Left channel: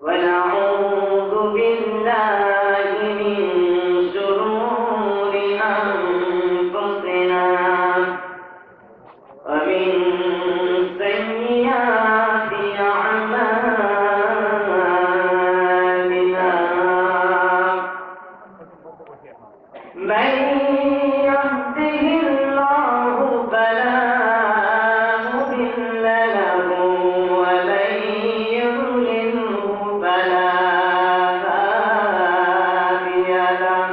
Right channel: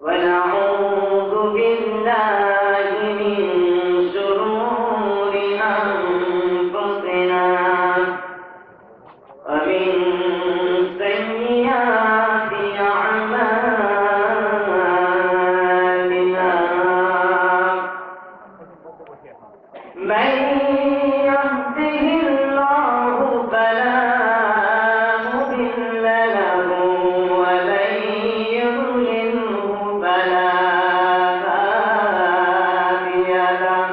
ونعوذ بالله من شرور أنفسنا ومن سيئات أعمالنا من يهده الله فلا مضل له ومن يضلله فلا هادي له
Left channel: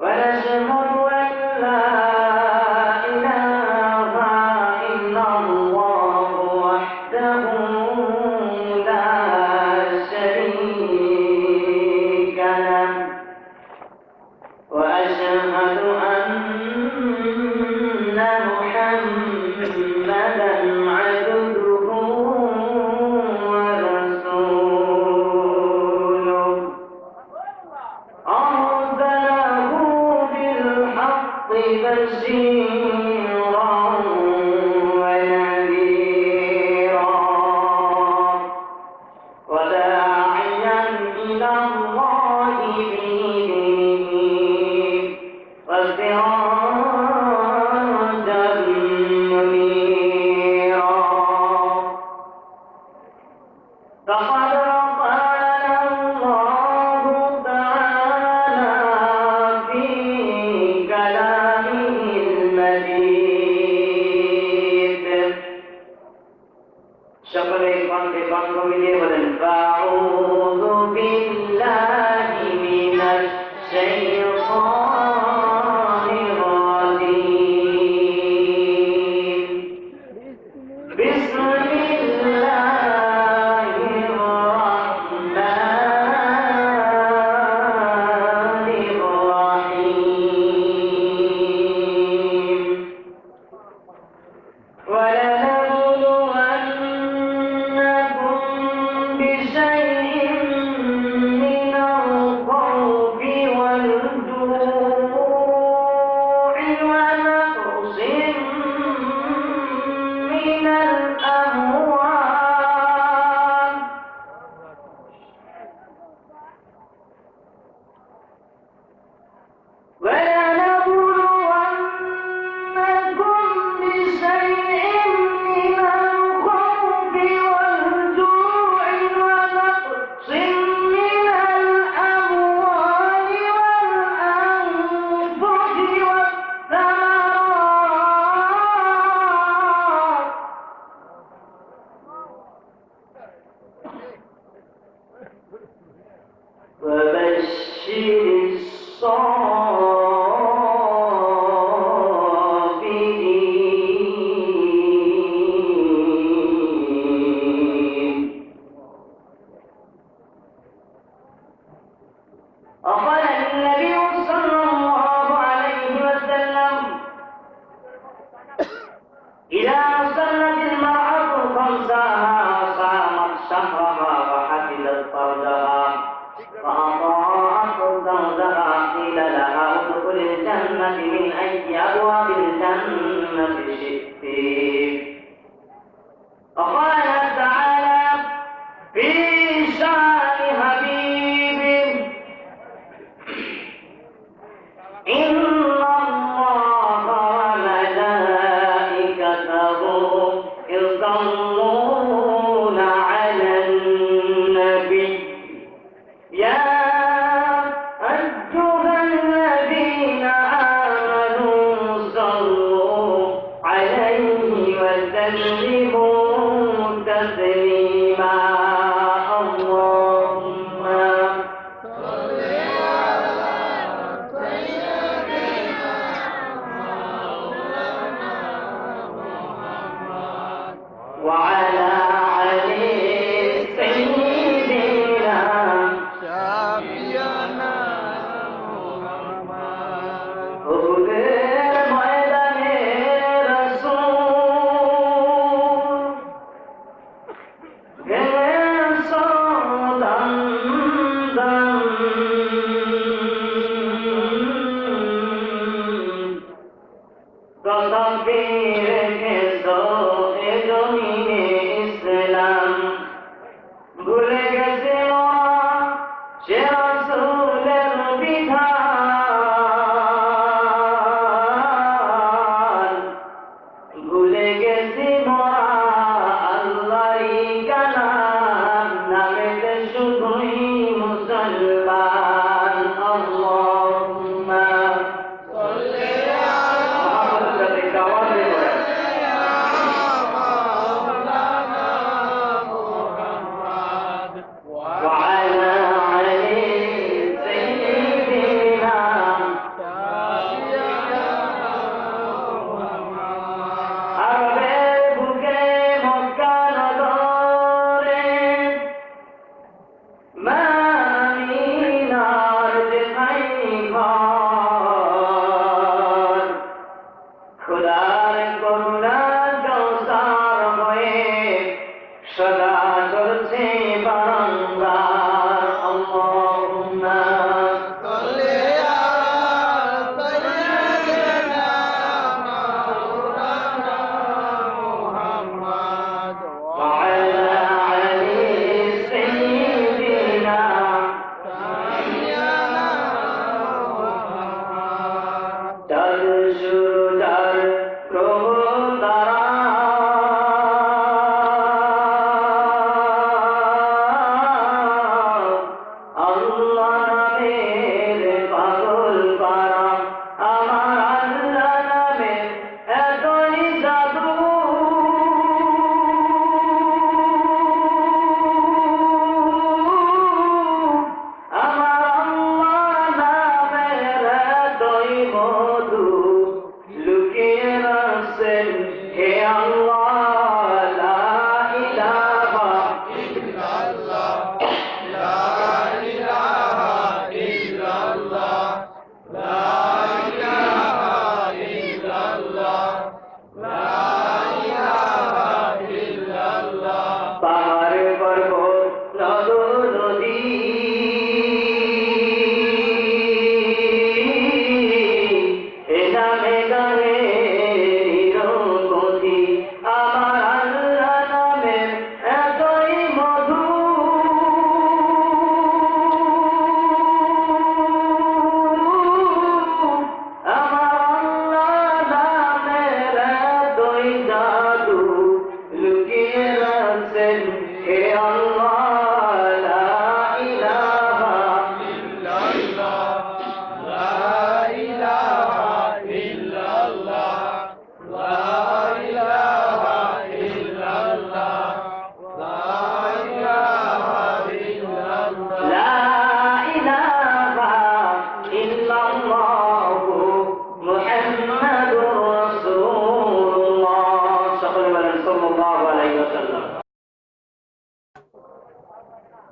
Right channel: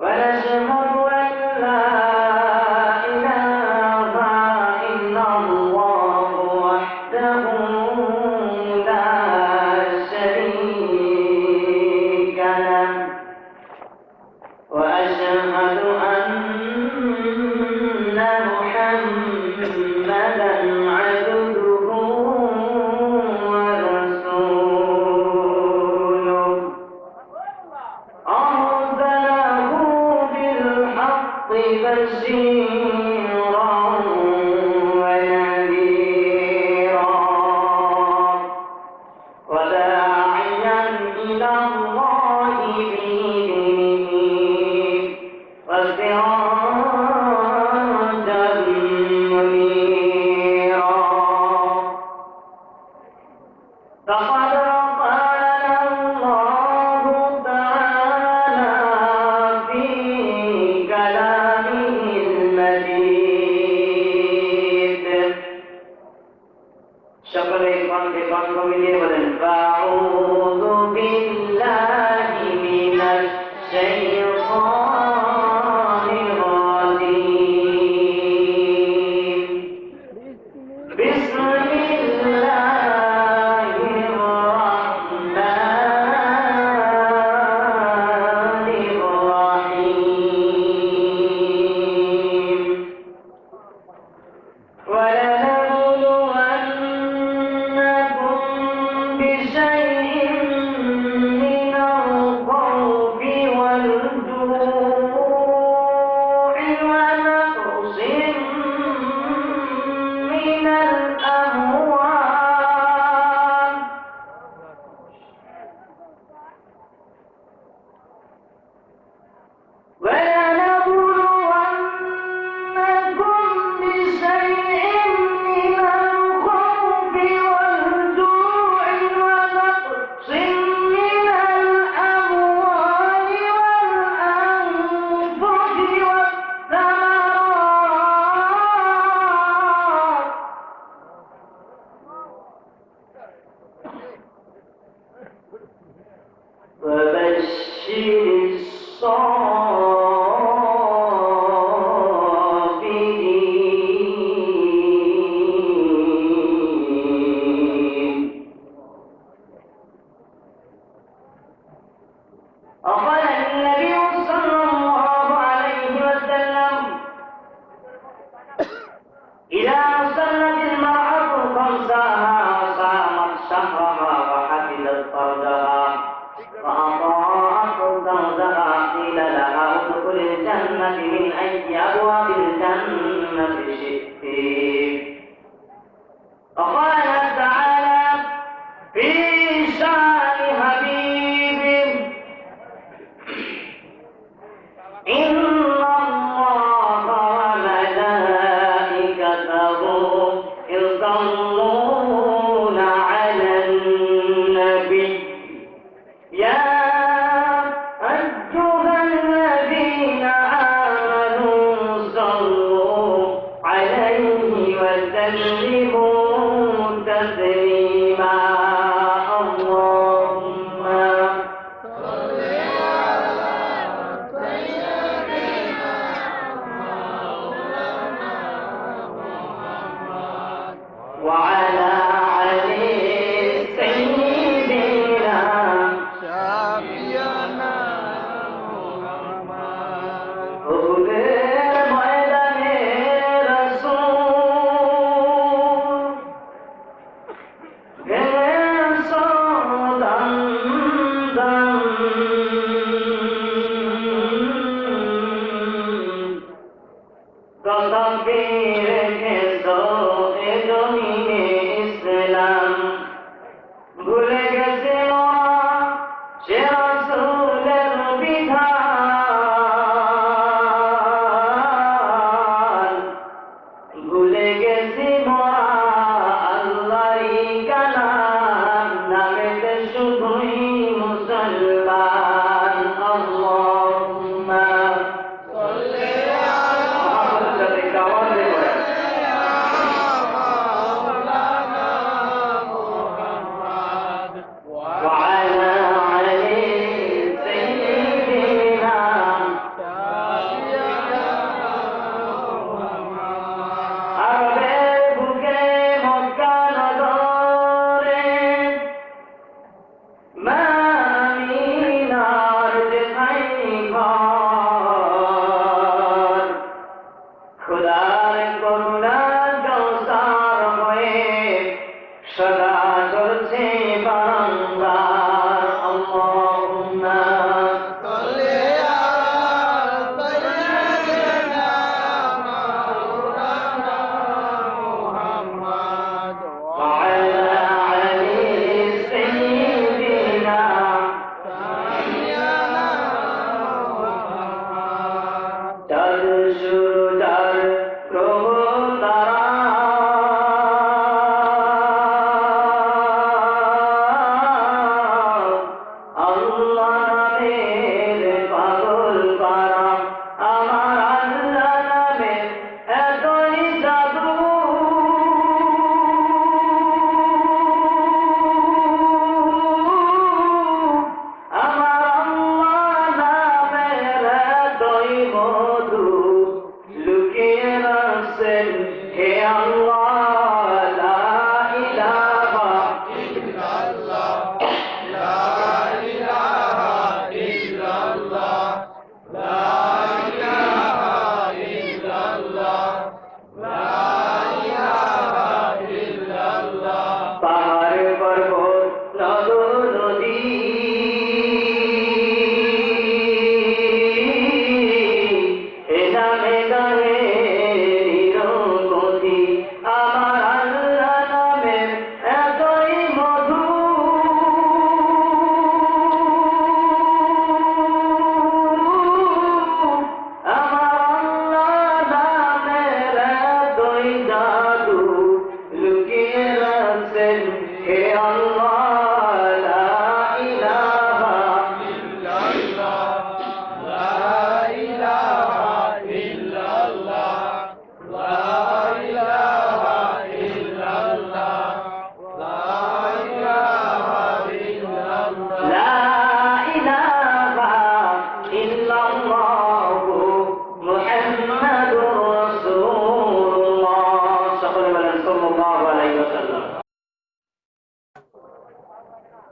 ونشهد أن لا إله إلا الله وحده لا شريك له وأشهد أن محمدا عبده ورسوله أرسله بالحق بشيرا ونذيرا وداعيا إلى الله بإذنه وسراجا منيرا فقد قال الله تعالى في كلامه المجيد شكرا لكم মিলিয়ে বলেন أعوذ بالله من الشيطان الرجيم بسم الله الرحمن الرحيم ولنبلونكم بشيء من الخوف والجوع ونقص من الأموال ولنبلونكم بشيء من الخوف والجوع ونقص من الأموال والأنفس والثمرات وبشر الصابرين وقال النبي صلى الله عليه وسلم إذا صلت المرأة خمسها وصامت شهرها وحفظت فرجها وأطاعت زوجها قيل لها ادخل الجنة من أي أبواب الجنة شئت وقال تعالى في شان حبيبه إن الله وملائكته يصلون على النبي يا أيها الذين آمنوا صلوا عليه وسلموا تسليما اللهم صل على سيدنا مولانا محمد وعلى علي سيدنا شفيعنا محمد ওদের ময়দানে রাসূল পর্বত নদ নদী এ নামে গানে নিরবধি আমার আল্লাহ নামের এতই মধু আমার আল্লাহ নামের এতই জাদু লুকিয়ে রাখছেন হে আল্লাহ লা ইলাহা ইল্লাল্লাহ লা ইলাহা ইল্লাল্লাহ লা ইলাহা ইল্লাল্লাহ লা ইলাহা ইল্লাল্লাহ লা ইলাহা ইল্লাল্লাহ মুহাম্মাদুর রাসূলুল্লাহ সকলে বলেন সাল্লাল্লাহু আলাইহি ওয়াসাল্লাম।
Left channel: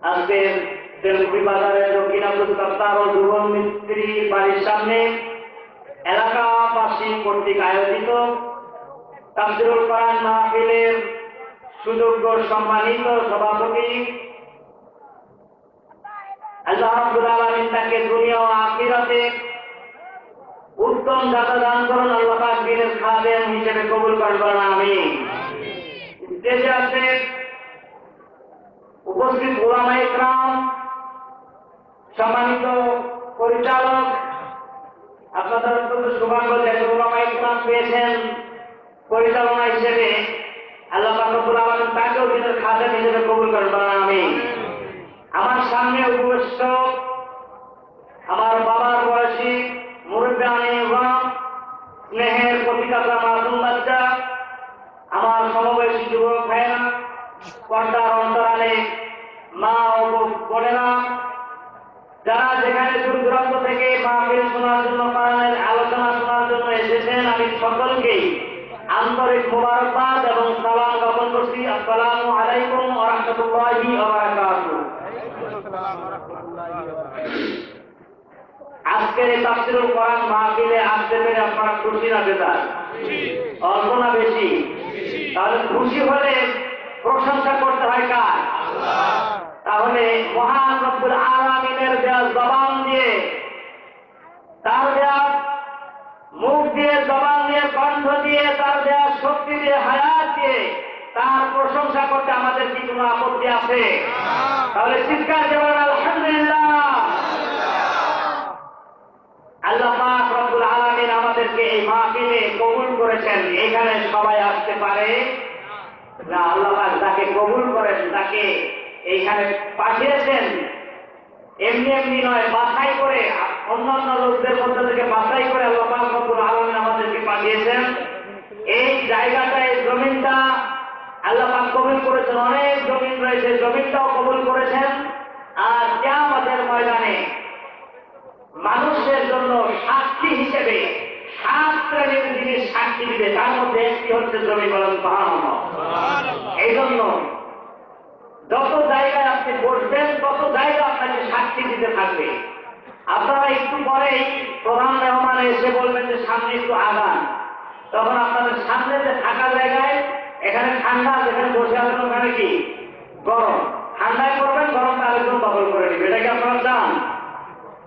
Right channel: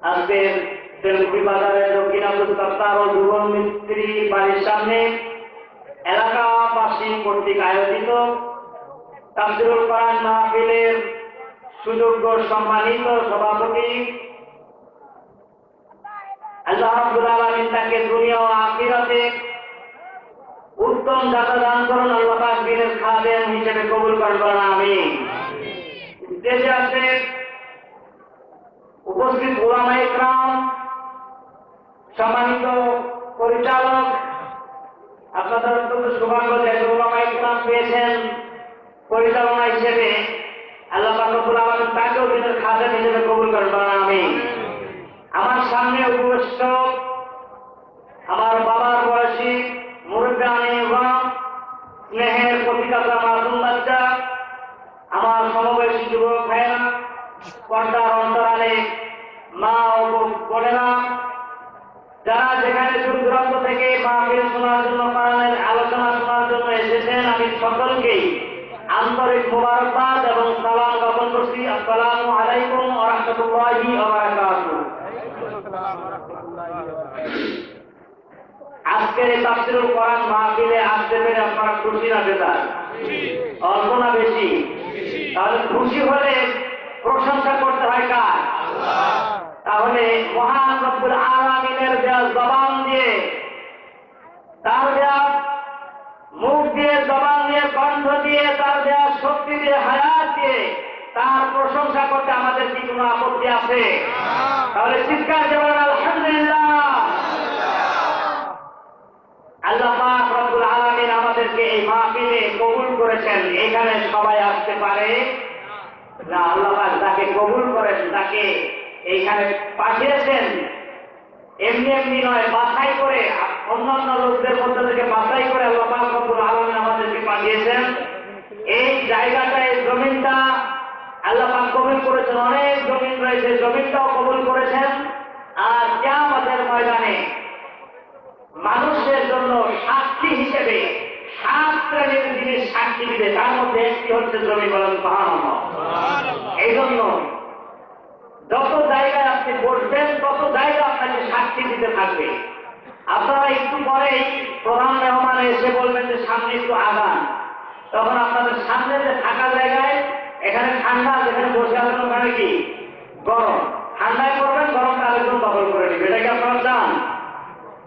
আজকে তেলকুপি বাজারের দক্ষিণাপুর কপ্তার ও যুবন মিস্ত্রি বাড়ির সামনে এলাকাবাসী কর্তৃক আয়োজিত তাফসীরুল কোরআন মাহফিলের সুযোগ্য সম্মানিত সভাপতি আল্লাহ রাব্বুল আলামিন তাকে দুনিয়া ও আখিরাতে উত্তম জাযা দান করুন। আল্লাহ পাক দ্বীনের খাদেম হিসেবে কবুল করেন, বলেন আমিন। স্টেজে আছে উপস্থিত উলামায়ে ইকরাম, সম্মানিত পরিচালক, আপনাদের অত্যন্ত সৌভাগ্য যে উলামায়ে ইকরাম পেয়েছেন পরিচালনা হিসেবে। আল্লাহ পাক রব্বুল আলামিন তাকেও দ্বীনের খাদেম হিসেবে কবুল করেন, বলেন আমিন। আমার সামনে উপবিষ্ট আমার বাবার বয়সী মুরব্বিয়ানে ইমাম, স্নেহের প্রতিকাতা মাসুম বাচ্চা, আমার সমবয়সী যুবক ভাইয়েরা, পর্দার অন্তরালে মা ও বোনেরা, যারা যেখানে দূর দূরান্ত থেকে মাহফিল শোনার জন্য, কোরআনের আলোচনা শোনার জন্য এসেছেন, আমি সকলকেই আন্তরিক মোবারকবাদ এবং সালাম জ্ঞাপন করছি। আসসালামু আলাইকুম ওয়া রাহমাতুল্লাহি ওয়া বারাকাতুহু। আজকের এই তাফসীরুল কোরআন মাহফিলে আসতে পেরে আপনারা খুশি না বেজার? অল্প না বেশি? তাহলে খুশি হলে প্রশংসা করতে হয় কার? তাহলে মহান রব্বুল আলামিনের দেয়া জবান দিয়ে, তার দেয়া মুখ দিয়ে, জবান দিয়ে, কণ্ঠ দিয়ে, তার দেয়া শক্তি দিয়ে, হায়াত দিয়ে তার প্রশংসা করতে আমাদের কি কোনো আপত্তি আছে? তাহলে চিৎকার দিয়ে বলেন আলহামদুলিল্লাহ। আল্লাহ পাক রব্বুল আলামিন আমাদেরকে এই মাহফিলে কবুল করেছেন। এখানে সবাই আসতে পারে না। আল্লাহ পাক যাকে কবুল করেন, তাকে এইখানে পাঠিয়েছেন এমনি এমনি নয়, বাছাই করে, অন্যান্য লোকদের মধ্যে থেকে বাছাই করে আল্লাহ পাক রব্বুল আলামিন আমাদেরকে পাঠিয়েছেন। এই জায়গাটা, এই জমিনটা আল্লাহ পাক কবুল করেছেন। অনেক জমিন রয়েছে, জমিনটাও কবুল করেছেন। আর কিয়ামতের ময়দানে মানুষের জন্য সাক্ষী হিসেবে 7 শ্রেণীর জিনিস সাক্ষী দিবে, তার মধ্যে একটি হচ্ছে জমি। বলেন সুবহানাল্লাহ। এই জন্য যত জায়গায় আপনি বসবেন, তত জায়গা আপনাকে সাক্ষী দিতে থাকবে। আপনারা একটু পরেই প্রধান মেহমান এসে বলবেন যে সামনে একটু আগান, তখন আপনাদের সামনে যে থাকা জায়গায়, এখানে ঠান্ডা, যেখানে বসে আছেন ওখানে কি গরম, ঠান্ডায় করবেন, গরমটা আরেকজন দখল করে নেবে। এটা কি আপনারা চান?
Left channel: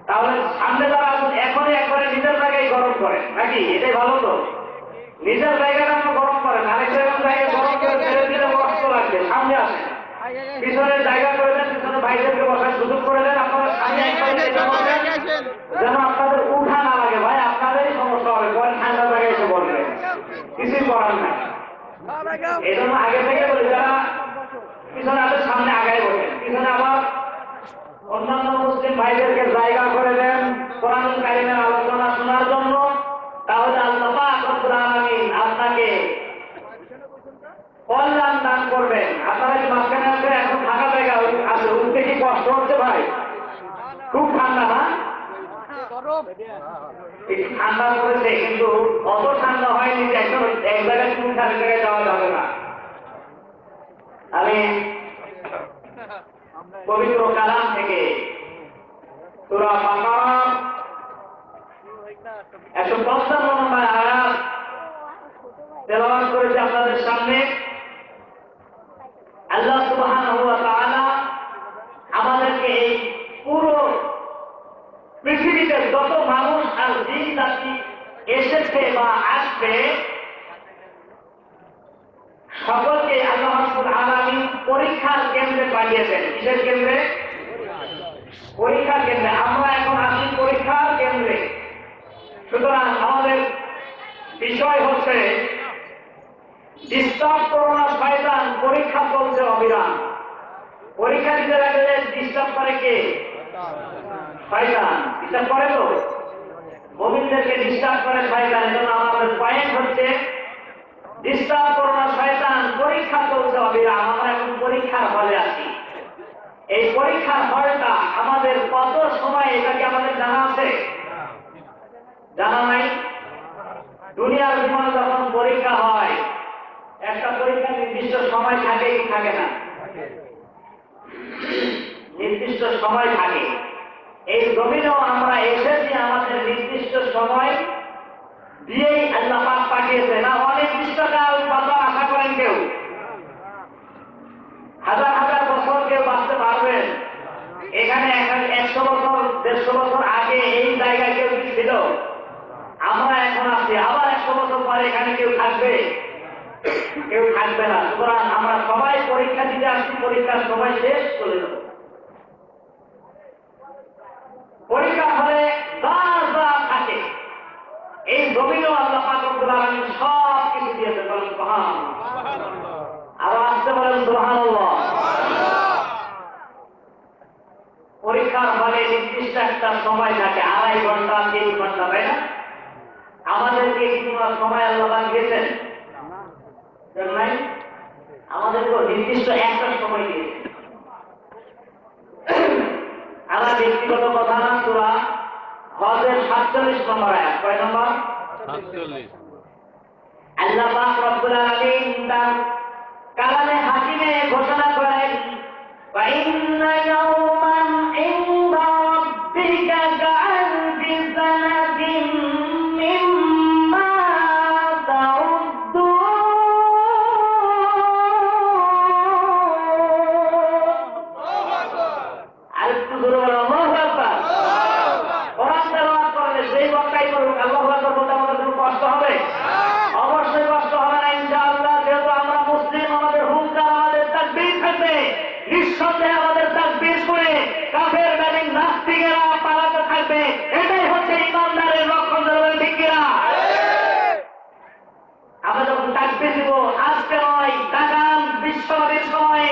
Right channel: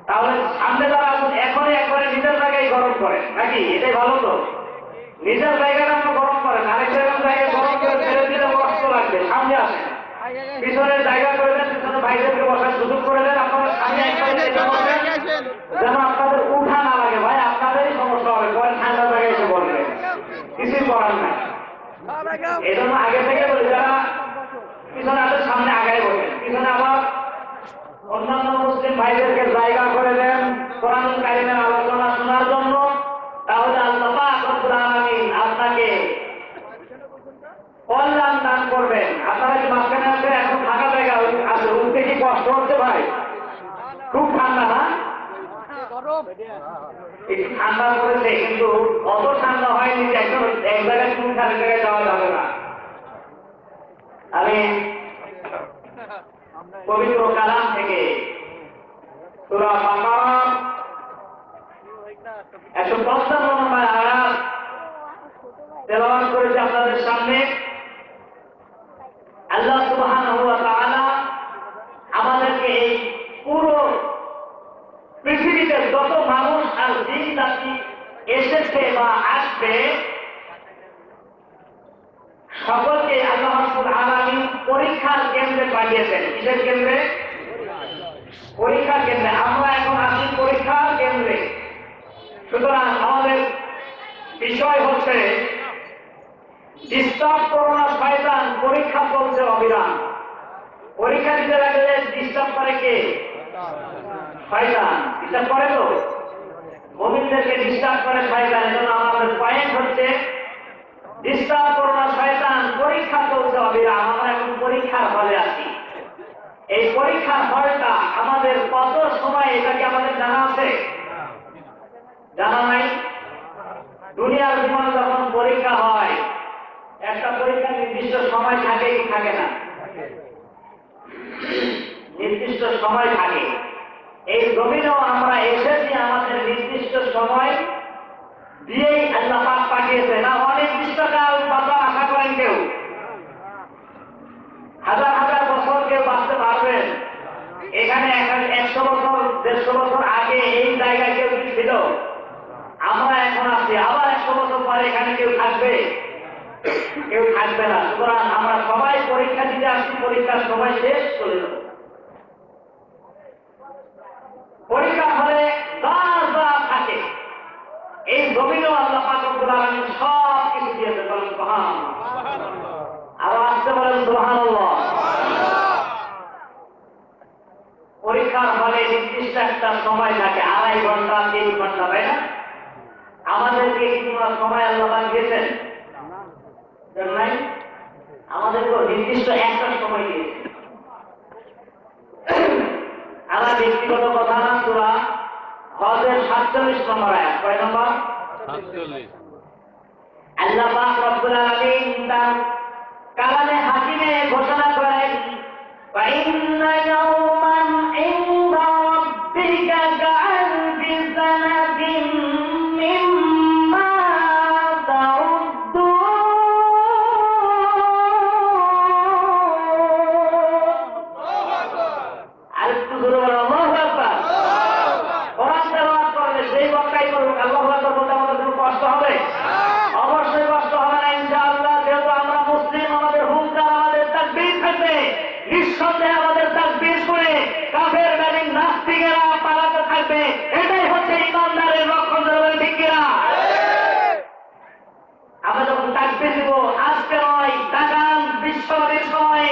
তাহলে সামনে যারা আসুন এখনই একবারে নিজের জায়গায় গরম করেন, নাকি? এটাই ভালো তো। নিজের জায়গাটা আমরা গরম করেন, আরেকটা জায়গায় গরম করে ফেলে দিলে কষ্ট লাগবে। সামনে আসেন, পিছনের জায়গা করে দেন, পিছনে ভাইদেরকে বসার সুযোগ করে দেন। আপনারা সামনে একবারে যেন আপনাদের উঠা না লাগে। ভাই আপনাদেরই সমস্যা হবে, পরে ঠান্ডা জায়গায় এসে বলবেন, কিছুই করার না। এই জন্য আগে থেকে বলি, যারা পিছনে আসে সামনে আগায় বসেন, পিছনে আবার অন্যান্য মুসলিম ভাইদেরকে জায়গা করে দেন কোরআনুল কারীমের আলোচনা শোনার জন্য। তাহলে আল্লাহ পাক রব্বুল আলামিন আপনাকে কল্যাণ দান করবেন। আপনারা কি মাঝখানে আছে? এখন থাকা জায়গা আছে, উঠতে কি কষ্ট হচ্ছে ভাই? খুব ঠান্ডা না? একটু ঠান্ডা পড়েছে, কিন্তু অত ঠান্ডা হয়নি যে একদম এক জায়গায় চুল খালি জায়গায় যাওয়া যাবে না। আমি পবিত্র কালাম থেকে সূরা বাকারা 155 নম্বর আয়াত তেলাওয়াত করেছি আপনাদের সামনে। আল্লাহ সুবহানাহু ওয়া তাআলা আমাদেরকে এই পুরো পৃথিবীতে যত মানুষ আর জিন জাতি এসেছে বা আসবে সকলকে আল্লাহ রাব্বুল আলামিন পরীক্ষার কেন্দ্রে পাঠিয়েছেন। কিসের কেন্দ্রে? পরীক্ষার কেন্দ্রে। আমরা এখন আছি পরীক্ষার কেন্দ্রে। সুতরাং আমাদের বিষয় হচ্ছে ডিস্টার্ব করোনা শয়তান, পরীক্ষা চলছে অবিরাম। পরীক্ষা দিতে লাগলে ডিস্টার্ব করে কে? শয়তান। ডিস্টার্ব করে তো মুমিনদেরকে ডিস্টার্ব করে শয়তান। এজন্য আমাদের পয়েন্ট হচ্ছে ডিস্টার্ব করোনা শয়তান, পরীক্ষা চলছে অবিরাম। আমরা এখন পরীক্ষার হলে আছি। এই পরীক্ষার হলটা আমাদের কত সময়, এটা কি আমাদের জানা আছে? জানা নাই? দুনিয়ার জীবনে যখন পরীক্ষা হয়, একটা পরীক্ষা নির্দিষ্ট সময় থাকে কি থাকে না? নির্দিষ্ট সময় থাকে। এই জমিনেও আমরা এসেছি আমাদের নির্দিষ্ট সময় দিয়েই আল্লাহ পাক পাঠিয়েছে। না অনির্দিষ্টকাল বাঁচার আশা করেন কেউ? হাজার হাজার বছর কেউ বাঁচতে পারবেন? এখানে 100 বছর 150 বছর আগে এই জায়গায় কেউ কি ছিল? আমরা এখন আছি। আবার 100 বছর পরে এখানে কেউ থাকবে? কেউ থাকবে না। সুতরাং আমরা সবাই পরীক্ষা দিতে আসছি, পরীক্ষার সময় শেষ চলে যাব। পরীক্ষা হলে যা যা থাকে এই জমিনেও আল্লাহ পাক রব্বুল আলামিন সব কিছু দিয়েছে। বলেন সুবহানাল্লাহ। আরো আসতে বলেন সুবহানাল্লাহ। পরীক্ষার হলে নির্দিষ্ট একটা সময় থাকে, 2.5 ঘন্টা 3 ঘন্টা, তাই না? আমাদেরকে কি কোনো সময় আল্লাহ পাক দিয়েছেন? নাই। আমাদেরকে নির্দিষ্ট একটা সময় দিয়েছে। আমার ব্যক্তিগত কথা না, সূরা হজের 47 নম্বর আয়াত। কয় নম্বর? 47। আল্লাহ পাক রব্বুল আলামিন তার কালামে হাকিমে ঘোষণা করেন, ফাইন্না ইয়াওমান ইনদা রাব্বিকা কাআলফি সানাতিন মিম্মা তাউদ্দুন। আরেকটু জোরে বলো আল্লাহু আকবার। কোরআন তেলাওয়াত করলে যেই বক্তাই করুক আল্লাহু আকবার বলতে আমাদের কোনো কষ্ট হবে? অবশ্যই কষ্ট হবে না ইনশাআল্লাহ। যেহেতু আমরা মুসলিম, আমাদের হুঙ্কার, আমাদের তাকবীর থাকবে। নিঃসন্দেহে আমাদের তাকবীর শুনে কাফের বেঈমান নাস্তিকেরা পালাতে থাকবে। এটাই হচ্ছে ইমানদারের লক্ষণ। ঠিক কিনা? আমরা যখন তাকবীর দিব, আজকে নয়, তাকান বিশ্বনবীর সময়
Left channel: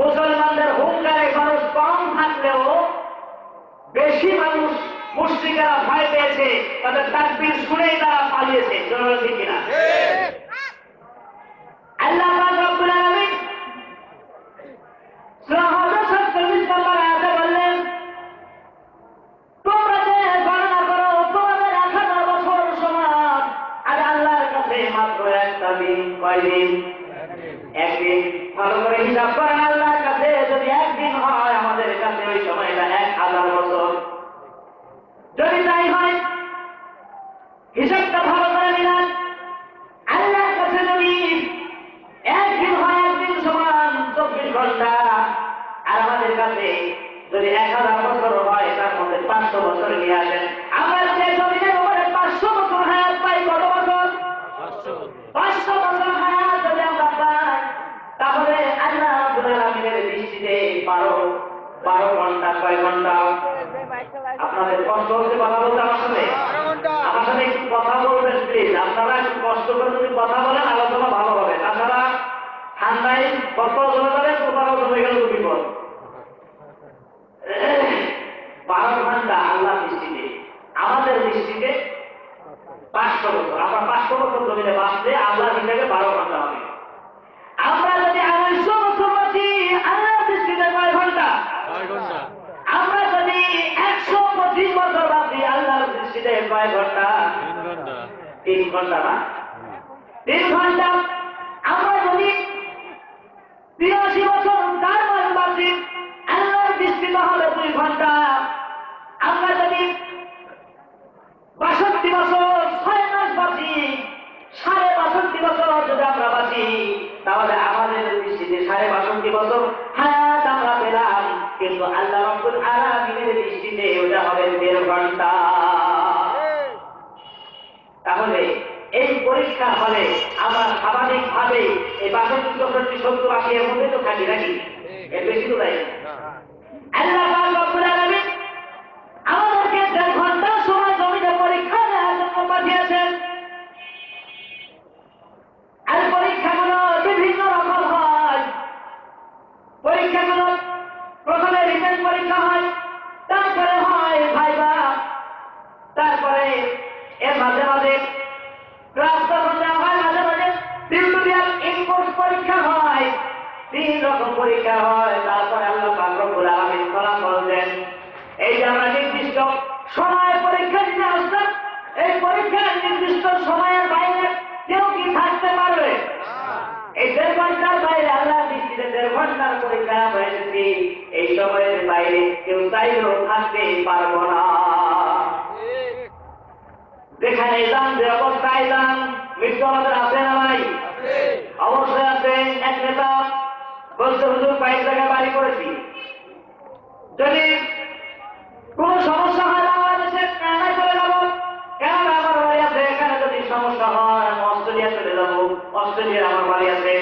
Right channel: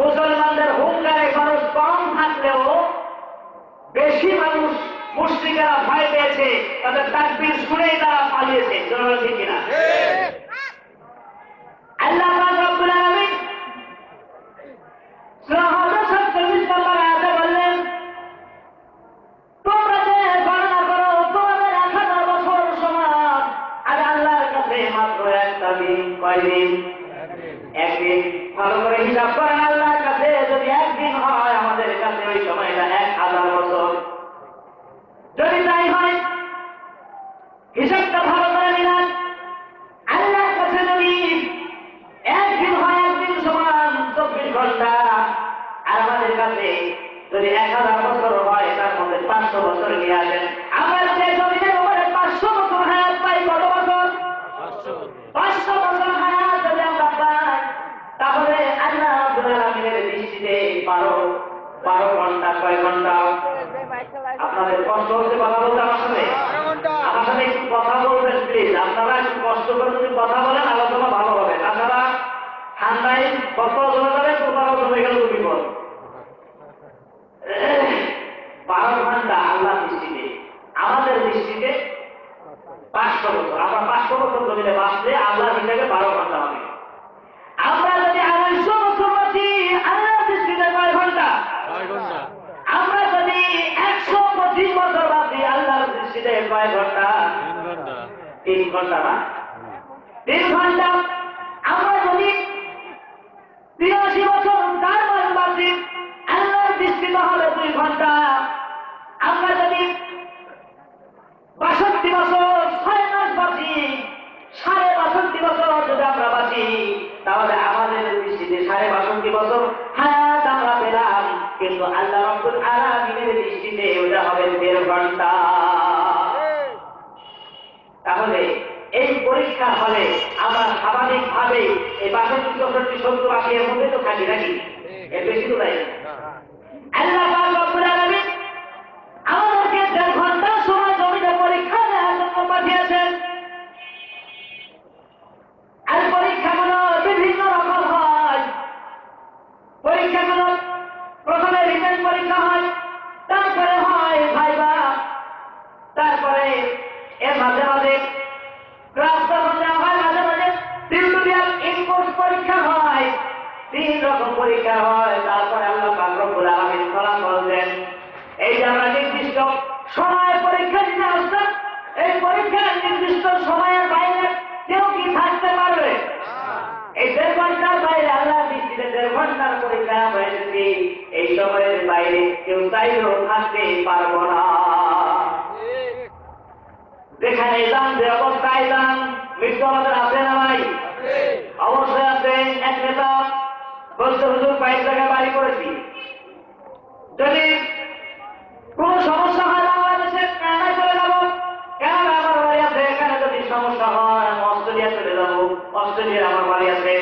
মুসলমানদের হুঙ্কারে মানুষ কম থাকলেও বেশি মানুষ মুশরিকেরা ভয় পেয়েছে, তাদের তাকবীর শুনেই তারা পালিয়েছে। ঠিক কিনা? আল্লাহ পাক রব্বুল আলামিন সূরা হজের 47 নম্বর আয়াতে বললেন, তোমরা যে গণনা করো তোমাদের 1000 বছর সমান, আর আল্লাহর কাছে মাত্র একটা দিন। কয়দিন? একদিন। ভালো করে হিসাব করেন, আল্লাহর কাছে যদি একদিন হয়, আমাদের কাছে ওই সময়টা 1000 বছর। যদি তাই হয়, হিসাবটা ভালো করে নিলাম, আল্লাহর কাছে যদি একদিন হয়, একদিন সমান 24 ঘন্টা, আর আমাদের কাছে যদি 1000 বছর হয়, তার মধ্যে 500 বছর নিয়ে আসেন। আমরা যে জমিনের উপরে 500 বছর হায়াত পাই, কত বছর? 500 বছর হায়াত যদি আমরা পাই, তাহলে আল্লাহ রাব্বুল আলামিনের দৃষ্টিতে 12 ঘন্টা। কয় ঘন্টা? আপনাদের কষ্ট হচ্ছে কথা বলতে আমার সাথে? আমার সাথে একটু কথা বলবেন প্লিজ। আপনারা একটু কষ্ট করে যদি কথা বলেন আলোচনা ভালো হবে। তাছাড়া ঠান্ডায় কত জমে যাবে, কোথাও জমে গেল বিপদ। 12 ঘন্টা আল্লাহর দৃষ্টিতে, আমাদের দৃষ্টিতে 500 বছর। আমরা 500 বছর জমিনে বাঁচলে আল্লাহর হিসাবে 12 ঘন্টা হবে। আমরা যদি 250 বছর বাঁচি, আল্লাহর দৃষ্টিতে কয় ঘন্টা? আমরা যদি 125 বছর বাঁচি, আল্লাহর দৃষ্টিতে কয় ঘন্টা? 3 ঘন্টা না? 3 ঘন্টা। আমরা যদি 83 বছর 4 মাস বাঁচি, আল্লাহর দৃষ্টিতে হবে 2 ঘন্টা। আমরা যদি 62 বছর 6 মাস বাঁচি, 62.5 বছর যদি আমরা বাঁচি, তাহলে আমাদের দৃষ্টিতে 12.5 হায়াত আমরা পেলাম, কিন্তু আল্লাহ রাব্বুল আলামিনের দৃষ্টিতে ওটা হবে 1.5 ঘন্টা। তাহলে এই পরীক্ষা হলে আমরা স্বাভাবিকভাবে এই 62-70 এর মধ্যে তো থাকি নাকি, এর বেশি তো নাই। আল্লাহ পাক রব্বুল আলামিন আমাদেরকে 1.5 ঘন্টা সময় জমিনে পরীক্ষা নেওয়ার জন্য পাঠিয়েছেন। আর পরীক্ষাগুলো বিভিন্ন রকম হয়। পরীক্ষাগুলো প্রথমে রিটেন পরীক্ষা হয়, তারপরে হয় ভাইবা, তারপরে এর মাঝে মাঝে ক্লাস দেওয়া হয়, মাঝে মাঝে টিউটোরিয়াল ইনপুট পরীক্ষা হয়। 3 রকম পরীক্ষা হয়। তারপরে আল্লাহ পাক রব্বুল আলামিন ফলাফল দেন। এই যে আমরা নির্দিষ্ট সময় পরীক্ষা দিতে আসলাম, এই পরীক্ষার নির্দিষ্ট সময়ের বাইরে কেউ কি থাকতে পারবে? এই 1.5 ঘন্টার বাইরে আল্লাহ দৃষ্টিতে 1.5 ঘন্টার পরীক্ষা হয়েছে। এই সময়ের বাইরে কেউ চাইলেও থাকতে পারবো না। যেখানে যান, যে অবস্থায় যান, মৃত্যু আমাদের আছে না নাই? অবশ্যই আছে। এক নেতা বলছে, হুজুর 5 জায়গায় বাড়ি করেছি, যদি কোন সমস্যা হয় বাংলাদেশে কানাডায় চলে যাবো, কানাডা আমার বাড়ি আছে, এখানে যদি সমস্যা হয় আমি অস্ট্রেলিয়া চলে যাবো, অস্ট্রেলিয়ার আমার বাড়ি আছে।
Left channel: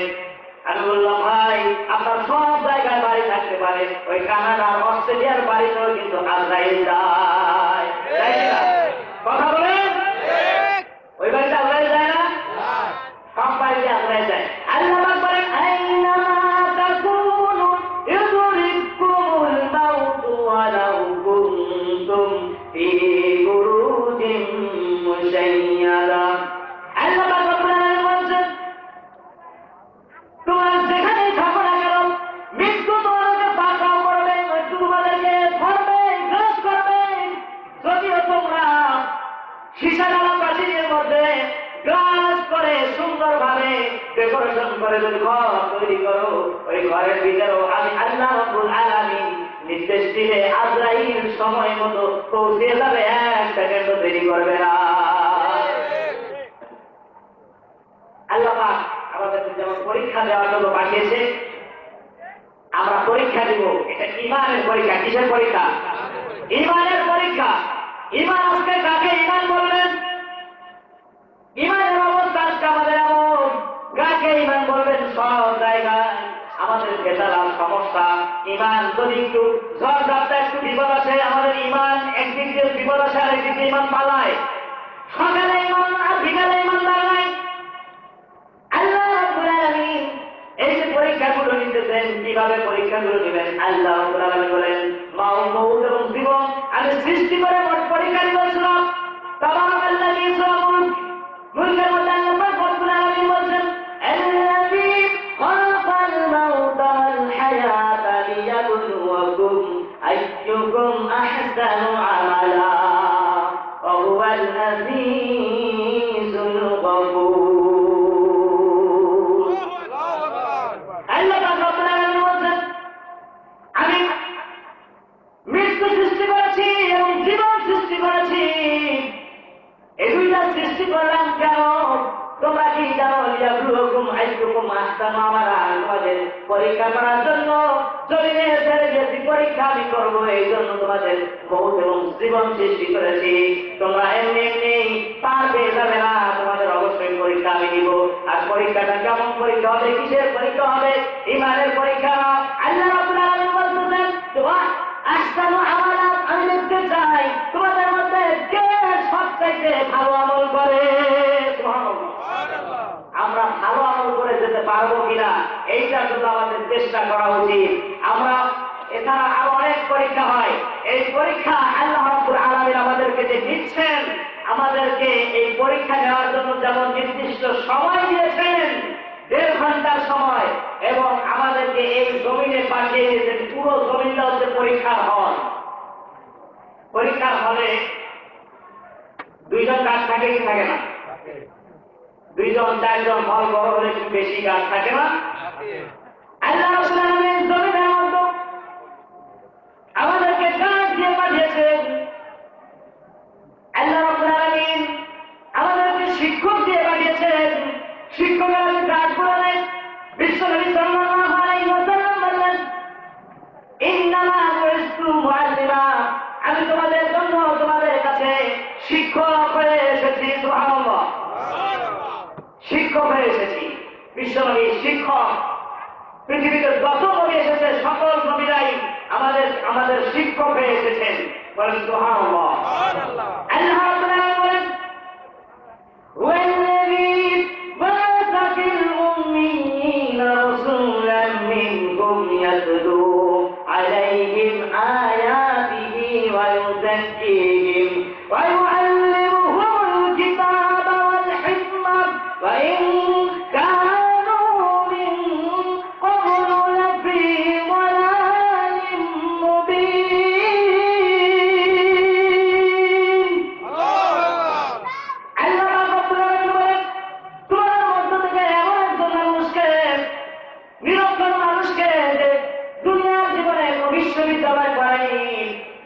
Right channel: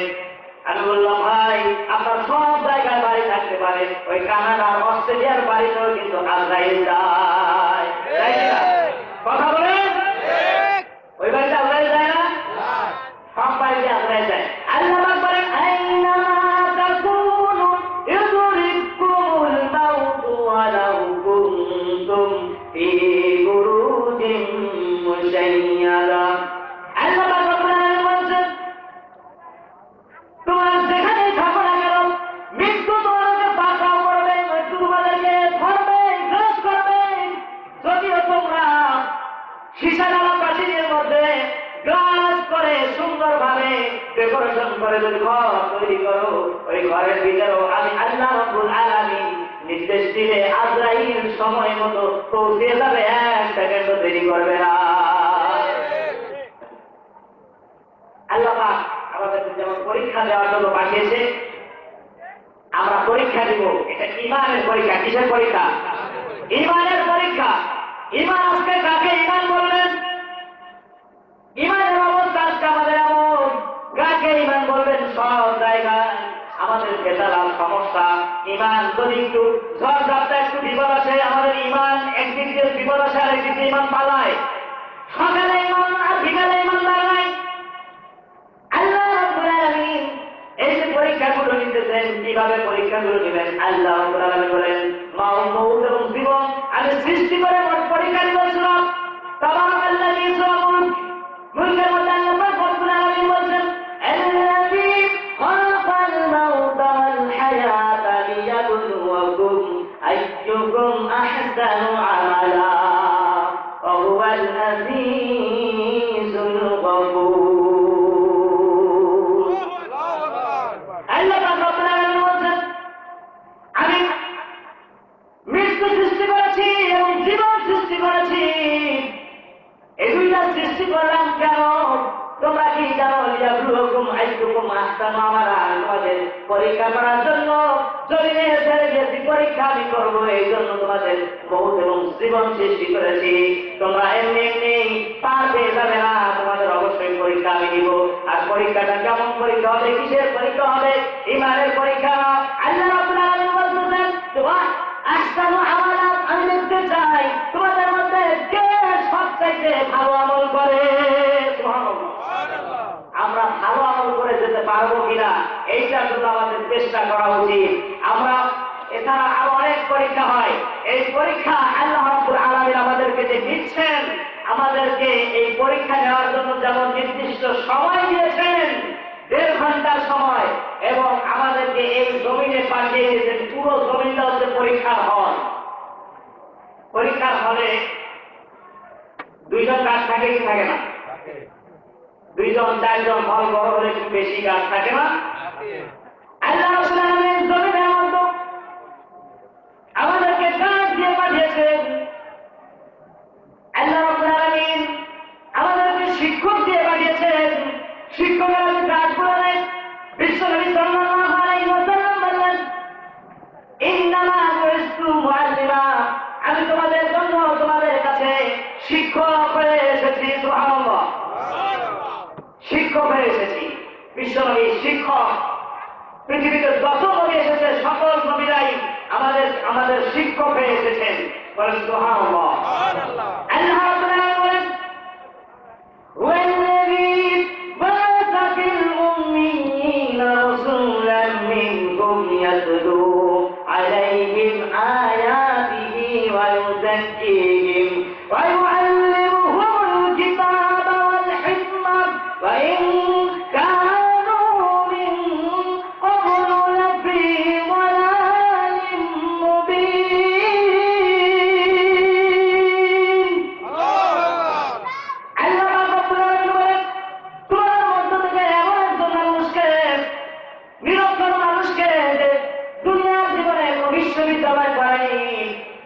আমি বললাম, ভাই আপনার সব জায়গায় বাড়ি থাকতে পারে, ওই কানাডা আর অস্ট্রেলিয়ার বাড়িতেও কিন্তু আজরাইল যায়। কথা বলেন, ওই বাড়িতে আজরাইল যায় না? সব বাড়িতে আজরাইল যায়। আল্লাহ পাক বলেন, আইনামা তাকুনু ইউদরিকুমুল মাউতু ওয়ালাউ কুনতুম ফি বুরুজিন মুশাইয়াদা। আল্লাহ পাক রব্বুল আলামিন বলেন, তোমার যেখানেই থাকো না কেন, মৃত্যু তোমাদেরকে পাকড়াও করবে, মৃত্যু তোমাদেরকে ধরবে, গ্রাস করবে। যদিও তোমরা সীসাডালা প্রাচীরের মধ্যে গ্লাস করে সুন্দরভাবে ডেকোরেশন করে যদি ঘর তৈরি করো, ওই ঘরের ভিতরেও আমি আল্লাহ রাব্বুল আলামিন নির্দেশ দিলে আজরাইল সময় মতো পৌঁছে যাবে, 1 সেকেন্ডও দেরি করবে না। আল্লাহ পাক আমাদেরকে যেমন পরীক্ষা দেওয়ার জন্য পাঠিয়েছে, আমরা পরীক্ষা দিব। এটা ঈমানের পরীক্ষা। কিসের পরীক্ষা? ঈমানের পরীক্ষা। ঈমান আজকে কাকে ঈমান বলবেন? ঈমানের অবস্থা আজকে আমাদের এমন, কাকে ঈমান বলবেন? সব জায়গায় আমাদের ভেজাল সমস্যা। ঈমান যদি একটু ঝড় ঝাপটা একটু বিপদ আসে, আমাদের ঈমান একদিক দিয়ে বিপদ আসে, আর একদিক দিয়ে ঈমান পালায়। সকালে ঈমান আর বিকালে ঈমানদার নাই। আল্লাহ রাব্বুল আলামিন এই যে পরীক্ষাগুলো নিতেছেন, কিভাবে পরীক্ষাগুলো নেবেন? আল্লাহ রাব্বুল আলামিন বলেন, মউত এবং জীবন আমি সৃষ্টি করে পরীক্ষা দিয়েছিলাম। তাবারাকাল্লাযী ইয়াসরাবুল মুলকের মধ্যে আল্লাহ রাব্বুল আলামিন বলেন, আল্লাযী খালাকাল মাউতা ওয়াল হায়াতা লিয়াবলুয়াকুম আইয়ুকুম আহসানু আমালা ওয়া হুয়াল আযীজুল গফুর। আমি মৃত্যু সৃষ্টি করেছি এবং জীবন সৃষ্টি করেছি। এই 2টা সৃষ্টি করলাম কেন? তোমরা কি জানো? লিয়াবলুয়াকুম আইয়ুকুম আহসানু আমালা, তোমাদের পরীক্ষা করার জন্য। জমিনে ছেড়ে যে পরীক্ষা আমি করবো, এই জন্য তোমাদের মউত এবং জীবন সৃষ্টি করেছি। তোমরা এমনি এমনি পার পেয়ে যাবে না, তোমাদের অবশ্যই পরীক্ষা আমি দিব। আর পরীক্ষাটা কেমন পরীক্ষা হবে? কিসের পরীক্ষা হবে? ঈমানের পরীক্ষা। আল্লাহ রাব্বুল আলামিন বলতেছেন, তোমরা আহসানু আমালা, আমি দেখতে চাই তোমাদের মধ্যে কে সবচাইতে ভালো আমল করে। আমরা ভালো আমল করে যেতে পারবো কিনা, এইটার জন্য আমাদের চেষ্টা করা উচিত। আমরা এছাড়া আরো অনেক পরীক্ষা হয়। এই পরীক্ষা আল্লাহ রাব্বুল আলামিন আমাদেরকে যে দিচ্ছেন, আমাদেরকে এই পরীক্ষা নেওয়ার জন্য যেমন নির্দিষ্ট সময় দিয়েছেন, 1.5 ঘন্টার সময়, এবং আমাদেরকে এই জমিনে পাঠিয়ে দিয়েছেন। পুরো জমিনটা হচ্ছে পরীক্ষার হল। পরীক্ষার হলে 2 জন গার্ড থাকে কি থাকে না? 2 জন 4 জন হল বড় হলে একটু বেশি গার্ড থাকে না? আল্লাহ রাব্বুল আলামিন জমিনের মধ্যে আমাদেরকে গার্ড দিয়ে পাঠিয়েছেন। আল্লাহ রাব্বুল আলামিন আমাদেরকে শিক্ষক দিয়ে পাঠিয়েছেন। শিক্ষকের গার্ড করে নেয়। বিশ্বনবী সাল্লাল্লাহু আলাইহি ওয়াসাল্লাম বললেন, আমি তোমাদের জন্য তোমাদের কাছে শিক্ষক হয়ে এসেছি। সুবহানাল্লাহ, শিক্ষক হয়ে এসেছি। বিশ্বনবী শিক্ষক। পৃথিবীতে যত নবী এসেছে সকল নবীরাই আমাদের শিক্ষক হয়ে এসেছেন। বলেন সুবহানাল্লাহ। আল্লাহ রাব্বুল আলামিন বলেন, ওয়াল্লাযী বা'আসা ফিল উম্মিয়িনা রাসূলান মিনহুম ইয়াতলু আলাইহিম আয়াতিহি ওয়া ইউযাক্কিহিম ওয়া ইউআল্লিমুহুমুল কিতাবা ওয়াল হিকমা ওয়া ইন কানু মিন ক্বাবলু লাফী ضلالٍ মুবিন। আল্লাহ রাব্বুল আলামিন বলেন, তোমার মধ্য থেকে এমন একজন মানুষকে, নিরক্ষর মানুষকে যে দুনিয়ার জীবনে কোনো বিশ্ববিদ্যালয় পড়েনি।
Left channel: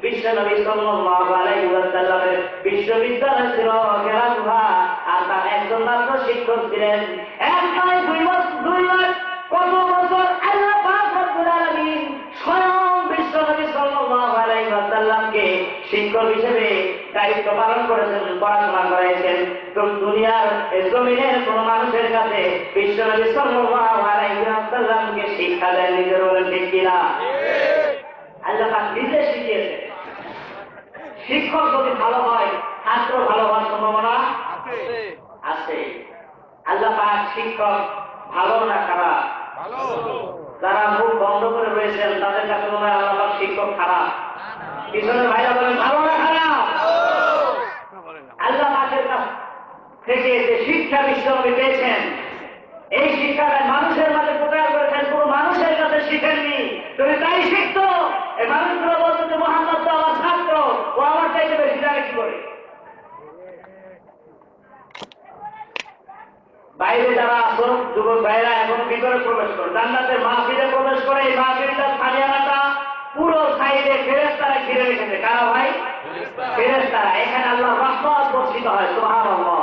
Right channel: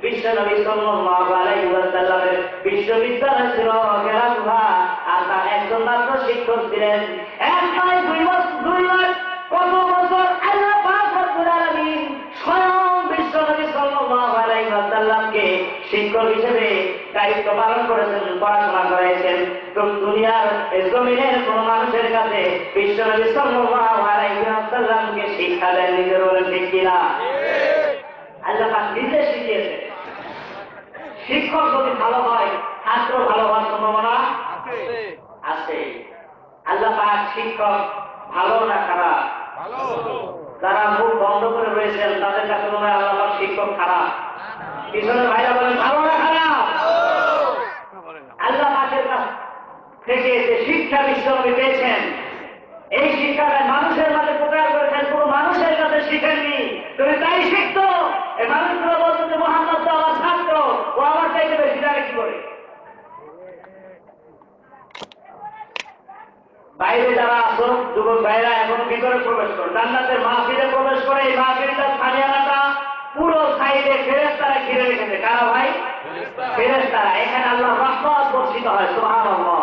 বিশ্বনবী সাল্লাল্লাহু আলাইহি ওয়াসাল্লামের বিশ্ববিদ্যালয় ছিল কেরাকুহা, আর তার একজন মাত্র শিক্ষক ছিলেন। এক নয়, দুই নয়, কত বছর আল্লাহ পাক রব্বুল আলামিন স্বয়ং বিশ্বনবী সাল্লাল্লাহু আলাইহি ওয়াসাল্লামকে শিক্ষক হিসেবে দায়িত্ব পালন করেছেন, পড়াশোনা করাইছেন। দুনিয়ার জমিনের কোন মানুষের কাছে বিশ্বনবী সাল্লাল্লাহু আলাইহি ওয়াসাল্লামকে শিক্ষা দেন নিজের, বলেন ঠিক কিনা? আল্লাহ পাক নিজে শিখিয়েছেন। শিক্ষক যদি ভালো হয়, ছাত্র ভালো হওয়ার সম্ভাবনা আছে। আল্লাহ পাক শিক্ষক ভালো না খারাপ? যারা মুখ বন্ধ করে রয়েছেন তাদের কাছে মনে হয় আল্লাহ পাক শিক্ষক খারাপ। পিছনের ভাইরা বলেন ভালো না খারাপ? আল্লাহ পাকের কাছ থেকে যে শিক্ষা বিশ্বনবী পেয়েছেন, এই শিক্ষাটা মানুষের মাঝে প্রচার করেছেন, কোন মানুষের কাছে শিখেননি। তুমি তাই শিখতো, এই মানুষগুলো বলতো যে মুহাম্মদ তো আমার ছাত্র, ও আমার চাইতে বেশি জানে কি করে। বাইরে যারা আসো যুবক ভাইরা এখনো ভিতরে প্রবেশ করে, জান্নাতের মাহফিলে প্রবেশ করে। এই মাহফিলটার সামিয়ানাটা পুরো সাইডে ফেরেশতারা ঘিরে রেখেছে। কারা ভাই? ফেরেশতারা। এখানে আল্লাহর রহমত বর্ষিত হয়। সুবহানাল্লাহ।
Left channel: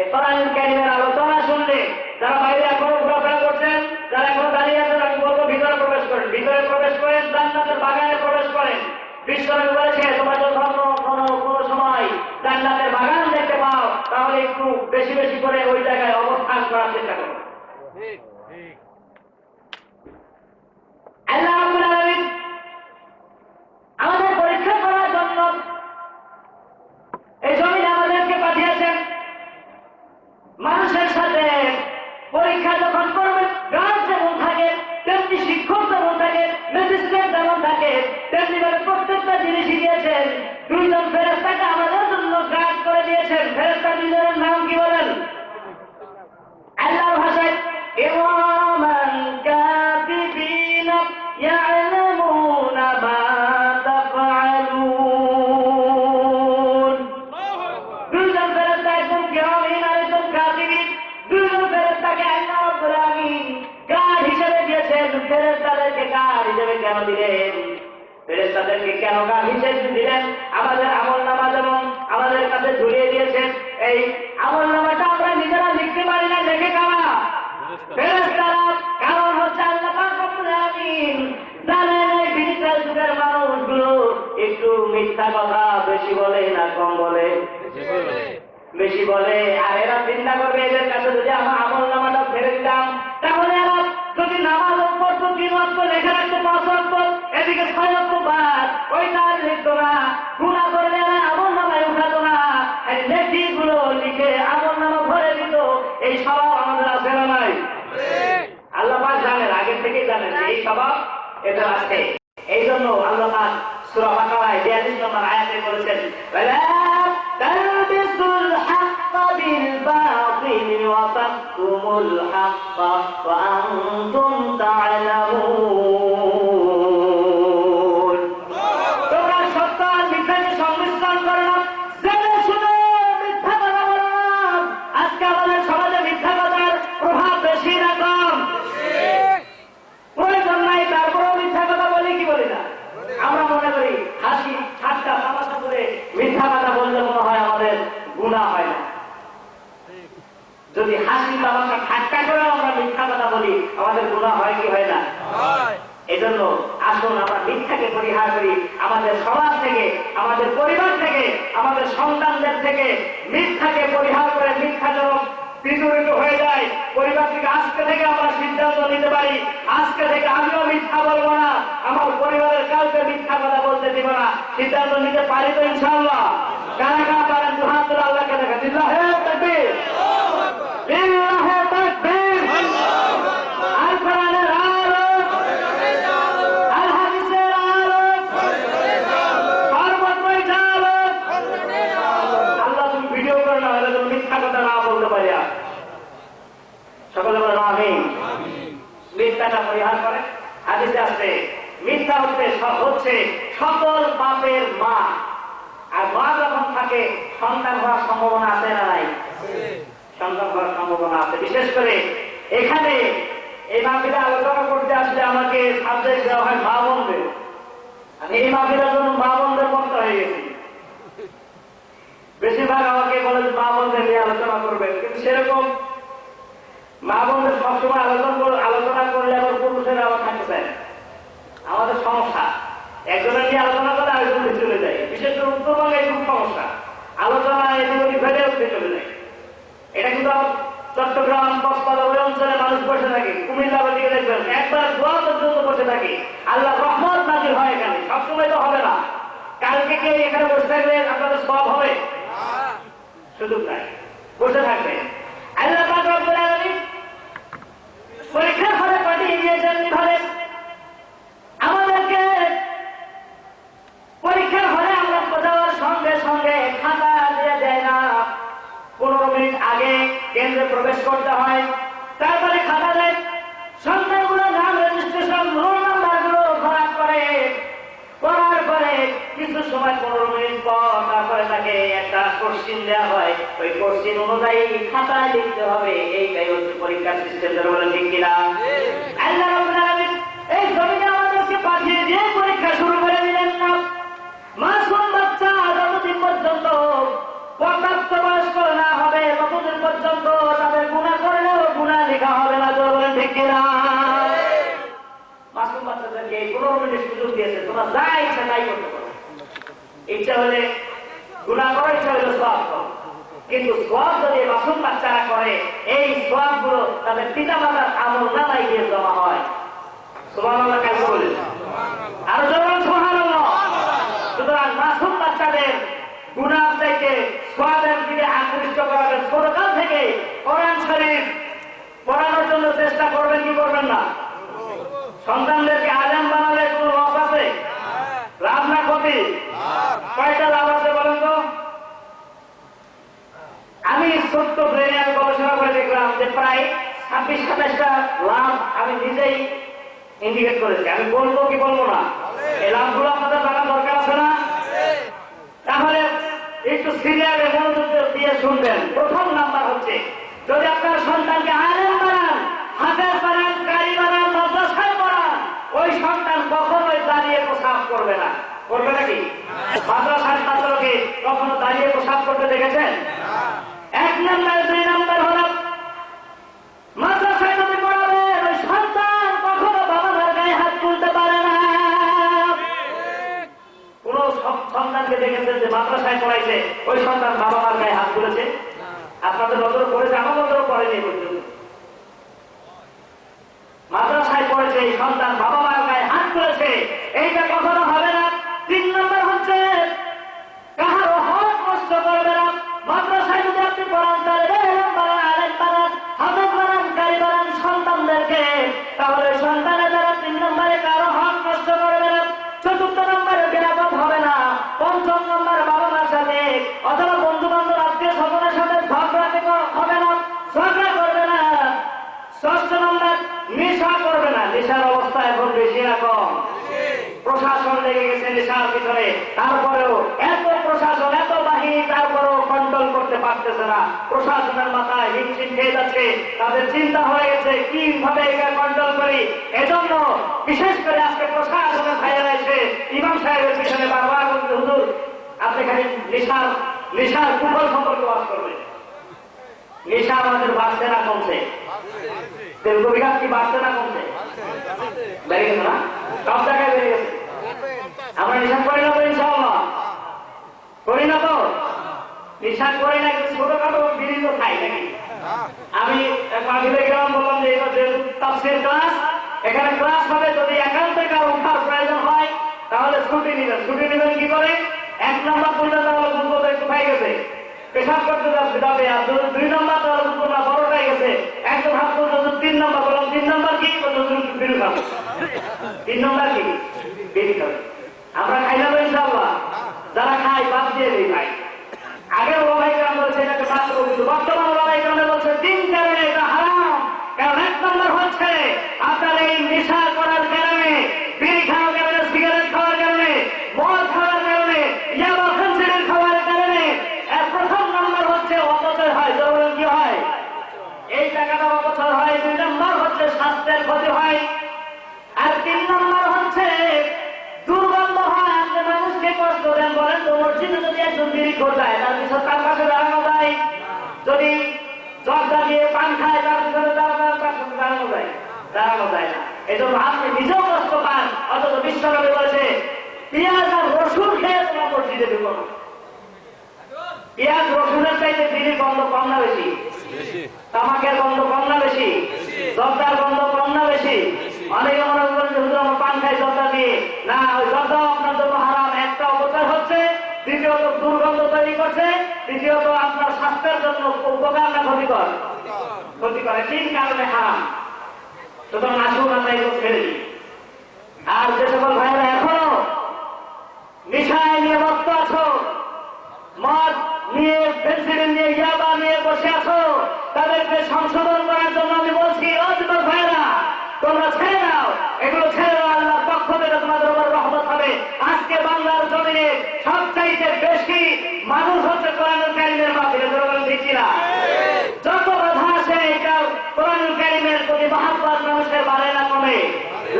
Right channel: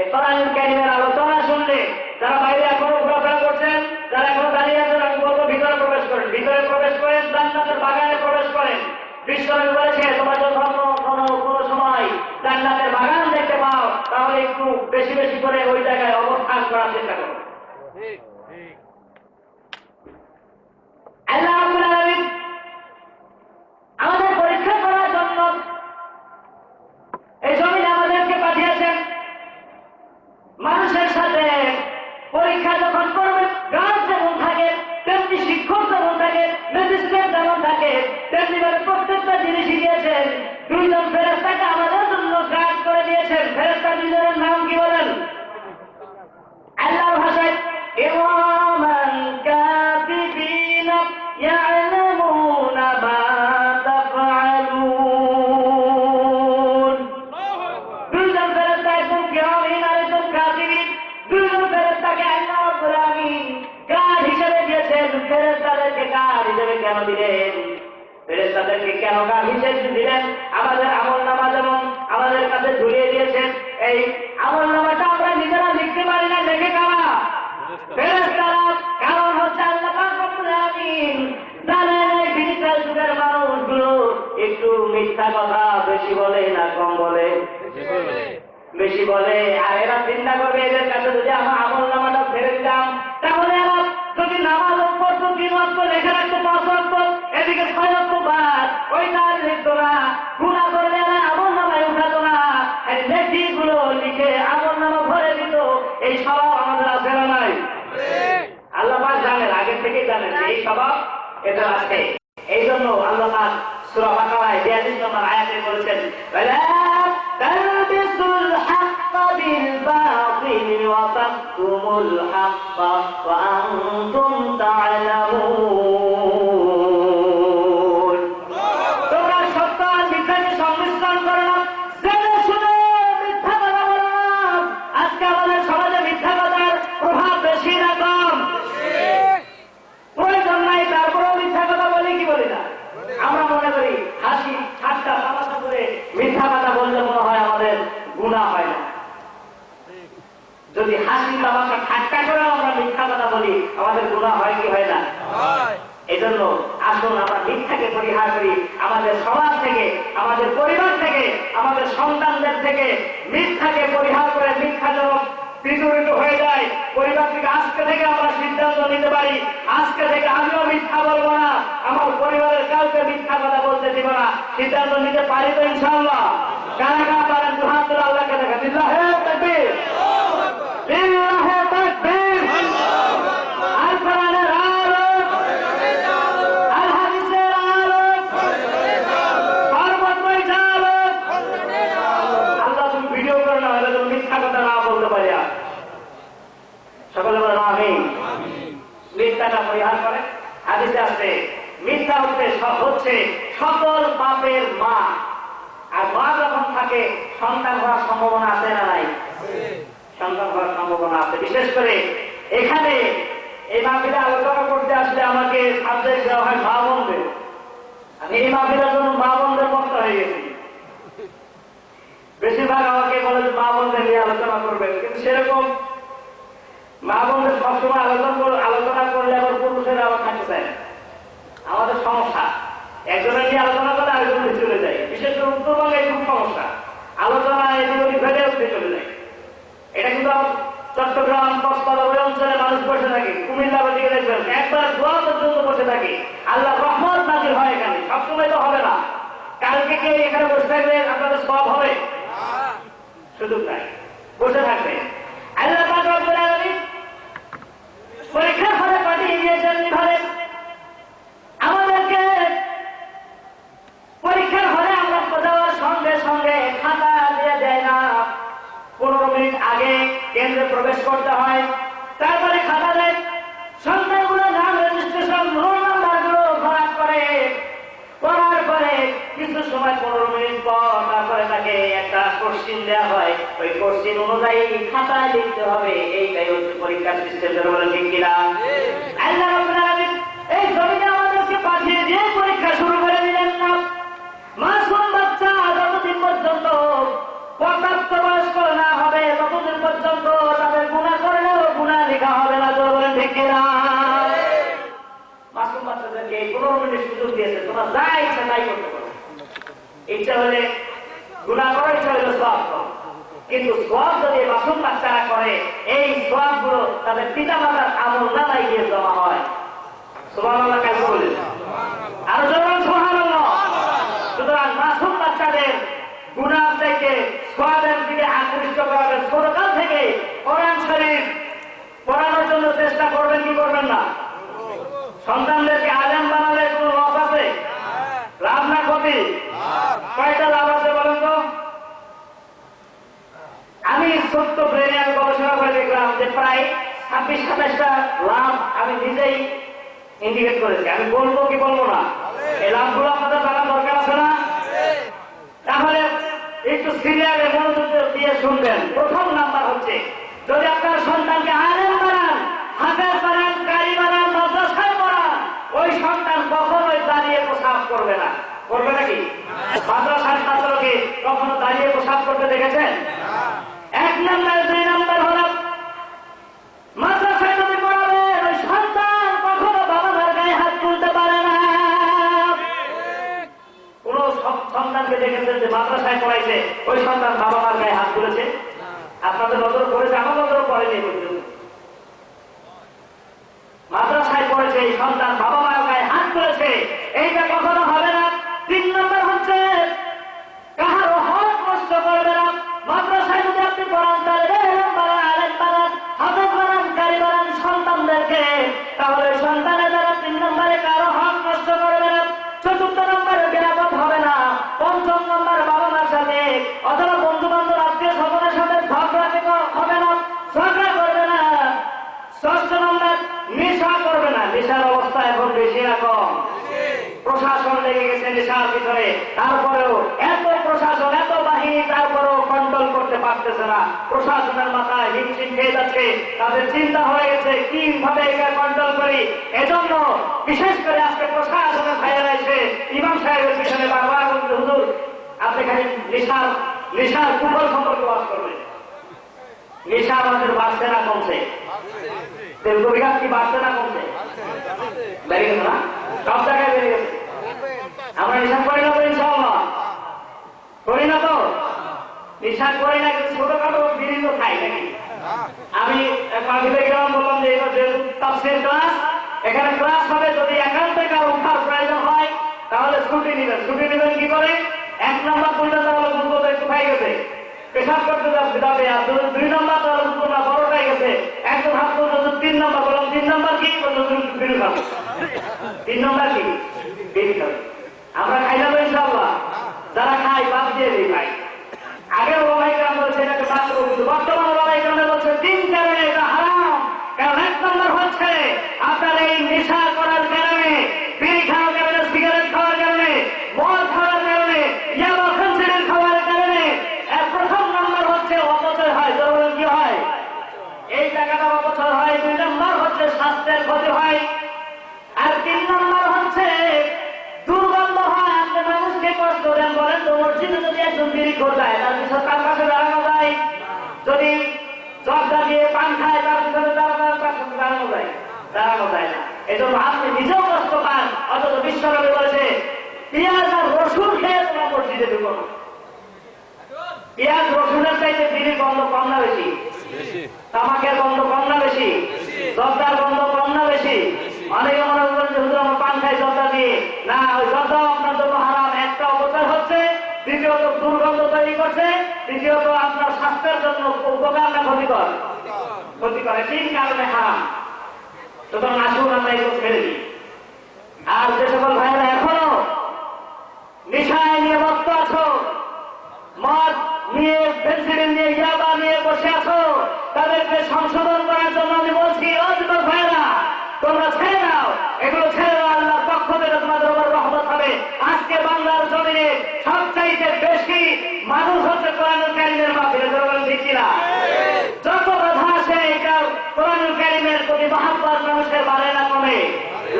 এই কোরআনুল কারীমের আলোচনা শুনলে যারা বাইরে এখনো ঘোরাফেরা করছেন, যারা এখনো দাঁড়িয়ে আছেন, আমি বলবো ভিতরে প্রবেশ করেন, ভিতরে প্রবেশ করেন, জান্নাতের বাগানে প্রবেশ করেন। বিশ্বনবী বলেছে, তোমরা যখন কোনো সময় জান্নাতের বাগান দেখতে পাও তাহলে একটু বেশি বেশি করে ওই জায়গায় অবস্থান করার চেষ্টা করো। আল্লাহ রাব্বুল আলামিন আমাদের পরীক্ষা করার জন্য এই জমিনে আমাদেরকে পাঠিয়েছেন। মানুষের সাথে পরীক্ষা যখন করবেন, গাছ যেমন থাকে তেমনি শিক্ষক যেমন থাকে, ম্যাজিস্ট্রেট যেমন থাকে, তেমনি ভাবে প্রত্যেকটা জিনিসই দিয়েছেন। দুইজন ফেরেশতাকে আমাদের জন্য গাইড করে দিয়েছেন। ফেরেশতা দুইজনের নাম কি বলেন? আল্লাহর ভাষায় ইরামান কাতিবিনা ইয়ালামুনা মা তাফআলুন। দুইজন ফেরেশতা, একজন কিরামিন আর একজন কাতিবিন। দুইজন ফেরেশতাকে আল্লাহ রাব্বুল আলামিন গার্ড হিসেবে দিয়েছেন। ফেরেশতাদেরকে গার্ড হিসেবে কেন দিলেন? ফেরেশতাদেরকে কেন গার্ড হিসেবে দিলেন? আমাদের আমলনামা যেমন আমাদের কাছে ঝুলিয়ে দিয়েছেন, এই আমলনামাটা আমরা নিজেরা লিখতে পারি না, লেখে কারা? ফেরেশতারা। কারণ হচ্ছে আল্লাহ পাক রব্বুল আলামিন জানেন এই ডিজিটাল যুগের মানুষগুলো একটু মিথ্যা কথা বেশি বলে না কম বলে? বেশি বলে। আর এরা চিন্তা করবে এদের কাছে যদি আমার আমলনামাটা ফেলে দিতাম তাহলে এরা যদি নামাজ পড়তো 3 ওয়াক্ত লেখা রাখতো 5 ওয়াক্ত, এদিকে 6 ওয়াক্ত বাদ, ওইটা আর লিখতো না। গুনাহ করলে এরা আমলনামায় উঠাতো না, এই নেকিগুলো লিখে আমলনামা ভরে দিত। এই স্বভাব আমাদের আছে না নাই? আল্লাহ পাক জানেন, আগে থেকেই জানেন এই স্বভাব এদের আছে। এই জন্য আল্লাহ পাক সূরা বাকারায় 42 নম্বর আয়াতে বলেছেন, ওয়ালা তালবিসুল হাক্কা বিল বাতিল ওয়া তাকতুমুল হাক্কা ওয়া আনতুম তা'লামুন। তোমরা সত্য আর মিথ্যাকে সংমিশ্রণ করো না, জেনে শুনে মিথ্যা কথা বলো না। আজকে আমাদের সমাজে মিথ্যা কথার প্রভাব বেশি না কম? প্রয়োজন নাই, তারপরেও মিথ্যা কথা বলি কি বলি না? আমরা মনে করি হাসি ঠাট্টা তামাশা করে মিথ্যা কথা বললে মনে হয় আমাদের গুনাহ হয় না। যদি হাসি তামাশা ঠাট্টা করে আমরা মিথ্যা কথা বলি আমাদের গুনাহ হয় কি হয় না? এই জন্য আসুন আমরা মিথ্যাকে পরিহার করি, আমাদের সমাজ থেকে, আমাদের পরিবার থেকে, আমাদের সন্তানদের থেকে মিথ্যাকে পরিহার করে মিথ্যা যেন বিচলিত হয়ে যায়। পরিবার থেকে আজকে থেকে আমরা সিদ্ধান্ত নিতে পারি, আজকে থেকে আমিও মিথ্যা বলবো না, আমার পরিবারের কাউকে মিথ্যা কথা বলতে দিব না। সিদ্ধান্ত নিতে পারি তো ইনশাআল্লাহ? কারা কারা পারেন দুহাত তুলে আল্লাহকে দেখা। লিল্লাহে তাকবীর, লিল্লাহে তাকবীর। আল কোরআনের আলো, আল হাদিসের আলো, সর্বত্রই আলো। আল্লাহ তুমি ভিডিও করে না হলে তুমি মিথ্যা কথা না বলতে পারি। সকলে বলেন আমিন। মিথ্যাটা পরিহার করে। হাদিসে আছে মিথ্যা হচ্ছে সকল পাপের মা। আর মা যখন থাকে সন্তান হওয়ার সম্ভাবনা আছে না নাই? সন্তান হওয়ার সম্ভাবনা আছে। বিশেষ করে এখানে এই মাহফিলে আলোচনা করতে আসলে আমাকে সাবজেক্ট দেওয়া হয় মা বোনদের। আমি এই মাহফিলের জন্য মা বোনদের বক্ত হয়ে গেছি। বেশিরভাগ আমাকে বলে যে মা বোনদের নিয়ে আলোচনা করবেন, কিন্তু সেরকম মা বোনদের সবসময় আলোচনা করলে আবার পুরুষেরা আবার থাকতে চায় না। আমাদের সমস্যা, একজনের নিয়ে আলোচনা করে আরেকজন চলে যায়। বিশেষ করে উত্তরবঙ্গে খুব সমস্যা, আলোচনা এদিকে ফেলে উঠতে চলে যায়। এটা কিন্তু চট্টগ্রাম, কক্সবাজার ওই অঞ্চলে মানুষ বসে থাকে, কুমিল্লা দিকে দেখবেন একবার দোয়া পর্যন্ত বসে থাকে। আল্লাহ রহমত নাজির হয় এখানে, সবসময় তো হবে না। কালকে কে এখানে বসে থাকলে আপনাদের সব হবে? সুযোগ নাই, বসে থাকবে। আল্লাহ পাক রব্বুল আলামিন পরীক্ষার ফলে পাঠিয়ে দিয়েছেন ঘরে আমাদেরকে। পরীক্ষার ফলে আমরা যাওয়ার সঙ্গে সঙ্গে খাতা দিয়ে দেয় না, 15 মিনিট আগে কেন্দ্রে প্রবেশ করতে হয়, তারপরে খাতা দেয়। সন্তানগুলো নাম রেজিস্ট্রেশন, রোল নাম্বার গুলো ভরাট করে, করার পরে কিছু সময় 15 মিনিট পর তারপরে তাকে একটা কোশ্চিন দেওয়া হয়। ওই কোশ্চিন অনুযায়ী খাতায় লিখতে হবে। এইটাই হচ্ছে পরীক্ষার সিস্টেম। বলেন ঠিক কিনা? আল্লাহ রাব্বুল আলামিন এই জমিনে আমাদেরকে পাঠিয়ে দিয়ে পরীক্ষা শুরু করে দিলেন না। মাসুম বাচ্চা যতদিন পর্যন্ত পর্যাপ্ত বয়স্ক না হবে ততদিন পর্যন্ত তাদের গুনাহ করলেও গুনাহ লেখা হবে না। বলেন ঠিক কিনা? মাসুম বাচ্চাদেরকে 15 মিনিট সুযোগ দিয়েছে, তোমরা যা ইচ্ছা তাই করতে পারো। ইচ্ছা হলে গুনাহ করো, ইচ্ছা হলে সওয়াব করো। কিন্তু সওয়াব যদি মাসুম বাচ্চারা করে, এই সওয়াব গুলো তাদের পিতা মাতার আমলনামায় গিয়ে জমা হয়। সুবহানাল্লাহ কাজ বলেন, আরো জোরে সুবহানাল্লাহ। সুতরাং মাসুম বাচ্চাদের গুনাহ থেকে সওয়াবের দিকে আকৃষ্ট করাবেন। ছোটকাল থেকে কোরআন শরীফ পড়ানোর জন্য চেষ্টা করবেন কি করবেন না? সন্তানদেরকে আলেম বানালে কোনো লস আছে? লাভ না ক্ষতি? কয়টা লাভ আছে বলেন তো? আমি ছোট্ট ব্রেনে আমি গবেষণা করে দেখলাম যে প্রায় 26-27টা লাভ আমি নিজেই ইন্ডিকেট করেছি। আমি বলবো কি বলবো না? এই লাভগুলো আপনাদের জানা দরকার আছে না? তাহলে একটু সিরিয়ালে মনোযোগ দিয়ে শুনবেন। প্রথম নাম্বার হচ্ছে, যদি আপনার সন্তানকে আলেম বানান, হাফেজ বানান, কারি বানান, মাদ্রাসায় পড়ান, ওই সন্তান কখনোই দাঁড়িয়ে প্রসাব করবে না। করবে নাকি? মাদ্রাসার ছাত্রকে কখনো দাঁড়িয়ে প্রসাব করতে দেখেছেন? 1 নাম্বার। 2 নাম্বার হল মাদ্রাসায় যদি পড়াবে ওই সন্তান কখনো বাবা মার গায়ে হাত তুলতে পারে না। কোন সন্তানকে দেখেছেন যে মাদ্রাসায় পড়াইছে ওই সন্তান বাবা মার গায়ে হাত তুলেছে? আপনাদের নজর পড়েছে? আমার নজর পড়েনি পর্যন্ত। মাদ্রাসায় পড়েছে এই সন্তান বাবা মার গায়ে হাত তুলেছে, এইটা কখনো হবে না। 3 নম্বর হচ্ছে কাহারও হক নষ্ট করবে না। মাদ্রাসায় যদি আপনি পড়ান, আলেম বানান, হাফেজ বানান, কারি বানান সন্তানদেরকে, তাহলে সন্তানের দ্বারা 3 নম্বরে কারো হক নষ্ট করবে না। 4 নম্বরে বিরাপদ হবে না। 5 নম্বরে বাবা মার সাথে অথবা বন্ধু বান্ধব আত্মীয় স্বজনের সাথে ঝগড়া হবে না, ঝগড়া করবে না। 6 নম্বর নেশা করবে না। নেশার অবস্থা এখন বেশি না কম? প্রশাসন লেগে গেছে নেশার ভিতরে, তারপরেও এত প্রশাসন, এত বাহিনী, তারপরেও কন্ট্রোল করতে পারতেছে না। প্রশাসনের মাথায় হিমশিম খেয়ে যাচ্ছে। তাদের চিন্তা হয়ে গেছে কিভাবে এটা কন্ট্রোল করি। এজন্য বিশেষ করে আজকে প্রশাসনের ভাইয়েরা এসে ইমাম সাহেবের পিছনে বারবার বলতে, হুজুর আপনি খালি নেশার কুফল সম্পর্কে বাস করবেন। নেশা আমাদের বাড়ছে না কমছে? তেলকপি গাছ কি বাড়ছে না কমছে? বেড়ে গেছে না? সব জায়গায় বেড়ে গেছে। আমরা নিশান করি না তো ইনশাআল্লাহ? করি না তো? নিশান করি না, কিন্তু ছোটখাটো বিড়ি তো খাই নাকি? আমি মাহফিলে গেলাম, বললাম যে এটা যেহেতু তাফসীর ক্লাস, এখানে ক্লাস হবে, যদি একান্তে কারো উঠার প্রয়োজন হয় তাহলে ছুটি নেবেন। ছুটি নেবেন কি করে? 1 নম্বর পর্যন্ত তাহলে দুধ একটু খাই গেছে, পেশাব করতে যাবে, আর 2 নম্বর তাহলে দুধ না বড় খাই গেছে, একদম হাত পর্যন্ত 3 নম্বর। বললাম 3 নম্বর কি? বিড়ি খাবো। 3 নম্বর কি? বিড়ি খাবে। আমরা খাই না তো ইনশাআল্লাহ? যারা খাই বাদ দিয়ে দিই ভাই। আগের ওলামাইকেরাম বলছে এটাকে বাদ দেবো, কিন্তু বর্তমান ওলামাইকেরাম বলছে 3 কারণে এটা হারাম। কারণ 1 নম্বর হচ্ছে আপনার এই নেশা করার কারণে, বিড়ি খাওয়ার কারণে, সিগারেট খাওয়ার কারণে, মদ খাওয়ার কারণে, ইয়াবা খানসিরের খাওয়ার কারণে। এর প্রথম নম্বর হচ্ছে অপচয় হয়। জরুরি কি হয়? এই টাকাটা অপচয় হয়। 2 নম্বর হচ্ছে স্বাস্থ্যের ক্ষতি হয়। আর 3 নম্বর হচ্ছে দুর্গন্ধ হয়। আপনি মানুষকে কষ্ট দেন। বলেন তো, মসজিদে যদি একজন বিড়ি খোঁজায়, তার পিছনে তার পাশে দাঁড়ানো যায়? যদি জর্দা দিয়ে পান খায়, তার পিছনে দাঁড়ানো যায়? দাঁড়ানো যায় না। এই জন্য আপনি নিজেও কষ্ট পান, অথচ বিশ্বনবী বলেছে পেঁয়াজ আর রসুন খেয়ে তোমরা মসজিদে ঢুকো না। পেঁয়াজ রসুনের চাইতে বিড়ির গন্ধ কম না বেশি? তামাকের গন্ধ কম না বেশি? জর্দার গন্ধ কম না বেশি? অনেকে মনে করেন যে হুজুর আমরা পান খাই জর্দা দিয়ে। না, ওই জর্দাও আপনার জন্য হারাম। একটা অপচয় হচ্ছে, দ্বিতীয়ত দুর্গন্ধ তৈরি করছে, তৃতীয়ত আপনার স্বাস্থ্যের জন্য উপকার না ক্ষতিকর? ক্ষতিকর। 3 কারণে হারাম। সুতরাং আসুন আমরা এগুলো ছেড়ে দিই। আর যে সকল ভাইরা এখনো নেশায় নিয়ে মত্ত আছো, মদ নিয়ে, পেন্সিলিন নিয়ে, ইয়াবা নিয়ে বসে আছো, তাদেরকে সংশোধন করার জন্য আমি বলছি, ও যুবক ভাইরা, তোমরা ছেড়ে দাও, এগুলো ছেড়ে দাও। আল্লাহর পক্ষ থেকে তোমাদের উপর রহমত হবে। আজকে বাংলার জমিনে সবচাইতে বেশি মানুষ হচ্ছে কোরআনুল কারীমের মাহফিলে। ঠিক কিনা? যত বাধা আসে, কোরআনুল কারীমের প্রতি মহব্বত মানুষের বাড়ে না কমে।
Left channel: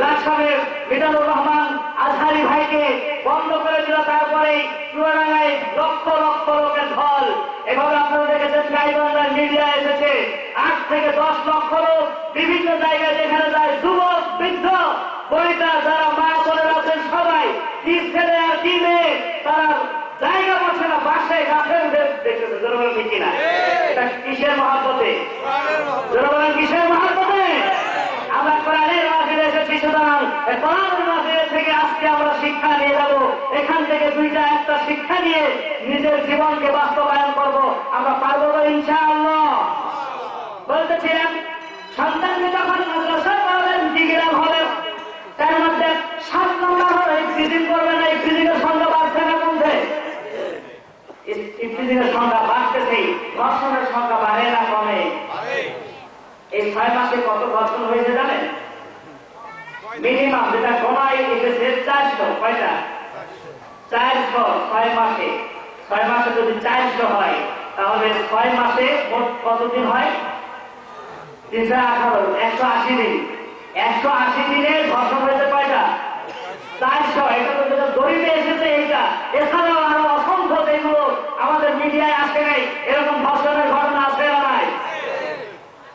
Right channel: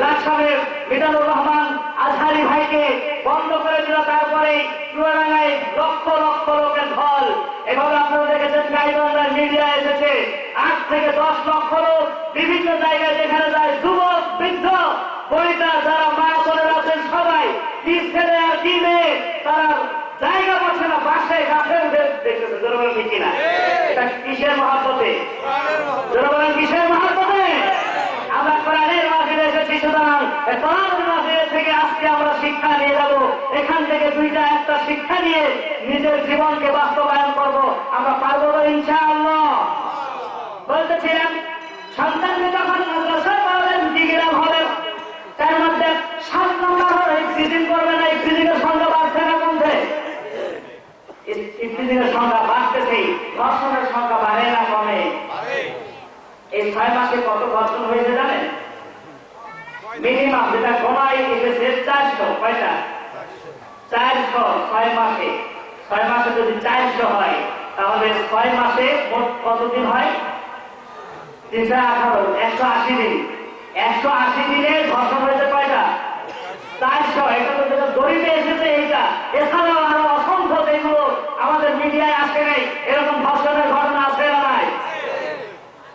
লাকসামের মিজানুর রহমান আজহারি ভাইকে বন্ধ করে দিল, তারপরে চুয়াডাঙ্গায় লক্ষ লক্ষ লোকের ঢল। এভাবে আপনারা দেখেছেন গাইবান্ধার মিডিয়া এসেছে, 8 থেকে 10 লক্ষ লোক বিভিন্ন জায়গায় যেখানে যায়, যুবক, বৃদ্ধ, বনিতা, যারা মা বোনেরা আছেন, সবাই, কি ছেলে আর কি মেয়ে, তারা জায়গা পাচ্ছে না, বাসে গাছের দেখতেছে। জনগণ ঠিক কিনা? এটা কিসের মহাব্বতে? জনগণ কিসের মহাব্বতে? আমরা কোরআনের মাহফিলে এসেছি, সুতরাং কোরআনের মাহফিল থেকে আজকে আমরা শিক্ষা নিয়ে যাব। এখান থেকে 2টা 1টা শিক্ষা নিয়ে নিজের জীবনকে বাস্তবায়ন করব। আমরা পারবো তো ইনশাআল্লাহ? বলতেছিলাম, সন্তানকে যখন মাদ্রাসায় পড়াবেন, ডিগ্রি হবে, তার মধ্যে 7 নম্বর হলো ইফতিজিং করবে না। ইফতিজিংয়ের সংখ্যা বাড়ছে না কমছে? ইফতিজিংয়ের সংখ্যা বাড়তেছে, ধর্ষণের সংখ্যা বাড়ে না কমে? এই 6 মাসে কত ধর্ষণ হয়েছে জানেন? মিনিমাম যেটা কমাই এসেছে 400। কয়টা? 400। 6 মাসে। 6 মাসে যদি 400 হয়, তাহলে 6 মাসে মোট কতদিন হয়? 318, 180 দিন। 180 দিনে ধর্ষণ হয়েছে কয়টা? 400। এটা তো যেটা জরিপে এসেছে এইটা। এছাড়াও আরো অসংখ্য যেগুলো আমাদের মিডিয়ায় আসে নাই, এরকম ধর্ষণের ঘটনা আছে না নাই?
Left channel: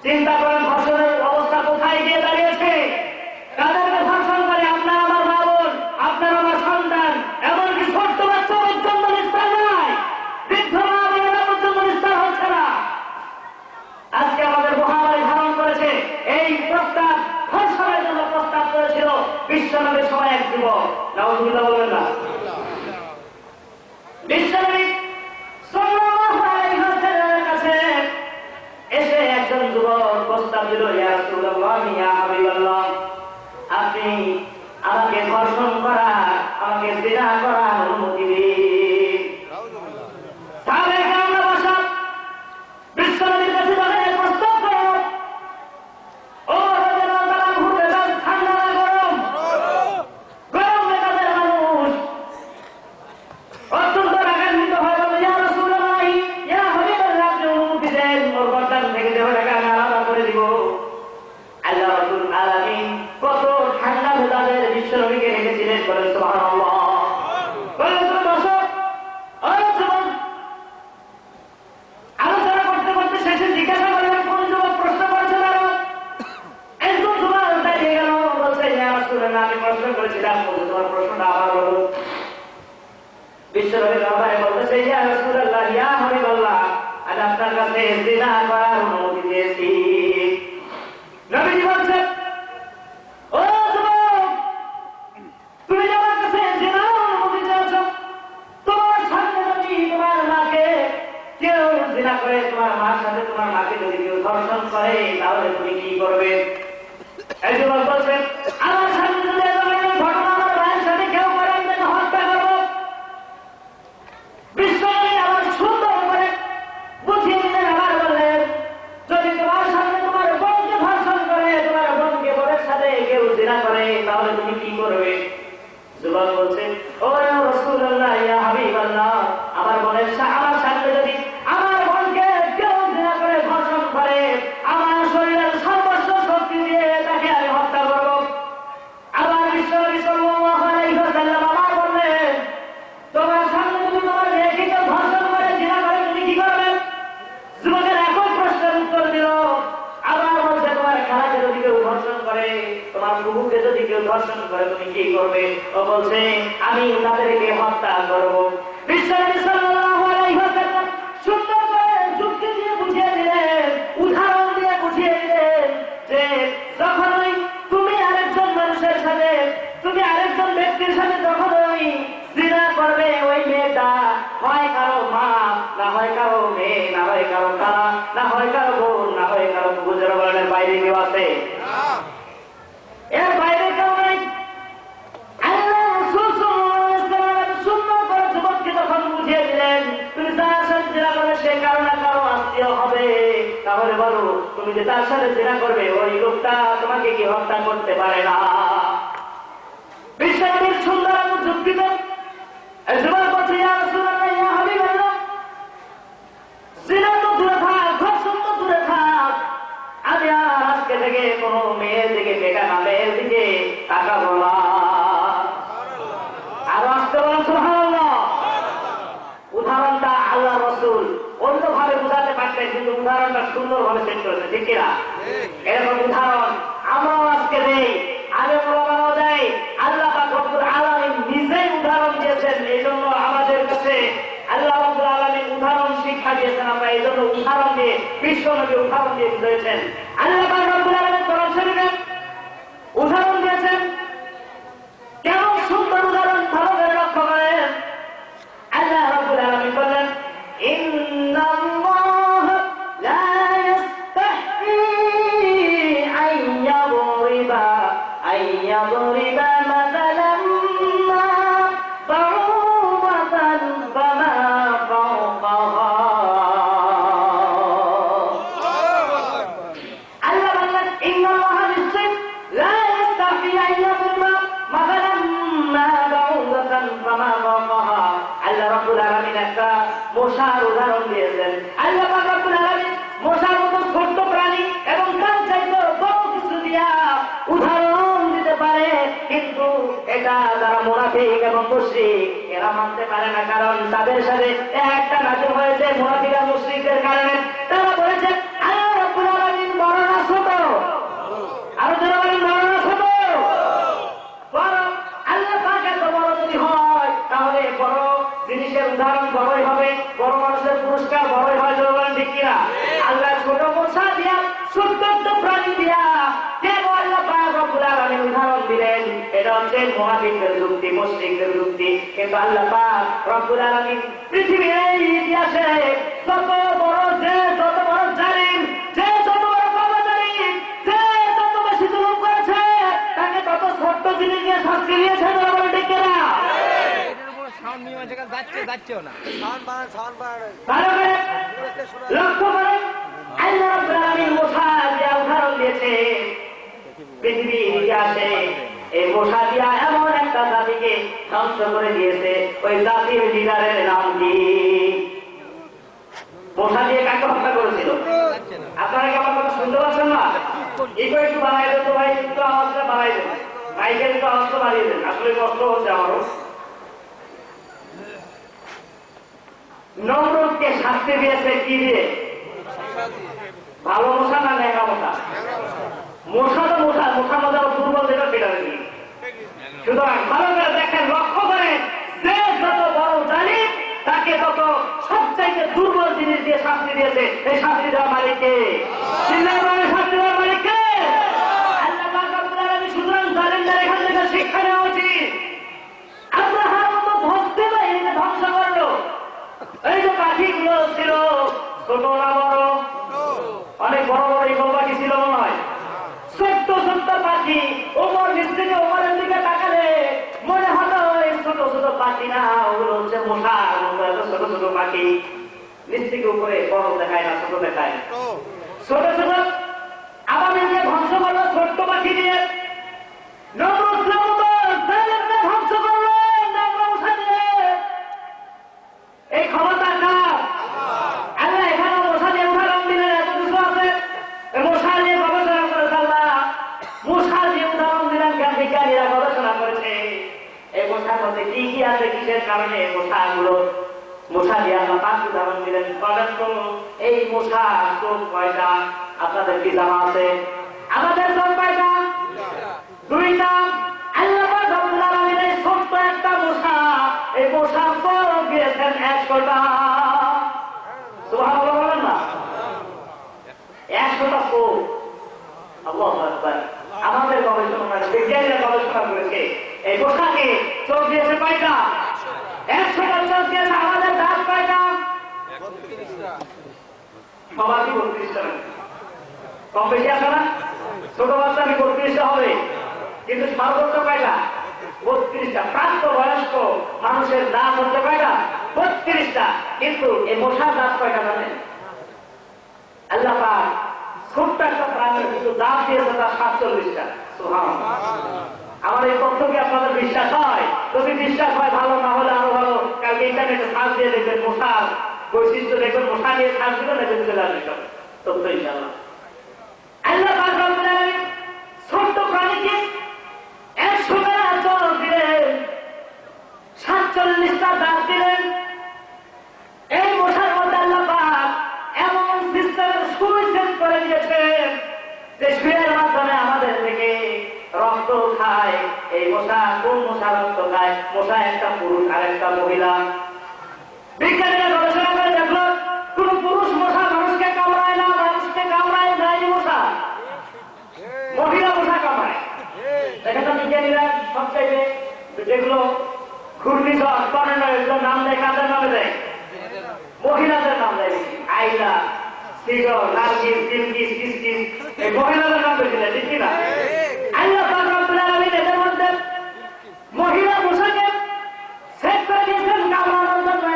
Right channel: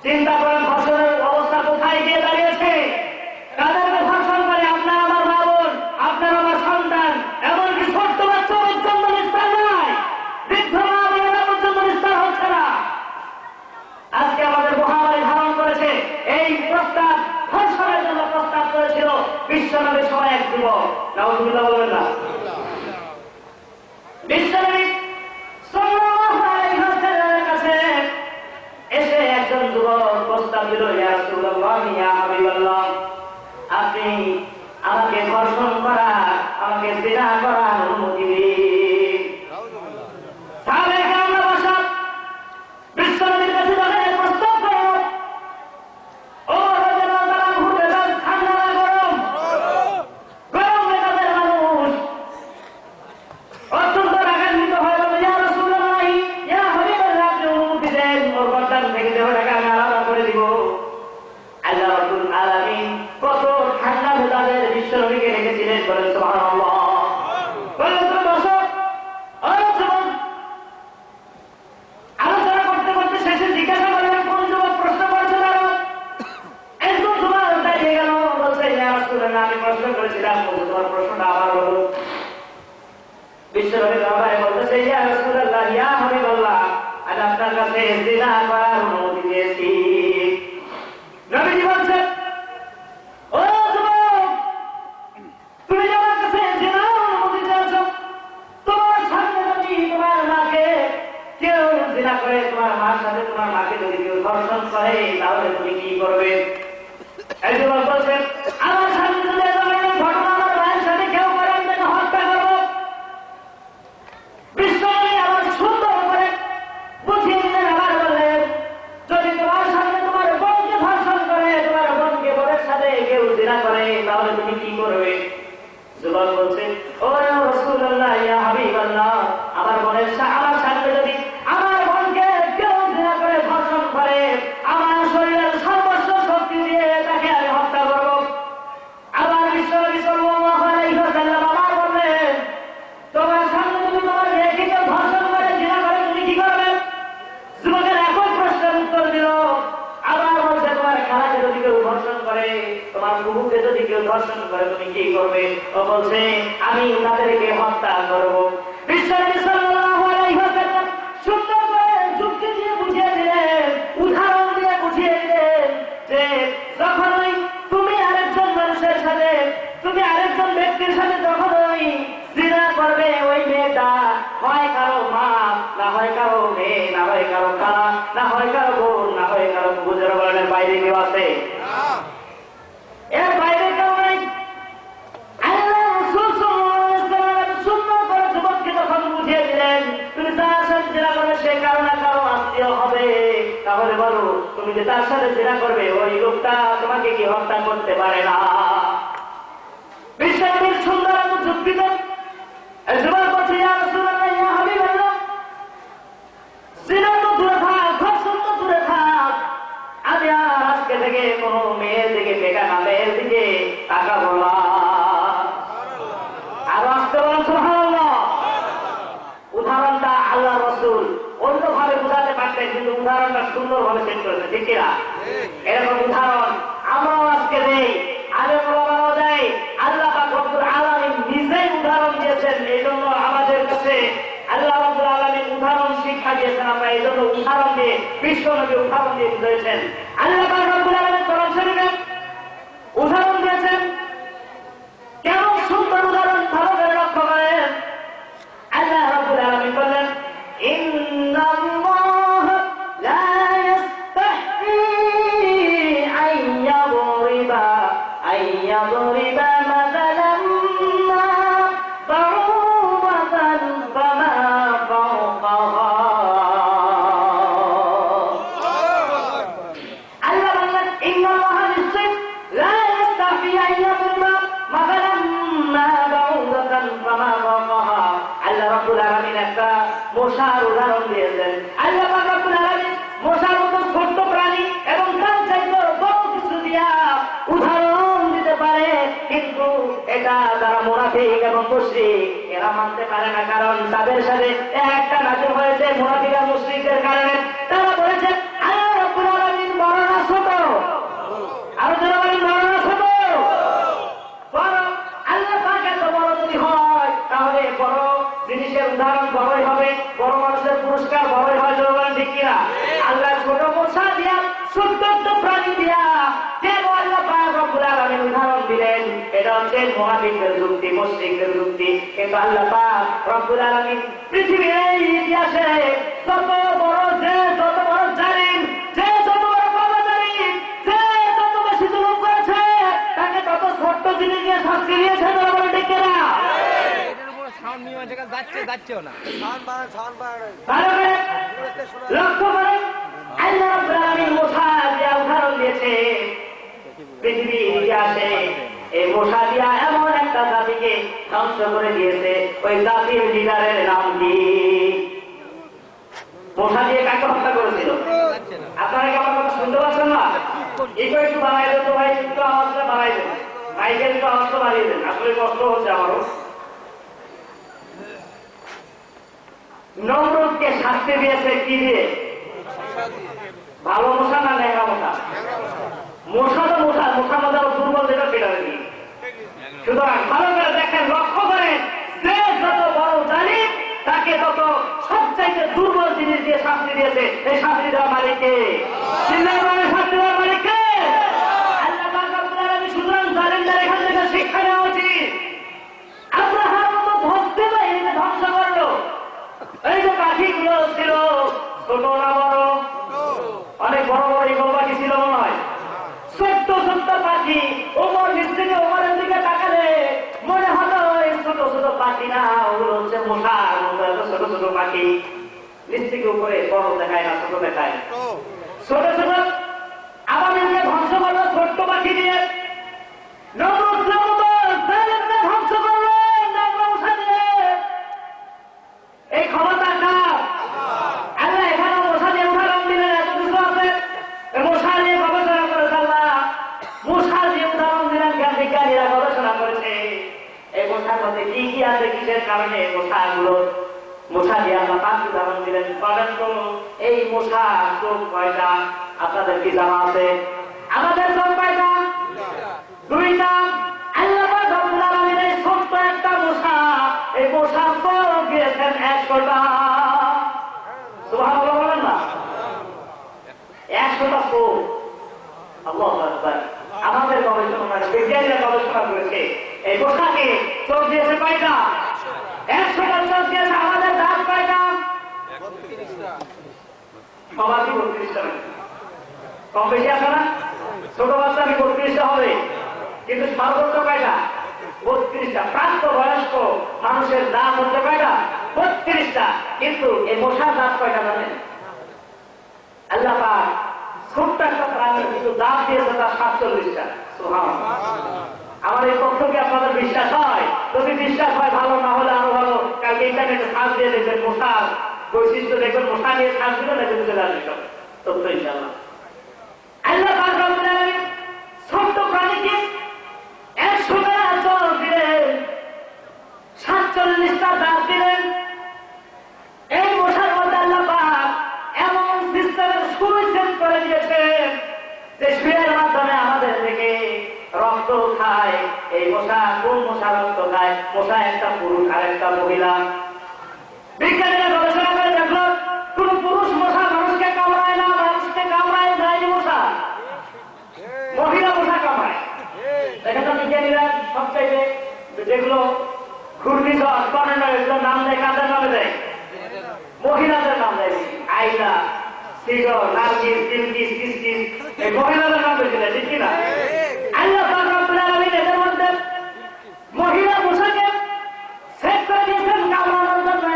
চিন্তা করেন ধর্ষণের অবস্থা কোথায় গিয়ে দাঁড়িয়েছে। কাদেরকে ধর্ষণ করে? আপনার আমার মা বোন, আপনার আমার সন্তান, এমনকি ছোট্ট বাচ্চা পর্যন্ত নিস্তার নাই। বৃদ্ধ মা বোনেরা পর্যন্ত নিস্তার হচ্ছে না। আজকে আমাদের মহামারী ধারণ করেছে। এই প্রস্তাব ধর্ষণের জন্য প্রস্তাব করেছিল বিশ্বনবীর সময় এক যুবক। নাউযুবিল্লাহ বলবেন না? বিশ্বনবী সাল্লাল্লাহু আলাইহি ওয়াসাল্লামের কাছে এসে একজন যুবক প্রস্তাব দিল, ইয়া রাসূলুল্লাহ, ইয়া হাবিবাল্লাহ, আপনি আমাকে ধর্ষণ করা, আমাকে জিনা করার অনুমতি দিন। তাহলে আমরা বসা বিশ্বনবীর কাছে যখন প্রস্তাব করো, ও ঠান্ডা না গরম? গরম মেজাজের মানুষ অত্যন্ত রাগান্বিত হয়ে গেল, ইয়া রাসূলুল্লাহ, ইয়া হাবিবাল্লাহ, আপনি অনুমতি দেন, ওর গর্দান থেকে দেহটাকে আমি আলাদা করে দিব। আল্লাহ রাব্বুল আলামিন কত ঠান্ডা মেজাজের বিশ্বনবীকে রেখেছিলেন, বলেন সুবহানাল্লাহ। আলোচনা করতে করতে শেষে জিজ্ঞাসা করলেন, কোন যুবক প্রশ্ন করেছে? প্রশ্ন করেছিলাম, তোমার প্রশ্নটা আবার বলো। বিশ্বনবী দরবারে বলতেছে, ইয়া রাসূলুল্লাহ, ইয়া হাবিবাল্লাহ, আমি আপনার কাছে জিনা করার অনুমতি চেয়েছি। নবীজি বলছেন, ও যুবক, তুমি যে আমার কাছে জিনার অনুমতি চেয়েছো, তোমার সামনে যদি তোমার মাকে কেউ জিনা করে, তোমার মার সাথে তোমার মাকে যদি কেউ ধর্ষণ করে, তাহলে তুমি কি করবে? এই যুবক বলছেন, আমার সামনে যদি এ ধরনের ঘটনা আমার মায়ের সাথে কেউ করে, আমি তাকে হত্যা করবো। বিশ্বনবী আবার সুন্দর করে বুঝিয়ে দিলেন, আবার বললেন, যদি তোমার সামনে তোমার বোনকে ধর্ষণ করে, তোমার বোনকে বোনের সাথে কেউ জিনা করে, তাহলে তুমি কি করবে? যুবক বলছে, ও রাসূলুল্লাহ, ইয়া হাবিবাল্লাহ, আমার বোনের আমার সামনে যদি আমার বোনকে কেউ জিনা করে ধর্ষণ করে, আমার শরীরের সর্বস্ব শক্তি দিয়ে তাকে আমি হত্যা করব। আবার বিশ্বনবী সাল্লাল্লাহু আলাইহি ওয়াসাল্লাম আবার বললেন, তোমার সামনে যদি তোমার মেয়েকে কেউ ধর্ষণ করে, জিনা করে, তুমি কি করবে? যুবকের একই প্রশ্নের উত্তর দিল। আবার বলছে, তোমার খালাকে যদি কেউ ধর্ষণ করে, তোমার বুবুকে যদি কেউ ধর্ষণ করে, তুমি কি করবে? ও বলছে, আমি তাদেরকে হত্যা করব। বিশ্বনবী সাল্লাল্লাহু আলাইহি ওয়াসাল্লাম সুন্দর করে যুক্তি দিয়ে বুঝিয়ে দিলেন, উদাহরণ দিয়ে বুঝিয়ে দিলেন যে যখনই তুমি আরেকজন মানুষের সাথে, তুমি আরেকজন ব্যক্তির সাথে যখনই জিনা করবে, ওই মেয়েটা হয় কারো মা, না হয় কারো মেয়ে, না হয় কারো খালা, না হয় কারো বোন, না হয় কারো বুজুর্গের বাইরে কেউ আছে? এর বাইরে কেউ নাই। আল্লাহ রাসূল সাল্লাল্লাহু আলাইহি ওয়াসাল্লাম সুন্দর করে যুবককে যখন বুঝিয়ে দিলেন, তুমি যার সাথে জিনা করবে সে কারো না কারো আত্মীয় হবে, তাহলে বলো, তুমি যে তার সাথে জিনা করবে, ওই লোকটা তোমাকে কি হত্যা করতে পারে না? বিশ্বনবীর সুন্দর যুক্তিতে যুবক বলছে, ইয়া রাসূলুল্লাহ, ইয়া হাবিবাল্লাহ, জিনা তো দূরে থাক, ধর্ষণ তো দূরে থাক, আমি আর আজকে থেকে কোনো মেয়ের দিকে, বেটা মেয়ের দিকে তাকাবো না। আর আসতে বলেন সুবহানাল্লাহ। উদাহরণটা আল্লাহ রাসূল অন্যভাবে বুঝাতে পারতেন, কিন্তু উদাহরণটা সুন্দরভাবে সেট করেছে, ঠিক কিনা? এরকম উদাহরণ আমরাও আজকে দেই, আগে ওলামাও দেয়। আল্লাহ পাক রব্বুল আলামিন নিজেই উদাহরণ দিয়েছেন, এই জন্য আমাদের কাছে আল্লাহ রাব্বুল আলামিন উদাহরণ শিক্ষা দিয়েছেন। আমরা এই জন্য উদাহরণ দিয়ে, বিশ্বনবী উদাহরণ দিয়ে বুঝিয়েছেন। আল্লাহ পাক রব্বুল আলামিন কোরআন শরীফে উদাহরণ দিয়েছেন। কেমন সুন্দর উদাহরণ, ভালো করে লক্ষ্য করেন। আল্লাহ রাব্বুল আলামিন বললেন, ইন্নাল্লাহ লা ইস্তাহয়ী আইয়াদরিবা মাসালাম মা বাউদাতান ফামা ফাওকাহা। আল্লাহ বললেন, ইন্নাল্লাহ নিশ্চয় লা ইস্তাহয়ী আইয়াদরিবা মাসালাম মা বাউদাতান ফামা ফাওকাহা। আল্লাহ রাব্বুল আলামিন একটা মশার উদাহরণ দিয়েছেন। আল্লাহ রাব্বুল আলামিন মশার মতো ছোট্ট প্রাণী এবং তার চাইতে বড় কিছু দিয়া উদাহরণ দিতে পারে, কিন্তু এটা যারা মুনাফিক এবং মুশরিক এরা মানতে পারে না। কারণ তাদের সাথে একটা নাজুক হয়েছে মুনাফিক আর মুশরিকদের কারণে। তারা বলেছে, আল্লাহ রাব্বুল আলামিন বড় না ছোট? আরো যারা বলেন বড় না ছোট? বড়। আল্লাহ পাক এত বড় যদি হয়, তাহলে বড় জিনিসের উদাহরণ বড়ই হবে, বড় মানুষের পুরস্কার বড়ই হয়। বলেন ঠিক কিনা? আল্লাহ ছোট মশা দিয়া, ছোট্ট প্রাণী দিয়া কেন আল্লাহ পাক রব্বুল আলামিন উদাহরণ দিলেন? এটা হচ্ছে মুনাফিকদের যুক্তি, মুশরিকদের যুক্তি। কিন্তু আল্লাহ পাক রব্বুল আলামিন পৃথিবীর এই ইতিহাসে যত বড় জালিম, যে যত বড় পাপাচারী, যে যত বেশি জুলুম করেছে, তাকে তত ছোট্ট জিনিস দিয়ে শাস্তি দিয়েছে। বলেন ঠিক কিনা? লক্ষ্য করে আল্লাহ রাব্বুল আলামিন মশা দিয়া উদাহরণ দিয়েছে। পৃথিবীর ইতিহাসে এই মশা দিয়া এমন একটা জাতিকে ধ্বংস করে দিয়েছে, ওই জাতির লিডারের নাম কি? মশা দিয়ে কাকে হত্যা করেছিল? আপনারা কি আমার কথা শুনতে পাচ্ছেন না? একটু বাড়াই দেন তো ভাই, একটু আওয়াজটা বাড়াই দেন, মাইকের একটু আওয়াজটা বাড়িয়ে দেন, আসলে কষ্ট হচ্ছে আমারও। নমরুদকে শাস্তি দিয়েছে কি দিয়ে? ভালো মশা না ন্যাংরা মশা? মশা তো মশা, মশা মজা দুর্বল যেটা সেটা দিয়ে। সুতরাং ভালো করে দেখেন, লক্ষ্য করেন, যে যত বড় জালিম তাকে তত সবচাইতে দুর্বল জিনিস দিয়ে শাস্তি দিয়েছে। এই শাস্তি দেওয়া মালিককে, চিন্তাভাবে শাস্তি দেওয়ার মালিককে আল্লাহ পাক রব্বুল আলামিন। সুতরাং জালিমদের এখান থেকে শিক্ষা নেওয়া উচিত। আব্রাহার মতো ধ্বংসে বাহিনীকে ধ্বংস করলো। এই যে পাখিগুলো ছিল ছোট না বড়, অনেক বড় বড় ইগল পাখি ছিল মনে হয়, ছোট্ট ছোট্ট পাখি। ওমর নিশ্চিত ওমরের দিকে তাকালে মনে হলো এই ছোট ছোট পাখি না, ওগুলো হচ্ছে মশা, ছোট ছোট পাখি। নিশ্চিত উপরে বড় দেখায় না, ছোট দেখায়, ছোট ছোট। আবাবিলকে ধ্বংস করলো ছোট্ট পাখি দিয়ে। নমরুদকে ধ্বংস করলো মশা দিয়ে। এই ক্ষমতা কার? আল্লাহ এখানে মশা দিয়ে উদাহরণ দিলেন, এত কিছু আছে। মশা নিয়ে গবেষণা করেছে আল্লাহ, মশা দিয়ে উদাহরণ দিলেন, জ্ঞান বিজ্ঞানীরা গবেষণা করেছে এই মশার মধ্যে কি কি আছে, কিসের কারণে মশাগুলো, মশা দিয়ে আল্লাহ পাঁচ উদাহরণ দিলেন। বলেন তো এই মশা চোখ কয়টা? আপনাদের কি জানা আছে? আমাদের চোখ কয়টা? দুইটা। আল্লাহ পাক রব্বুল আলামিন এই ছোট্ট একটা মশা, এই মশার চোখ দিয়েছেন 100টা। সুবহানাল্লাহ বলেন না, 100টা চোখ। আল্লাহু আকবার। আমাদের গবেষণা, বিজ্ঞানীরা গবেষণা করেছে এই মশাকে চোখ দিয়েছে কয়টা? 100টা চোখ দিয়েছে। আমাদের দাঁত কয়টা? 32টা। সবারই 32টা, কম বেশি আছে না? ছোট বাচ্চা 32টা হবে, কিন্তু সর্বোচ্চ কয়টা? 32টা। প্রাপ্ত বয়স্ক মানুষের দাঁত হচ্ছে কয়টা? 32টা। কিন্তু এই মশার দাঁত কয়টা জানেন? আল্লাহ পাক ছোট্ট একটা প্রাণীর কিন্তু দাঁত দিয়েছে তার 47টা। সুবহানাল্লাহ। আমার এই তথ্য কি আপনাদের বিশ্বাস হয়? যদি বিশ্বাস হয় ভালো, না হলে আরো ভালো। কালকে ইন্টারনেটে সার্চ দিয়ে দেখবেন মশার বৈশিষ্ট্য, দেখবেন মশা নিয়ে সার্চ দিলে দেখবেন চলে আসবে সব তথ্য ইনশাআল্লাহ। আল্লাহ পাক রব্বুল আলামিন ছোট্ট প্রাণীকে 100টা চোখ দিলেন, 47টা দাঁত দিলেন। এই মশার মধ্যে আল্লাহ পাক এমন সিস্টেমের সুইচ করে দিয়েছেন যে সুইয়ের মাধ্যমে আমাদের থেকে রক্ত খায়। এই মশা কোন মশা রক্ত খায়? মশা একটা পুরুষ আর একটা মহিলা। বিজ্ঞানীরা গবেষণা করে দেখলো কোন পুরুষ মশা মানুষকে কামড়ায় না, মানুষকে কামড়ায় না এই মশা, মহিলা মশা কামড়ায়। দেখেন তো বিজ্ঞানীরা সবচাইতে যেগুলো ঘূর্ণিঝড়, টর্নেডো, এগুলোর নাম দেয় কাদের নামে দেয়? মহিলাদের নাম দেয়। আইলা, সিডর, নার্গিস, বিলকিস, কিসকিস, এই মহিলাদের নাম দিয়েছিল, ঠিক কিনা? আল্লাহ পাক রব্বুল আলামিন এদের মধ্যে মহিলা মশাকে সেট করে দিয়েছেন কামড়ানোর জন্য।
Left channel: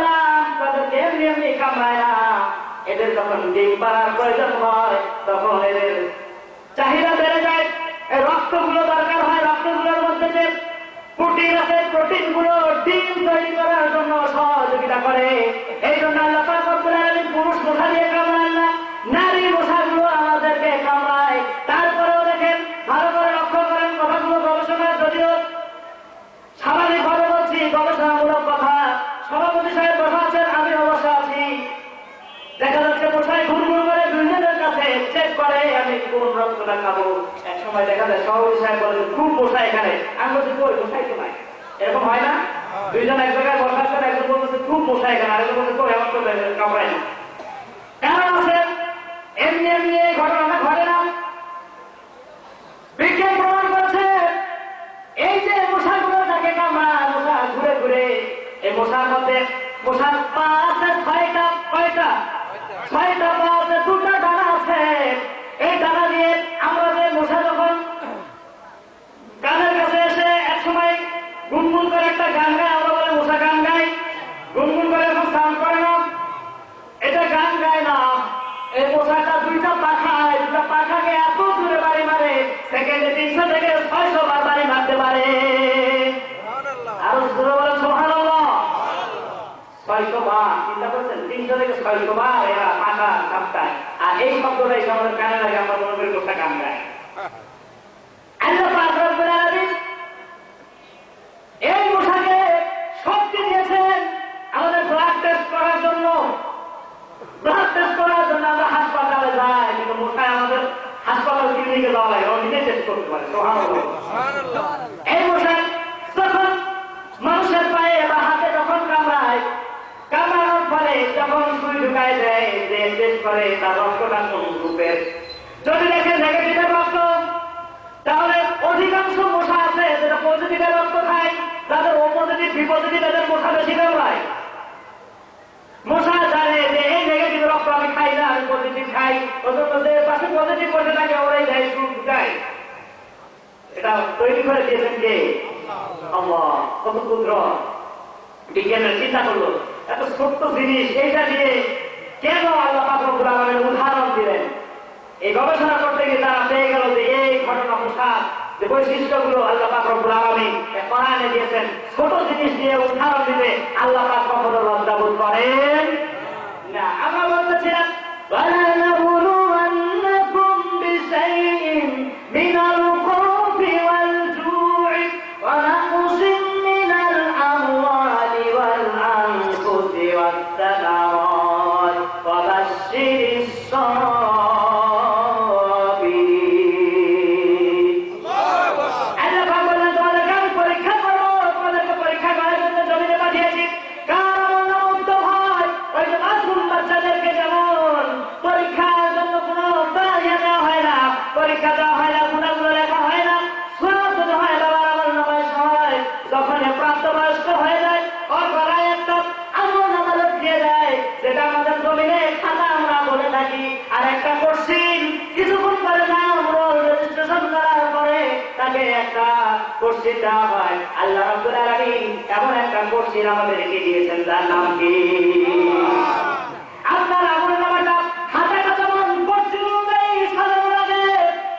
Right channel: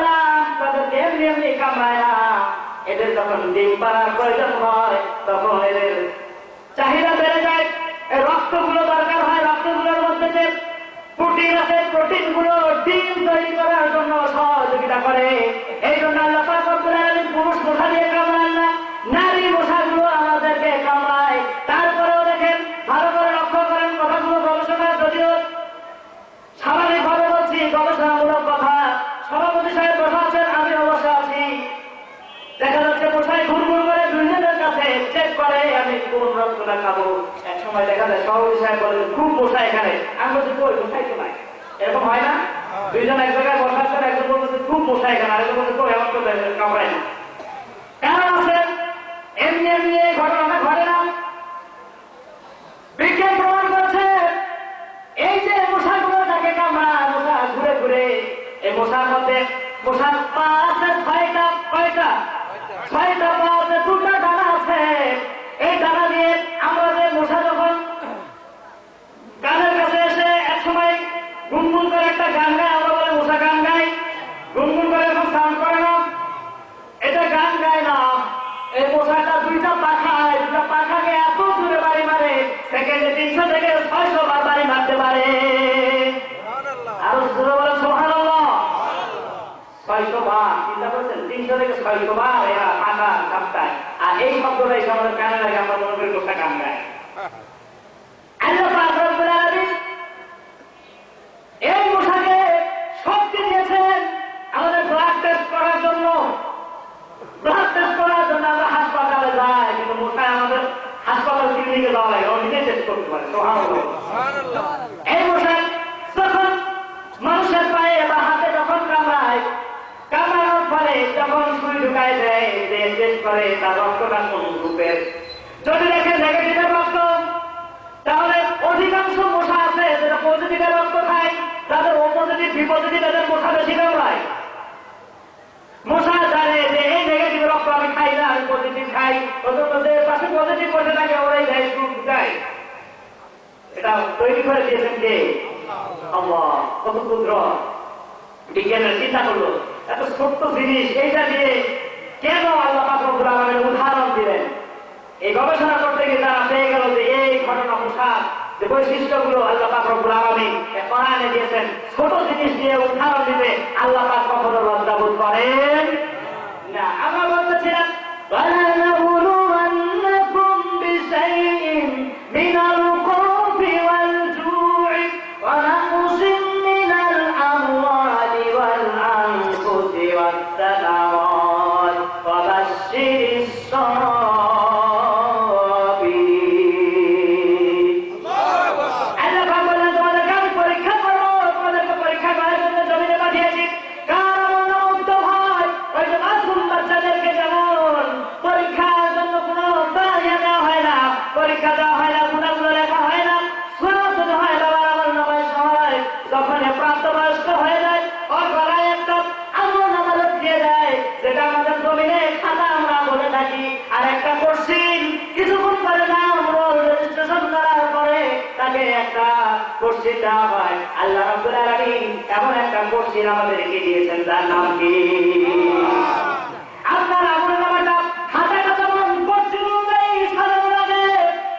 তাদেরকে এমনি এমনি কামড়ায় না। এদের যখন ডিম পাড়ার প্রয়োজন হয় তখন এদের চাহিদা বেড়ে যায়, এই রক্তগুলো দরকার হয়। রক্তগুলোর মধ্যে যে প্রোটিন আছে, প্রোটিনগুলো ডিম তৈরি করার জন্য সহযোগিতা করে। এই জন্য আল্লাহ পাক রব্বুল আলামিন পুরুষ মশা দিয়ে কামড়ান না, নারী মশাগুলো আমাদেরকে কামড়ায়। তারপরেও দেখেন, ভালো করে লক্ষ্য করেন কথাগুলো, গবেষণা যদিও স্বাভাবিকভাবে বলছি, গবেষণামূলক কথা। সভাপতি সাহেব বসা আছেন, আমি অবশ্য আছি। দেখা যাচ্ছে মশাই ঘুরঘুর করে দুইজনের কাছে চেক করে আমি কোন রক্তটা খাবো। এক সময় দেখা যায় সভাপতি সাহেব বলে খুব মশা এখানে, আমি বলছি কই মশাই তো নাই। এরকম হয় না? দুইজন এক জায়গায় বসার পর একজন বলতেছে খুব মশা এখানে, আরেকজন বলছে কই আমার তো কামড়ায় না। কারণ আছে এমনি এমনি এই ঘটনাটা ঘটে না। বিজ্ঞান প্রমাণ করছে এই যে মশাগুলো তাকে কামড়ায়, মশা ঘুরে ঘুরে, এই মশার মধ্যে মশার পা আছে 6টা। কয়টা? 6টা পা আছে, 2টা ডানা আছে। এই ডানা দিয়ে আমরা যে মশা যখন গানের কাছে এসে এক সময় গুনগুন করে একটা গান গায়, আমরা বলে মশা গান গায়। গুনগুন করে এখন সাউন্ড করে না, এটা গান গায় না। এই মশাটা 2টা পাখায়, 2টা পাখাকে এত দূরে বাড়ি মারে, সেকেন্ডে 300 থেকে 600 বার বাড়ি মারতে পারে। আরো জোরে বলে সুবহানাল্লাহ। 600 বার, চিন্তা করছেন? 300 থেকে 600 বার এরা পাখা কাঁপতায়। আর এই শব্দটাই আমাদের কানে লাগে, আমরা মনে করি মশা গান গায়। আল্লাহ পাক রব্বুল আলামিন এই মশাকে শক্তি দিয়েছেন আমাদের ব্লাড টেস্ট করার জন্য। ব্লাড টেস্ট করার জন্য আমরা হাসপাতালে যাই, কিন্তু মশায় আমাদের হাসপাতাল ক্লিনিকে যাওয়া লাগে, নিজে টেস্ট করতে পারে। সুবহানাল্লাহ। এই মশার করে তার রক্তটা কোন গ্রুপের। যদি দেখেন নেগেটিভের রক্ত, তাহলে অধিকাংশ মশা আছে যেটা পজিটিভের রক্ত খায়, তাদের ও পজিটিভ বি পজিটিভ এদের মশা বেশি কামড়ায়। মশা জানে যে এই নেগেটিভ রক্ত আমি খাই না, আমি পজিটিভ খাই, অন্তত যে পাশে পজিটিভ বসে থাকে ওরাই যায় সুখ ঢুকায়। এটা তৈরি করে দিয়েছেন কে? আল্লাহ। কত ক্ষুদ্র বিজ্ঞানের চিন্তা করলো, এত ছোট্ট জিনিস, এইটা দিয়ে কেন আল্লাহ পাক রব্বুল আলামিন উদাহরণ দিলেন? এই গবেষণা করতে গিয়ে তারা পেয়ে গেল যে এই ঘটনা মশার যে বৈশিষ্ট্যগুলো আল্লাহ পাক রব্বুল আলামিন কোরআনে দিয়েছেন, ছোট জিনিস দিয়ে উদাহরণ দিতে আল্লাহ পাক কখনো লজ্জা বোধ করেন না। আমরা বলতেছিলাম وَلَنَبْلُوَنَّكُمْ بِشَيْءٍ مِنَ الْخَوْفِ وَالْجُوعِ وَنَقْصٍ مِنَ الْأَمْوَالِ وَالْأَنفُسِ وَالثَّمَرَاتِ وَبَشِّرِ الصَّابِرِينَ। আল্লাহ পাক বলেন, তোমাদেরকে আমি পরীক্ষা করবো, তোমাদেরকে পরীক্ষা করার জন্য জমিনে পাঠিয়েছি। কার আমল মুক্ত হয়, ওই যে মাসুম বাচ্চাদেরকে যেমন পরীক্ষার জন্য কোনো বাহিয়া দেওয়া হয় না, পরীক্ষা দেওয়া হয় না, গুণাগুলো লেখা হয় না, সুরাত হয়, বাবার আমল নামায় সহায়, যখন প্রাপ্তবয়স্ক হয়ে যায় ওর গলায় একটা আমল নামা দিয়ে দেয়, যেটা আমাদের জমিনে খাতা আমরা বলে থাকি। আর একটা কোশ্চিন কিছুক্ষণ পরে নাম রোল রেজিস্ট্রেশন করার পরে তাকে একটা কোশ্চিন দেওয়া হয়। আল্লাহ রাব্বুল আলামিন এমন একটা কোশ্চিন আমাদেরকে দিয়েছেন, তার নাম কি? আপনার আমল নামাটা খাতাটা যেমন কোশ্চিন অনুযায়ী সাজানো লাগে,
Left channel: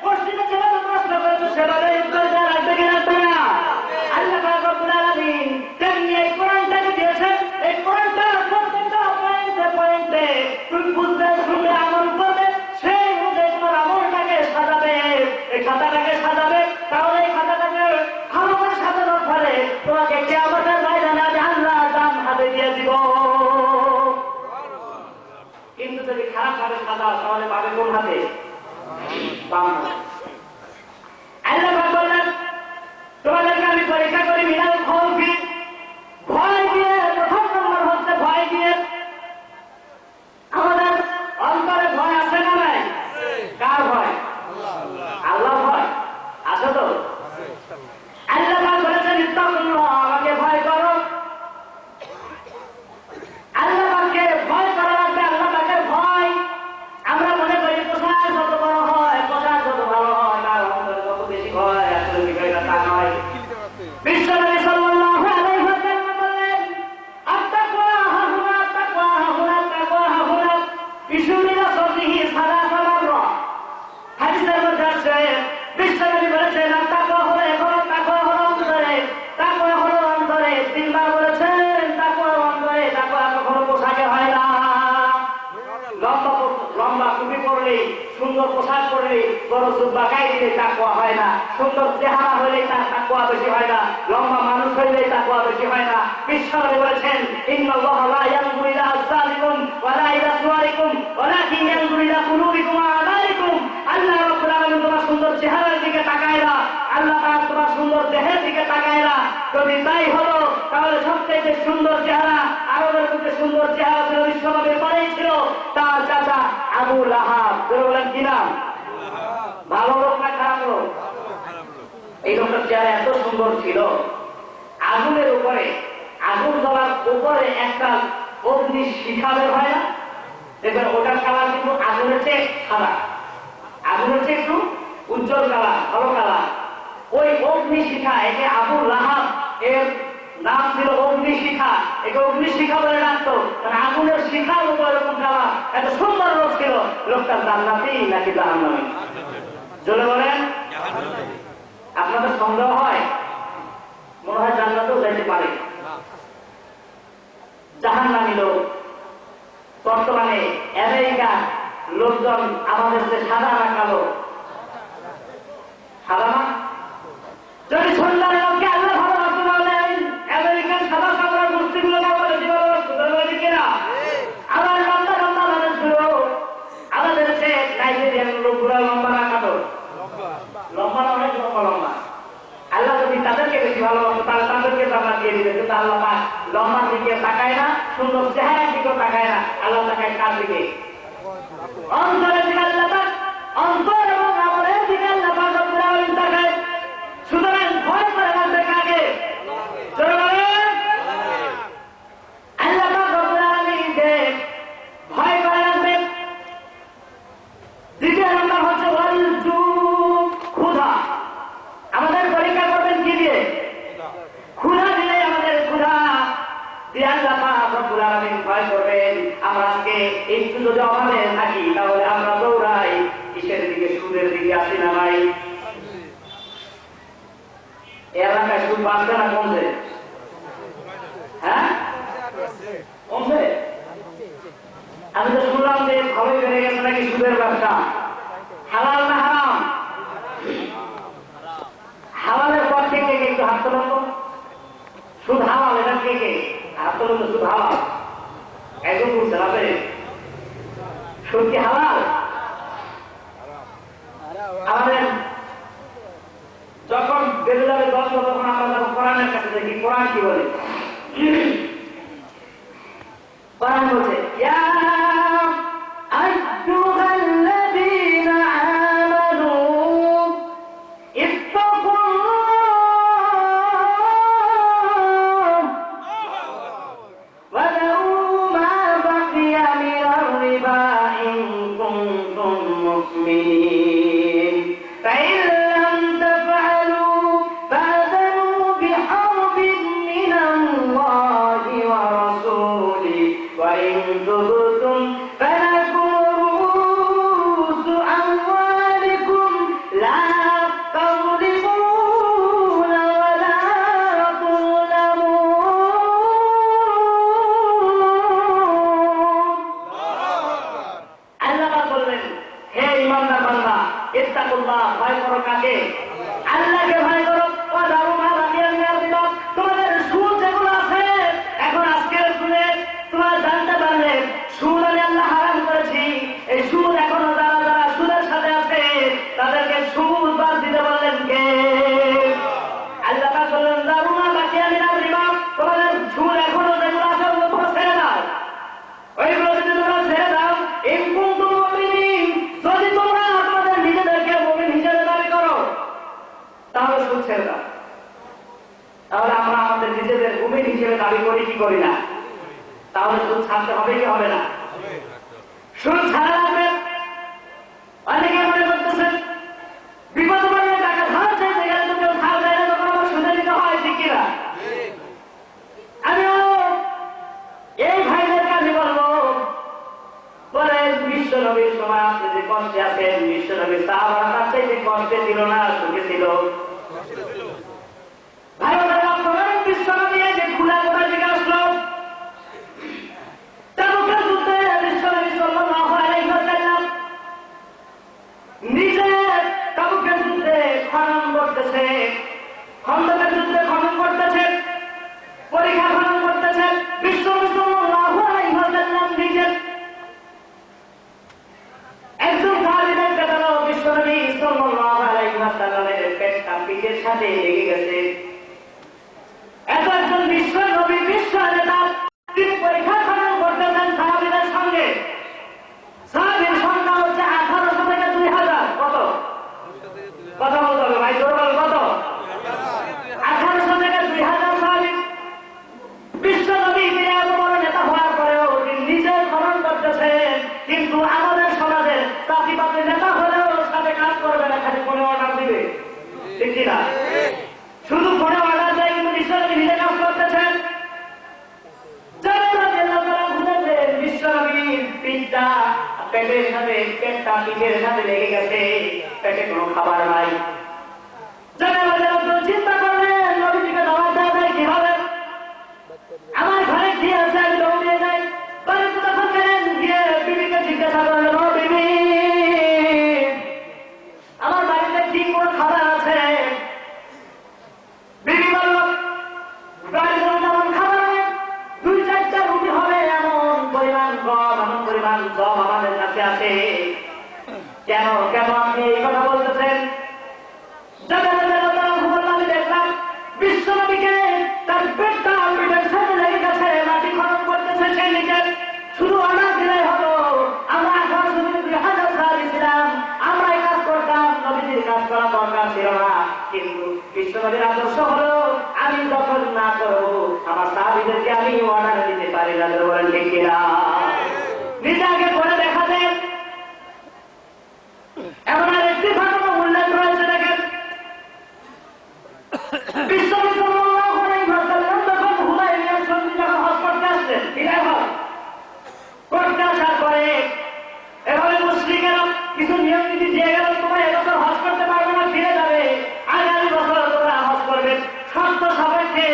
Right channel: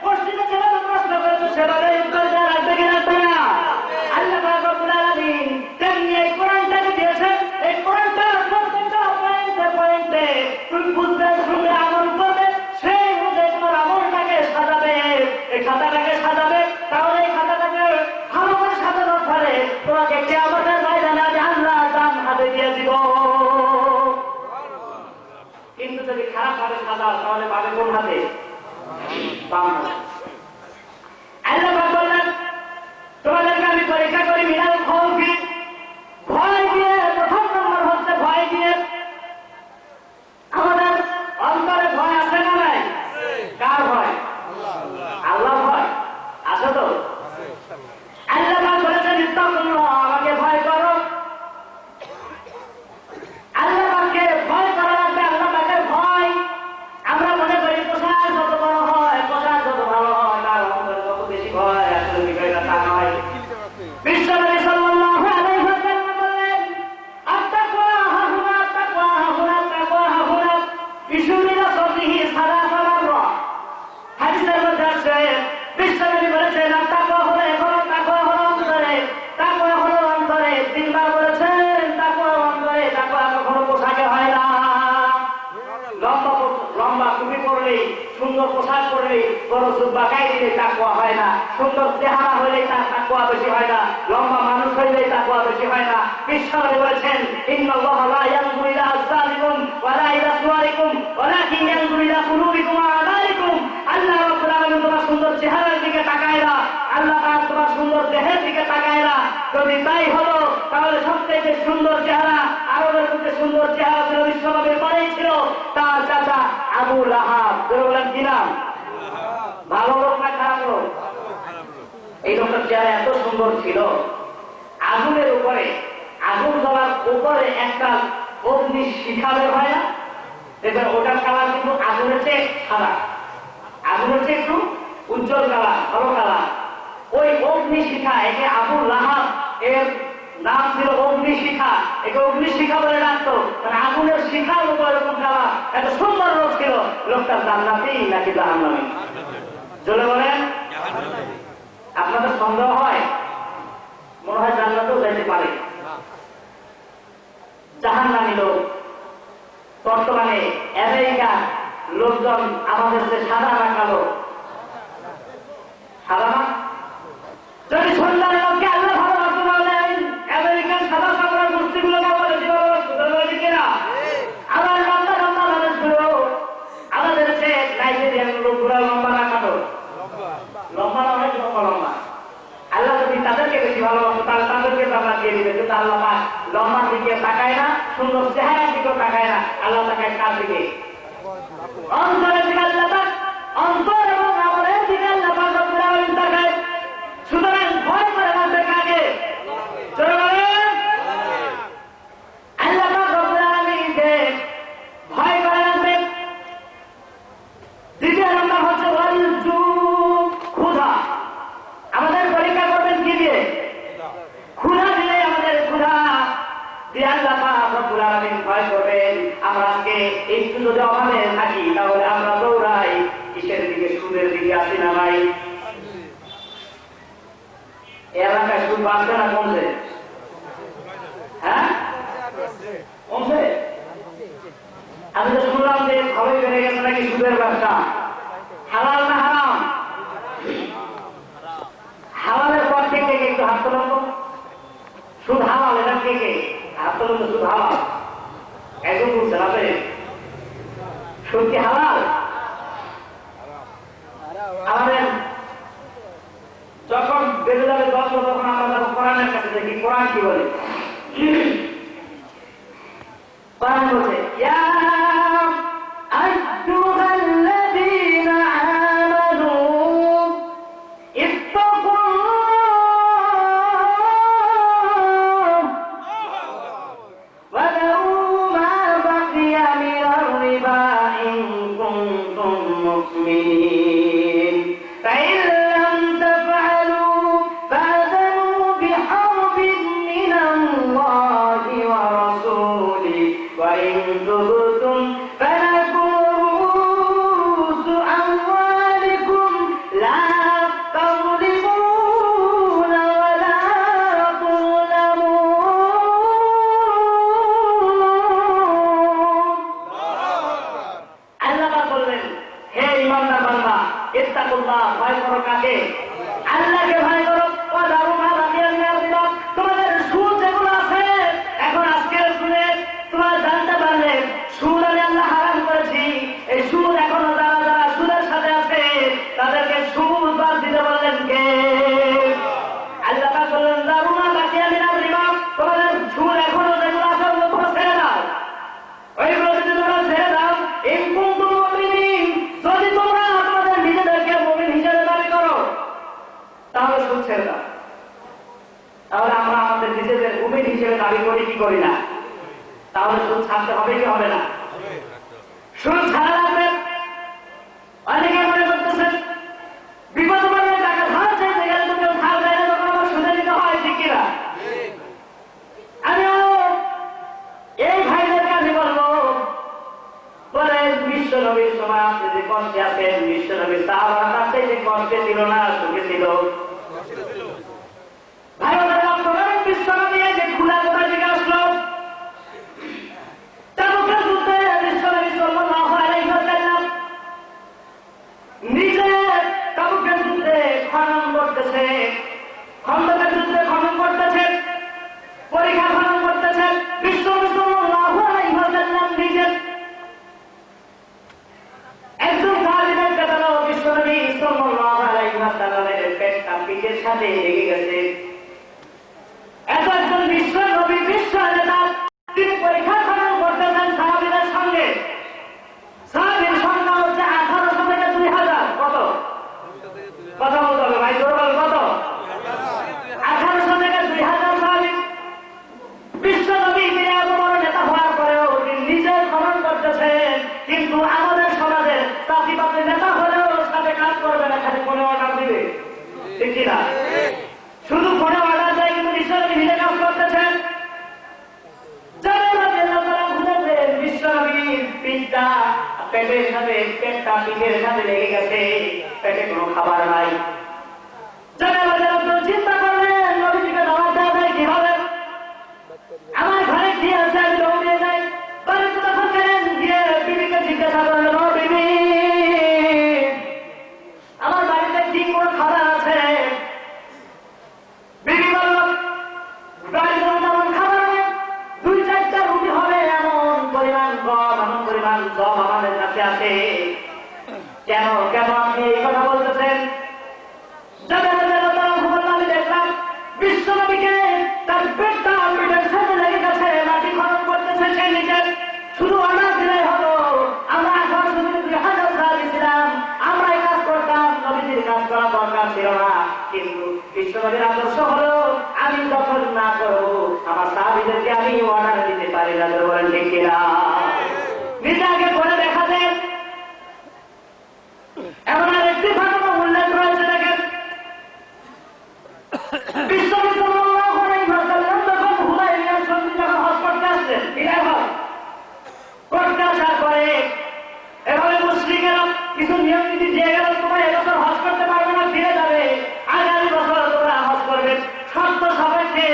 কোশ্চিনে যেভাবে প্রশ্ন করেছে সেভাবে উত্তর দেওয়া লাগবে কি লাগবে না? আল্লাহ পাক রব্বুল আলামিন তেমনি এই কোরআনটাকে দিয়েছেন। এই কোরআনটা প্রত্যেকটা পয়েন্টে পয়েন্টে তুমি বুঝবে, শুনবে, আমল করবে, সেই অনুযায়ী তোমার আমলটাকে সাজাবে, এই খাতাটাকে সাজাবে। তাহলে এই খাতাটাকে ভালো করে সাজানোর ফলে তোমাকে কিয়ামতের ময়দানে আমি আল্লাহ দান হাতে দিয়ে দিব। কিন্তু যদি খারাপ ভাবে সাজাও তাহলে পাবে কোন হাতে? বাম হাতে। আল্লাহ পাক বললেন, তোমাদেরকে আমি পরীক্ষা করি মিনাল খাউফি, ভয় দিয়ে। প্রথম নম্বর হচ্ছে ভয় দিয়ে। আমাদের অন্তরে ভয় আছে না নাই? কার ভয়? আল্লাহ ভয় আছে তো? আল্লাহ পাক বলেছেন, ইত্তাকুল্লাহ, আমাকে ভয় করো। আল্লাহ পাককে ভয় করা লাগবে। আল্লাহ পাকের ভয় আমরা মনে করি পোশাক যত বড় হয়, পোশাক যত ভালো হয়, তার অন্তরে যত বেশি ভয়। আসলে বিষয়টা তা নয়। বিশ্বনবী সাল্লাল্লাহু আলাইহি ওয়াসাল্লাম বললেন, আত্তাকওয়া হাহুনা, আত্তাকওয়া হাহুনা, আত্তাকওয়া হাহুনা, বিশুমিনা সবিহি সালাসা মাররা। হাদিসের মধ্যে আছে, বিশ্বনবী বলেছেন, আত্তাকওয়া হলো এখনো, তাকওয়া হলো অন্তরে, তাকওয়া হলো অন্তরে। তিনবার বলেছেন তাকওয়া অন্তরে। তাকওয়া কখনো পোশাকে হয় না। লম্বা টুপি পরলে, সুন্দর পোশাক পরলে, বড় জুব্বা গায়ে দিলে তাকওয়া হয় না। সুন্দর চেহারা হইলে তার তাকওয়া বেশি হয় না। লম্বা মানুষ হইলে তাকওয়া বেশি হয় না। বিশ্বনবী বলেছেন, ইন্নাল্লাহা লা ইয়ানজুরু ইলা আজসারিকুম ওয়া লা ইলা সুওয়ারিকুম ওয়ালাকিন ইয়ানজুরু ইলা কুলুবিকুম ওয়া আমালিকুম। আল্লাহ রাব্বুল আলামিন তোমার সুন্দর চেহারার দিকে তাকায় না, আল্লাহ পাক তোমার সুন্দর দেহের দিকে তাকায় না। যদি তাই হলো তাহলে সবচেয়ে সুন্দর চেহারা, আরবের মধ্যে সুন্দর চেহারা ছিল বিশ্বনবীর পরেই ছিল তার চাচা আবু লাহাব। বলেন কি নাম? ভালো লোক না খারাপ লোক? এই লোকটার চেহারা এত সুন্দর ছিল, আগুনের উপরে, আগুন জ্বলার উপরে একটা অগ্নি শিখা বের হয় না, দেখবেন ওটার কালার কিন্তু আগুনের চেয়ে সাদা, আগুনের চেয়ে একটু উজ্জ্বল কালার, ভালো কালার। ওই অগ্নি শিখা, একে আবু লাহাব এর নাম ছিল অগ্নিশিখা। একে অগ্নিশিখা বলে ডাকতো, কারণ আগুনের শিখার উপর এরকম কালার। এত সুন্দর লোক ছিল। লোকটার জান্নাতি নাকি জাহান্নামী? চলে বলেন। আপনাদের সন্দেহ হয়? মনে হয় জান্নাতেও যাইতে পারে। জাহান্নামী লোক বর্তমানে আমেরিকার লোকজন আমাদের যে সাদা না কালো, সাদা না, যদি সুন্দর লোককে আল্লাহ ভালোবাসতে পারলেন, আমেরিকান সাদা সামরার গোষ্ঠীগুলো বেশি ভালোবাসতে কিনা? আমার লম্বা লম্বা মানুষগুলো, আমাদের যে নাইজেরিয়ান লোকগুলো লম্বা না কাটো, লম্বা না অনেক লম্বা লম্বা। আল্লাহ যদি তাদেরকে বেশি ভালোবাসতো তাহলে তাদেরকে জান্নাত দিয়ে দিবে। কিন্তু আল্লাহ পাক লম্বার দিকে তাকায় না, সুন্দর চেহারার দিকেও তাকায় না। আল্লাহ তাকায় কার দিকে? অন্তরের দিকে আল্লাহ পাক, অন্তর এবং আমলের দিকে আল্লাহ পাক রব্বুল আলামিন তাকায়। সুতরাং ভয় করে রাখবে কাকে? জোরে বলেন। আল্লাহ পাক রব্বুল আলামিনকে ভয় করে রাখবে। দ্বিতীয় নম্বর হচ্ছে ক্ষুধা। আমাদের পরীক্ষা করবেন কি দিয়ে? ক্ষুধা দিলে আমাদের ক্ষুধা দিয়ে আল্লাহ পাক রব্বুল আলামিন ভয় করবেন। আমরা আজকে একটু যদি অভাবে থাকি তাহলে আমরা দৌড়াই কিসের দিকে? সুদের দিকে। আসি না ভাই? এলাকায় সুদ বাড়ছে না কমছে? হ্যাঁ, কমছে। আমি তো শুনলাম যে খবর বেড়ে গেছে নাকি সুদের ব্যবসা। হালাল না হারাম? হালালের পর কে কে একটু হাত তোলেন তো। সুদ হালাল, এটা কে কে হাত তোলেন তো। সুদ হালাল একদম বুঝছেন আপনি? সুদ কি হালাল? আমাদের যখন বেড়ে যাবে 10 তখন আমরা যখন কোরআনের কাছে দেখি, কোরআন কি বলে? কোরআন বলছে ইয়া আইয়ুহাল্লাযীনা আমানু ইত্তাকুল্লাহ ওয়া যারু মা বাকিয়া মিনার রিবা ইন কুনতুম মুমিনিন ফাইন লাম তাফআলু ফাআযানু বিহারবিন মিনাল্লাহি ওয়া রাসূলিহি ওয়া ইন তুবতুম ফালাকুম রুউসু আমওয়ালিকুম লা তাযলিমুনা ওয়া লা তুযলামুন। আল্লাহ বললেন, হে ঈমানদার বান্দা, ইত্তাকুল্লাহ, ভয় করো কাকে? আল্লাহকে ভয় করো। ওয়া যারু মা বাকিয়া মিনার রিবা, তোমাদের সুদ যেগুলো আছে, এখন আজকের সুদে তোমরা জানতে পারলে সুদ আমি আল্লাহ হারাম করেছি। এই সুদ এখনো যারা যারা সুদের সাথে আছে তাদেরকে সুদ বাদ দিতে বললেন কে? আল্লাহ পাক বললেন যারু মা বাকিয়া মিনার রিবা, তোমাদের সুদ এখনো যেগুলো আছে ওগুলো ছেড়ে দাও। ওইগুলো যদি তোমরা ছেড়ে দাও, ইন কুনতুম মুমিনিন, যদি তোমরা তোমাদের নিজেদেরকে মুমিন হিসেবে দাবি করো তাহলে সুদ ছেড়ে দাও। তাহলে আমরা আমাদের নিজেদের মুমিন হিসেবে দাবি করি কি করি না? তাহলে সুদ ছাড়তে হবে কি হবে না? সুদ ছাড়া লাগবে। অনেকে মনে করতেছেন বিপদ পড়লে টাকা ধার চাইতে গেলে তো কেউ ধার দেয় না, তখন আমার সুদে দিতে হয়, ঠিক কিনা? আমিও এই ভাইদেরকে আমি বলবো, বলে বিশ্ব নবীর সময় আপনি যে কষ্টে আছেন, বিশ্ব নবীর সাহাবারা তার চাইতে কষ্টে ছিল না সুখে ছিল? ভাই ওদের বিশ্ব নবী যে খোলা কোথা থেকে আসলো? তাবুকের যুদ্ধে বিশ্ব নবী সাল্লাল্লাহু আলাইহি ওয়াসাল্লাম নিজে তাবুকের যুদ্ধে খনন করতেছে, খন্দকের যুদ্ধে খনন করতেছে, পরীক্ষা খনন করতেছে। বিশ্ব নবী সাল্লাল্লাহু আলাইহি ওয়াসাল্লাম নিজে একজন সাহাবীদের কাছে বিশ্ব নবী সাল্লাল্লাহু আলাইহি ওয়াসাল্লামের পেটটা পিঠের সাথে লেগে গেছে। এত একজন বিশ্ব নবী, বিশ্ব নেতা, তিনি পরীক্ষা খনন করতেছেন সাহাবীদের সঙ্গে। সাহাবীর সংখ্যা হচ্ছে 1800 থেকে 2000। কত? কথা বলতে হবে ভাই, জোর বল কত? 1800 থেকে 2000 সাহাবী। বিশ্ব নবী তিনি এত বড় নেতা হওয়ার পরেও তিনি নিজে খনন করতেছেন, কিন্তু আমাদের সমাজের জাতিপাতের নেতা হলেও সাথে কাজ করবে না, খালি ফোনে অর্ডার দিবে, ঠিক কিনা? শুধু ফোনে অর্ডার দেয়, কিন্তু বিশ্ব নবী নিজে কাজ করতেছেন। বিশ্ব নবীর পিঠটা পেটের সাথে, পেটটা পিঠের সাথে লেগে গেছে, পেটে কোনো খাবার নাই। চিন্তা করলেন নবীজিকে দাওয়াত দেওয়া যায় কিভাবে? আমার ঘরে কি আছে আমি দৌড়িয়ে যাই। বাড়িতে যখন গেলেন গিয়ে বিবিকে জিজ্ঞাসা করলেন, ও বিবি, আমার বাড়িতে কি কোনো খাবার আছে? বিবি বলল, বাড়িতে যেমন খাবার হবে 2-4টা রুটি হবে এমন পরিমাণ গম, এমন পরিমাণ গম আমাদের কাছে আছে। কেন কেন আপনি এই কথা বলতেছেন? আমি দেখলাম আমি অর্ডার দিতে পারি না, বলেন ঠিক কিনা? নিজেকে করে দেখাতেন। এমন আর একটি ঘটনা উল্লেখ রয়েছে, দেখেন বিশ্বনবী সাল্লাল্লাহু আলাইহি ওয়াসাল্লাম যখন হুদায়বিয়ার সন্ধি যখন হজ করতে আসলেন, বিদায় হজ করতে আসার পরে এভাবে মুশরিকেরা কিছু নিয়ম নীতি দিয়ে গেল, তোমরা এবছর হজ করতে পারবে না, ফিরে যাবে, আগামী বছর তোমরা হজ করবে, শর্ত সাপেক্ষে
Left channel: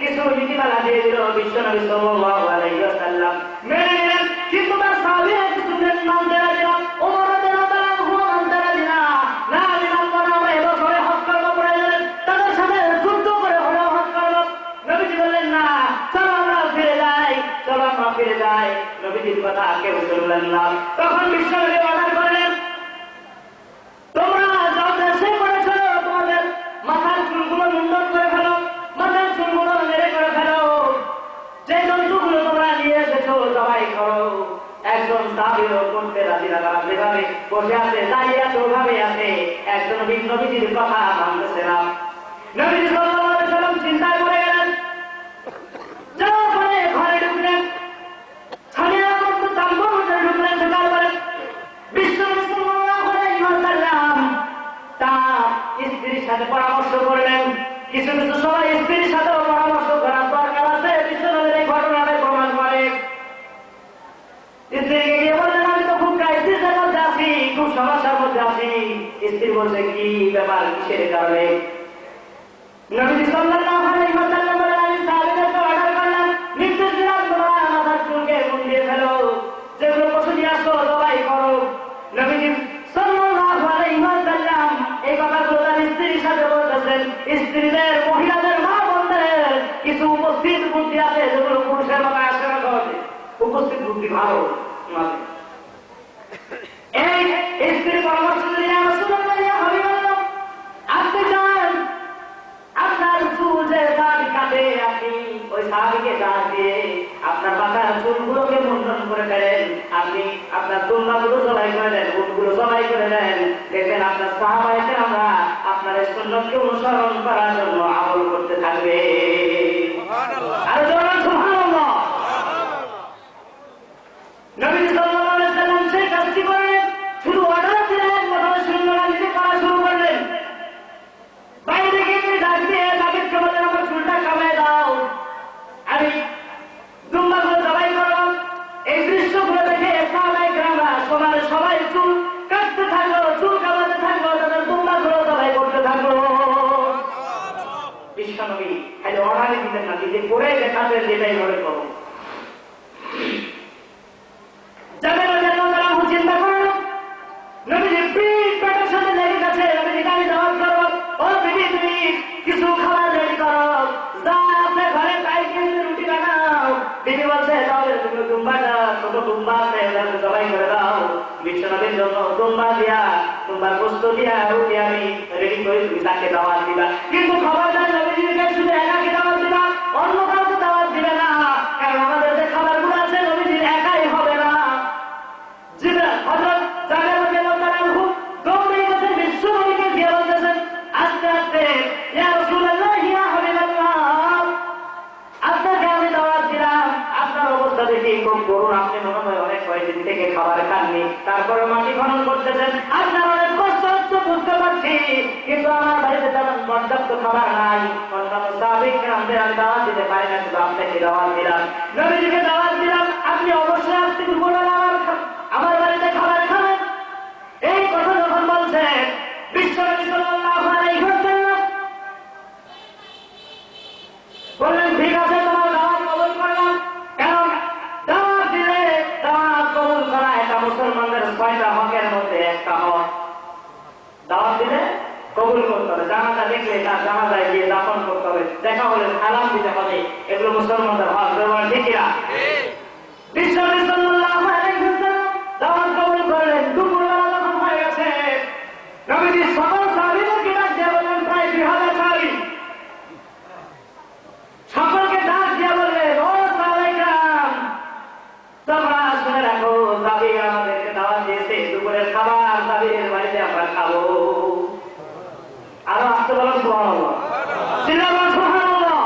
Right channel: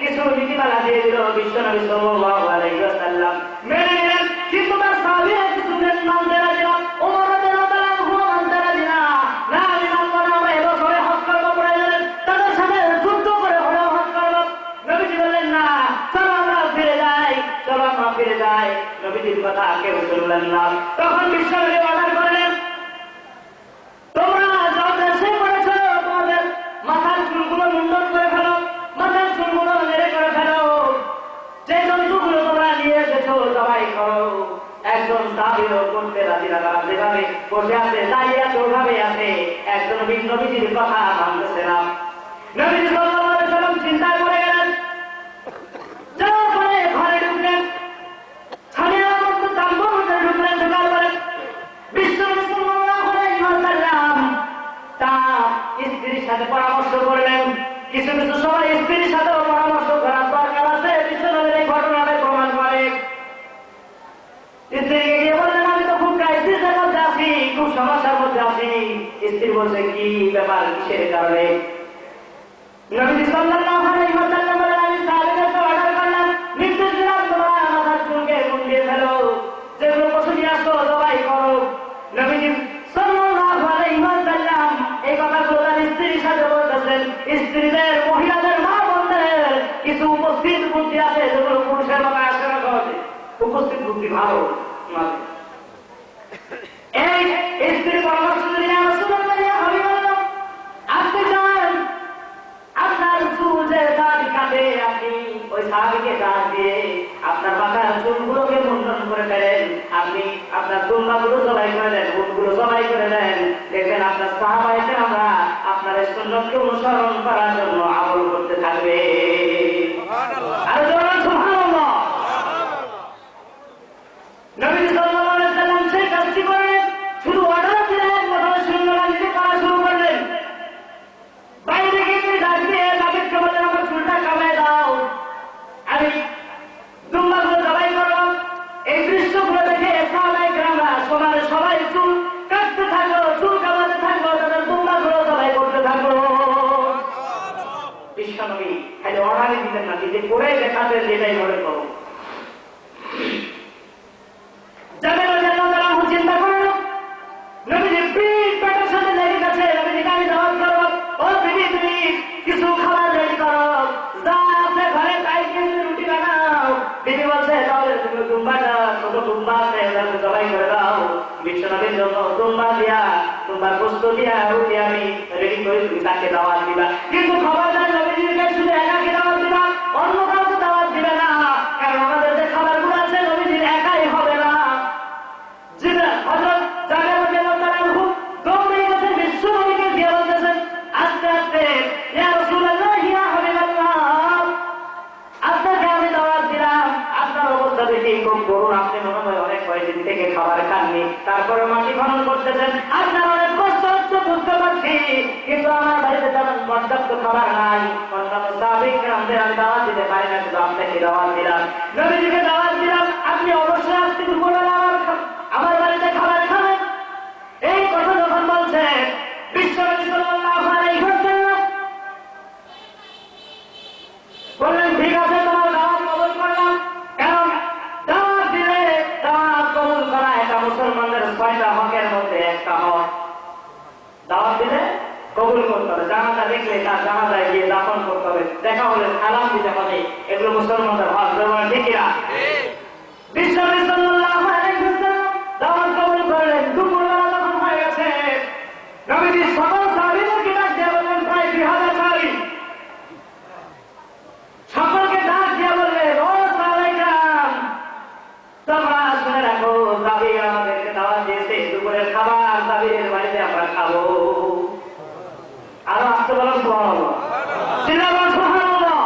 কিছু নীতিমালা দিয়ে দিল। বিশ্বনবী সাল্লাল্লাহু আলাইহি ওয়াসাল্লাম মেনে নিলেন, কিন্তু তার সাহাবীরা কিছু মানতে রাজি না। ওমর রাদিয়াল্লাহু আনহু মানতে রাজি না। না, আমি মানবো না, আমরা এবছরে হজ করবো, প্রয়োজনে তাদের সাথে যুদ্ধ করে হলেও হজ করবো। নবীজি বললেন, না, চলো আমরা ফিরে যাই, চলো আমরা ফিরে যাই। নবীজির কথা কেউ শুনলেন না। তখন বিশ্বনবী অর্ডার করলেন, তোমরা যাও দেশে করেছ, তোমাদের মাথার চুলগুলো মুন্ডন করে ফেলো, মাথার চুলগুলো মেরে করে ফেলো, যে জন্তুগুলো তোমরা নিয়ে এসেছো জবাই করো। একজন সাহাবীও করতে রাজি না, যেভাবে বসে আছে, দাঁড়িয়ে আছে, ওভাবে আছে, একজন নবীজির কথা মানতেছে না। নবীজি সাল্লাল্লাহু আলাইহি ওয়াসাল্লাম চিন্তায় পড়ে গেলেন, যাওয়ার পরে ঘরে ঢুকলেন, স্বামীরা মধ্যে তাম্বুর মধ্যে ঢুকলেন, ঢোকার পরে বিশ্বনবী সাল্লাল্লাহু আলাইহি ওয়াসাল্লাম তার স্ত্রীর সাথে পরামর্শ করলেন। কিছু কিছু সময় স্ত্রীর সাথেও পরামর্শ করার দরকার আছে, বিশ্বনবীর এই ঘটনাটাই প্রমাণ করে। স্ত্রীকে গিয়ে বললেন, আমি তো খুব ক্রাইসিসের মধ্যে আছি, খুব সমস্যার মধ্যে আছি। স্ত্রী বলছে, কি ব্যাপার, কিসের কারণে? নবীজি সাল্লাল্লাহু আলাইহি ওয়াসাল্লাম বলেন, আমি সাহাবীদেরকে অর্ডার করলাম, নির্দেশ দিলাম, তোমরা মাথার চুলকে মুন্ডিয়ে ফেলো, যেগুলো পশু দিয়ে আসো জবাই করো। নবীজি সাল্লাল্লাহু আলাইহি ওয়াসাল্লাম এই কথাগুলো তার স্ত্রীর সাথে বলতেছেন। স্ত্রীদের, মহিলাদের, মা বোনদের কিছু উপস্থিত বুদ্ধি আছে, যেগুলো পুরুষের মাথায় আসে না। উপস্থিত বুদ্ধি ভালো। এই স্ত্রীর পরামর্শ দিলেন, আপনি যান, আপনার চুল যে দাড়ি কাটে, আপনি ওই সাহাবীকে দাঁড় দিয়ে আপনার মাথার চুলগুলোকে মুন্ডন করে ফেলেন, আপনি আপনার দুম্বাগুলো জবাই করে দেন, উটগুলো জবাই করে দেন, দেখবেন আপনার সাহাবায়ে আমরা আপনার এই সুন্নতকে অনুসরণ করার জন্য আমল করতে থাকবে। আর বলুন সুবহানাল্লাহ। নবী সাল্লাল্লাহু আলাইহি ওয়াসাল্লাম সেই কাজটি করলেন, শুধু অর্ডার দিলেন, কথা শূন্য লাগিয়ে করা শুরু করলেন। বাইরে গিয়ে ডাক দিয়ে তাদেরকে বললেন, আমার চুলটা কামায় দাও, আমি দুম্বাগুলো জবাই করব। এই দৃশ্যগুলো দেখে সাহাবায়ে কেরামরা সবাই চুল কাটতে থাকলো, চুল কামাতে থাকলো, তাদের দুম্বাগুলো জবাই করতে থাকলো। বিশ্বনবী খালি অর্ডারই দিতেন না, দিতে করে দেখাতেন, যেটাই মনে করো। জাবের রাদিয়াল্লাহু আনহু চিন্তা করলো, নবীজির পিঠ পেটের সাথে লেগে গেছে, নবীজিকে আমি দাওয়াত করব। ও বিবি, তুমি কিছু খাবার রেডি করো, যা আছে ঘরে তাই দিয়ে রুটি বানাও। বিবি বলছে, তাহলে তুমি দুম্বাটা, ছোট দুম্বা আছে, জবাই করে দাও। বিশ্বনবীর জন্য দুম্বা দিয়া, দুম্বার গোশত দিয়া রুটি আমি রেডি করে তুমি তাকে দাওয়াত দিবা। কিন্তু খবরদার নবীজিকে শুধু একাকে দাওয়াত দিবা, অন্য কাউকে দাওয়াত দিবে না, কারণ আমাদের যে খাবারগুলো আছে নবীজির একাই হবে না। হযরত জাবের রাদিয়াল্লাহু আনহু দৌড়ে গেছেন, বিশ্বনবীকে গিয়ে বলতেছেন আস্তে আস্তে, ইয়া রাসূলুল্লাহ, ইয়া হাবিবাল্লাহ, আপনাকে আমি দাওয়াত দিলাম, আপনার অবস্থা দেখে খুব করুণ, আপনি মনে হয় অনেক কয়েকদিন থেকে খাবার খাননি, তারপরে মাটি খনন করতেছেন, আপনার অনেক কষ্ট হচ্ছে বুঝতে পারছি, কিন্তু আমার বাড়িতে তেমন পর্যাপ্ত খাবার নাই, অন্যান্য সাহাবীকে কেরামদের আমি দাওয়াত দিতে পারি না, কিন্তু আপনাকে দাওয়াত দিলাম, নবীজিকে দাওয়াত দিলাম, আপনি অবশ্যই আজকে দুপুরবেলা আমার বাড়িতে খাবার খাবেন। এই কথা যখন বলছেন, বিশ্বনবী সাল্লাল্লাহু আলাইহি ওয়াসাল্লাম বললেন, ঠিক আছে, তোমার দাওয়াত কবুল করলাম। কারণ দাওয়াত দিলে, দাওয়াত কবুল করা এটা মুসলমানদের 6টা হকের মধ্যে একটা হক। দাওয়াত দিলে কবুল করতে হবে, জানাজা দেখলে তার জানাজায় গিয়ে দাফন করতে হবে, দেখা হলে সালাম দিতে হবে, এগুলো মুসলমানদের হক। ঠিক কিনা? বিশ্বনবী সাল্লাল্লাহু আলাইহি ওয়াসাল্লাম দাওয়াত কবুল করলেন। দুপুরবেলা যখন হয়ে গেছে, নবীজি সকল সাহাবীদেরকে ডাক দিয়ে বললেন, প্রায় 2000 সাহাবী, সকলকে ডাক দিয়ে বললেন, ও সাহাবায়ে কেরাম, তোমরা শুনে রাখো, সাহাবীরা আমাদেরকে দাওয়াত দিয়েছে, দুপুরের খাবার সাহাবীদের বাড়িতে আমরা খাবো। আরো আসতে বলেন সুবহানাল্লাহ, সুবহানাল্লাহ।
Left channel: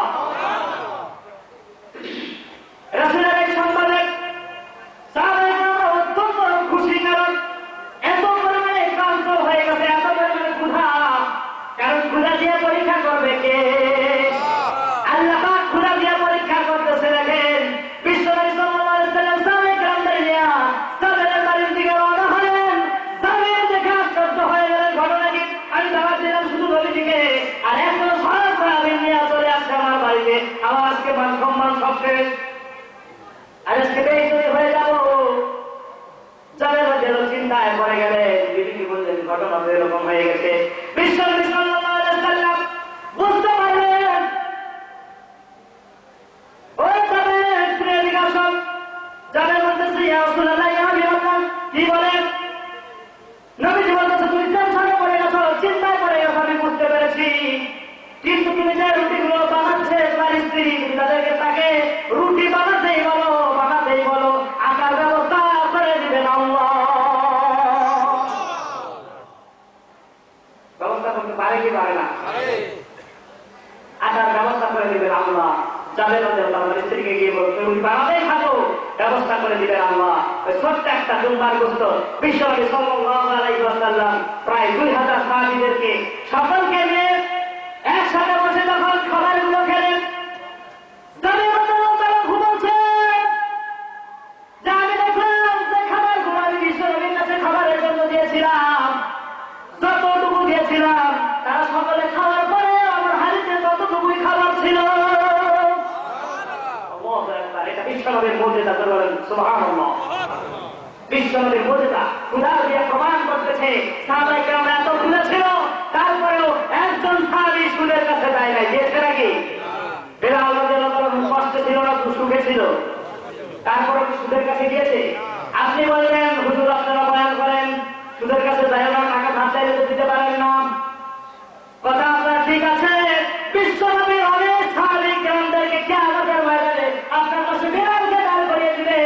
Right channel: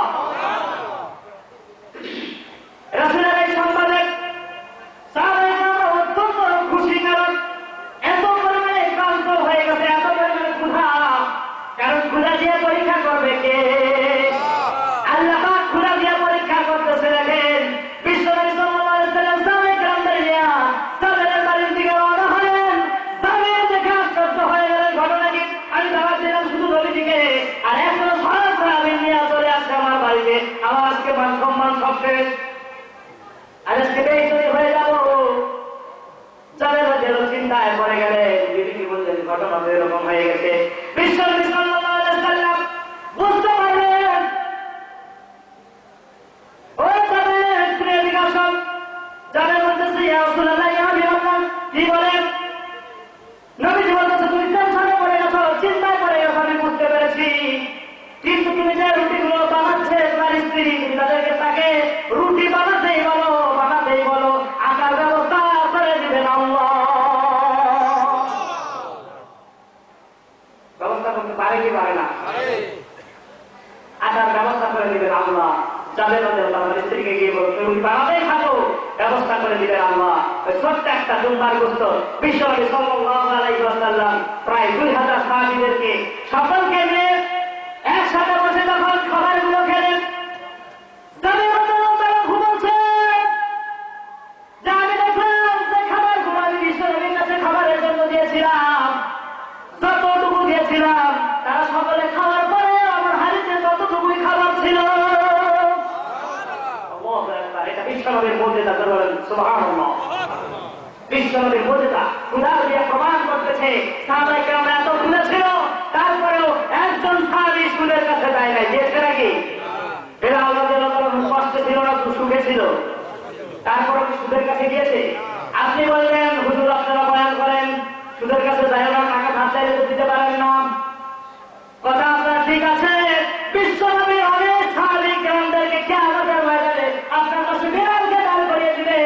সম্মান সব শেষ। আজকে বেইজ্জতি হয়ে গেল। যাদের যেন চিন্তায় পড়ে গেলেন, বিবিকে বললেন ঘটনা তো এরকম হয়ে গেছে। বিশ্বনবী সাল্লাল্লাহু আলাইহি ওয়াসাল্লাম বুঝতে পারলেন, ওই যাদের ফিরে জিজ্ঞাসা যাদের বলতেছে ইয়া রাসূলুল্লাহ ইয়া হাবিবাল্লাহ, কি বলেন? নবীজি বলতেছে তুমি টেনশনে পড়ে গেছো, চিন্তায় পড়ে গেছো, আমি বুঝতে পেরেছি। কিন্তু তুমি যে রুটিগুলো বানাচ্ছে তোমার স্ত্রী, তুমি তাদেরকে তাকে রুটি বানাতেই বলো, বানাতেই বলো, আকার ব্যবস্থা করে দিবেন আল্লাহ। ব্যবস্থা করতে পারে কি পারে না? আকার ব্যবস্থা করে দিবেন আল্লাহ। যাদের মধ্যে তাদের স্ত্রীকে গিয়ে বলো তুমি রুটি বানাতেই থাকো, ব্যবস্থা করে দিবেন আল্লাহ। ছোট্ট একটা দুম্বার গোস্ত বিশ্বনবী সাল্লাল্লাহু আলাইহি ওয়াসাল্লাম প্রায় 2000 সাহাবীদেরকে সকলকে নিয়ে একসাথে বসে যখন খাবারগুলো খেলেন, যাদের মধ্যে তারা ঘুমাচ্ছে, যে আমি দেখলাম যে খাবারগুলো আমি বিশ্বনবীর কাছে খাবারের জন্য দিয়েছিলাম, যতটুকু দিয়েছিলাম তারা সকলে খাওয়ার পরে আমার হাড়িতে ততটুকুই খাবার ছিল। এটা বিশ্বনবীর মুজিজা, বলেন সুবহানাল্লাহ। বিশ্বনবীর মুজিজা খোদা দিয়ে প্রমাণ করতেছে সাহাবায়ে কেরাম এত ভুলে ছিল, তারপরেও একজন সাহাবী সুদের কাছে যায় নাই, গিয়েছে নাকি? বেলাল রাদিয়াল্লাহু তাআলা কষ্ট ছিল না, সুখে ছিল, তারপরে সুদের কাছে গিয়েছে? আপনি বললেন হুজুর আপনারা বয়ান করেন সুদের কাছে যায় না, টাকা ধার চাইলে তো দিতে পারেন না। কথা আপনার ঠিক আছে, বিশ্বনবীর অনেক সাহাবী কেরামদেরকে কিয়ামতের ময়দানে আপনার কাছে বেলালকে দান করিয়ে দিবে।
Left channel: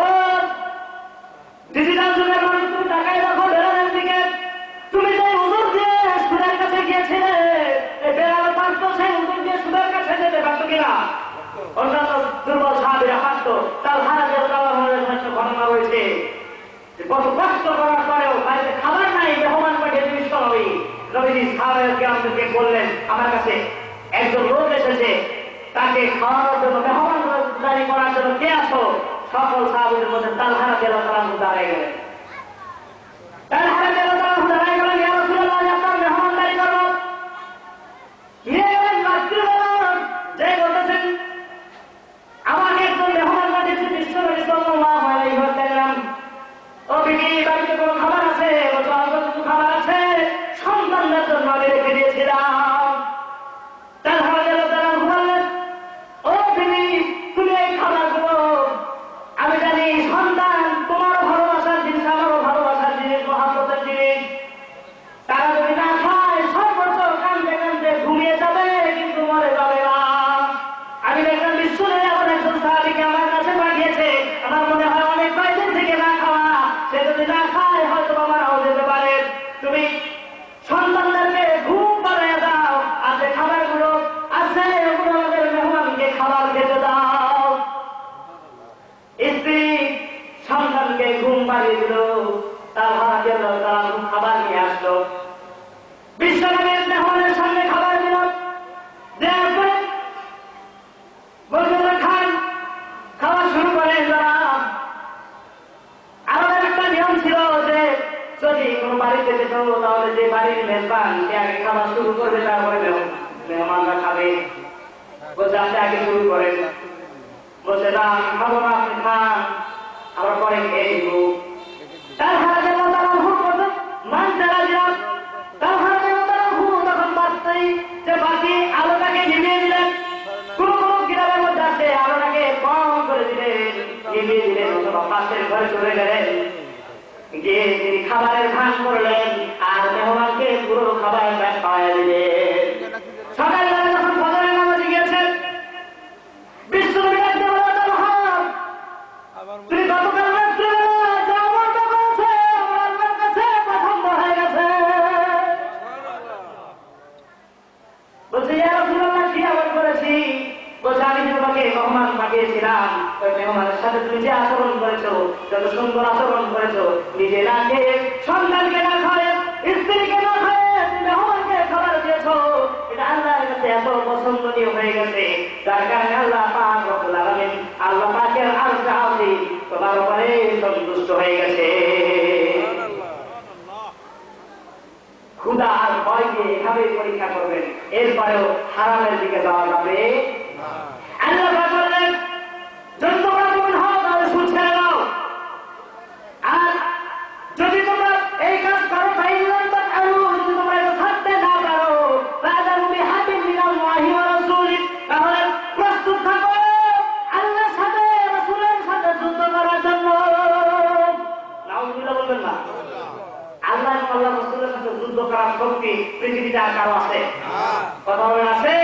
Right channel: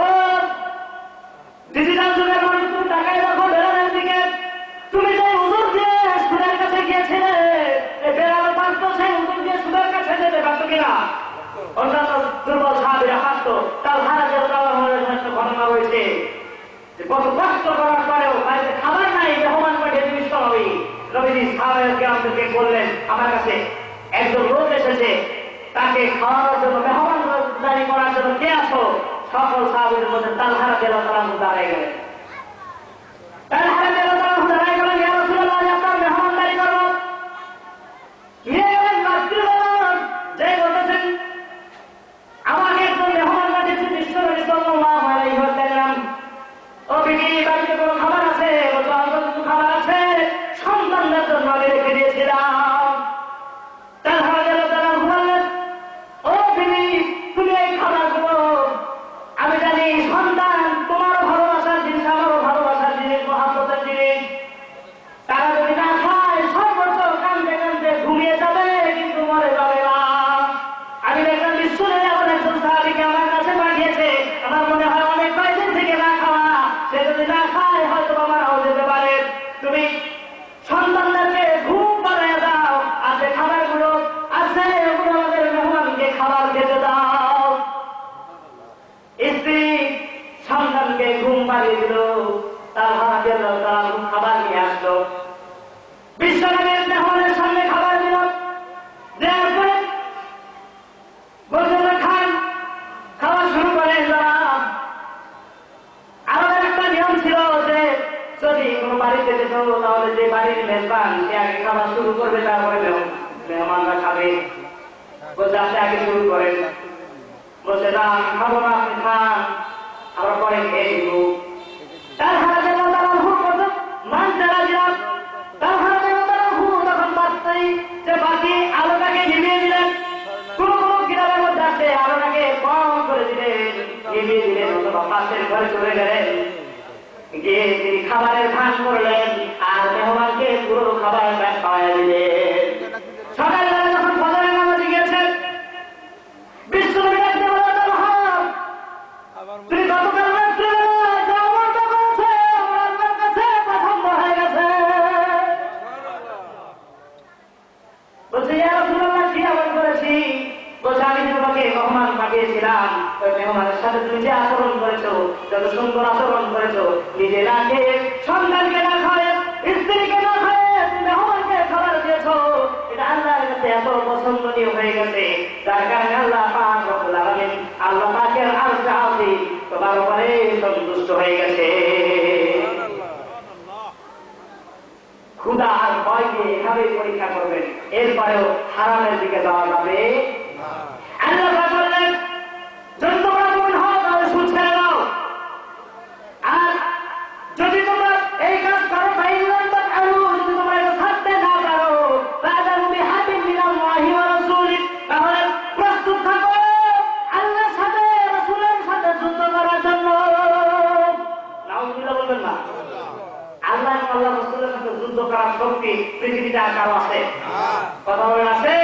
ও ডিজিটাল যুগের মানুষ, তুমি তাকায় দেখো বেলালের দিকে। তুমি যে হুজুর দিয়ে সুদের কাছে গিয়েছিলে, এই বেলাল পারত সেই হুজুর দিয়ে সুদের কাছে যেতে পারত কিনা? অন্যান্য দুর্বল সাহাবীরা পারত। তার ভাড়া দিয়ে দেওয়ার ঘটনা রয়েছে যে কত কষ্ট করার পরেও বাড়িতে খাবার নাই, মেহমান পাঠিয়ে বিশ্বনবী নবীজি সাহাবায়ে কেরামদেরকে বললেন আমার কাছে একজন লোক এসেছে, তাকে খাওয়ানোর জন্য মেহমানদারি করার জন্য কে আছো? সকল সাহাবীদের মধ্যে তালহা রাদিয়াল্লাহু তাআলা দাঁড়িয়ে গেলেন। তালহা রাদিয়াল্লাহু তাআলা দাঁড়িয়ে গেলেন, ইয়া রাসূলুল্লাহ আপনার মেহমানদারি করব। নিয়ে গেলেন রাত্রিবেলা, যে বলতেছেন আমাকে একজন মেহমান পাঠিয়েছে বিশ্বনবী সাল্লাল্লাহু আলাইহি ওয়াসাল্লাম। ও বিবি, বাড়িতে কোনো খাবার আছে? বলতো আমার কিছু খাবার আছে, সন্তানদের জন্য আমি রেখে দিয়েছিলাম। তালহা রাদিয়াল্লাহু তাআলা বললেন, ও বিবি তুমি এই খাবারগুলো, আমি জানি সন্তান তোমারও ভালোবাসার জিনিস, আমারও ভালোবাসার জিনিস, মহাব্বতের জিনিস, তারা যদি না খায় সর্বোচ্চ কান্দে কান্দে ঘুমিয়ে যাবে, কিন্তু মরে যাবে না। আমি দেখলাম বিশ্বনবী এমন একজন সাহাবীকে আমার কাছে পাঠিয়েছে, আমার মনে হয় অনেক কয়েকদিন থেকে না খাওয়া, সে যদি না খায় হয়তো মারাও যেতে পারে। তুমি সন্তানদেরকে ঘুম পাড়িয়ে দাও, আর যে খাবারগুলো আছে ওগুলো আমাদের মেহমানকে খাবার খেতে দাও। স্ত্রী সন্তানকে ঘুম পাড়িয়ে দিল, তার খাবার নিয়ে আসলো, বিশ্বনবীর মেহমানের সামনে খাবার দিল, দেওয়ার পরে বললেন খান, খাওয়া শুরু করেন। আমাদের একটা নিয়ম ছিল যে যদি কোনো বাড়িতে যেত তাহলে যে বাড়ির মেজবান সে আগে খাবার শুরু করবে, তারপরে মেহমানরা খাবে। বলছে আপনি আগে শুরু করেন। বলছে না আমি খাবো না, আপনি খান, আমরা পরে খেয়ে নিব। তার হারা যেন তারা ভুল করতো মানতে রাজি না। তার হারা যেন তারা ভুল তখন বাঁচতেই যে বাকি আলোটাকে নিভিয়ে দিলেন। কোন কোন কিতাবের মধ্যে আছে আলোটাকে কম করে দিলেন, নিভিয়ে দিলেন, অথবা পাশের ঘরে চলে গেলেন, গিয়ে তিনি খাবারের ভান করলেন আর মেহমানকে পুরো খাবারটা খাওয়াই দিলেন। সকালবেলা যখন ফজরের নামাজে গিয়েছেন, বিশ্বনবী ডাকতে বললেন, তুমি গতকাল রাত্রিবেলা যে আমলটা করেছে আমার আল্লাহর কাছে পছন্দ হয়ে গেছে। বলছে ইয়া রাসূলুল্লাহ কি আমল করেছি? বলছে আমি যে তোমাকে মেহমান পাঠিয়েছিলাম, ওই মেহমানের সাথে তুমি যে আচরণ করেছো, যত সুন্দর আচরণ করেছো, নিজে না খেয়ে, সন্তানকে না খায়, স্ত্রীকে না খায়, তুমি মেহমানকে খাবার দিয়েছো, এটা আল্লাহর কাছে এত পছন্দনীয় হয়ে গেছে, যার কারণে আল্লাহ পাক রব্বুল আলামিন, আল্লাহ পাকের আরশে আজিম তোমার উপরে সন্তুষ্ট হয়ে গেছে। ক্ষুধার ভয় দিয়ে এভাবে পরীক্ষা করবেন, এরপরেও হারামের দিকে যাওয়া যাবে। আল্লাহ শক্তি পৃথিবীতে আর কারো আছে? কথা বলেন আছে?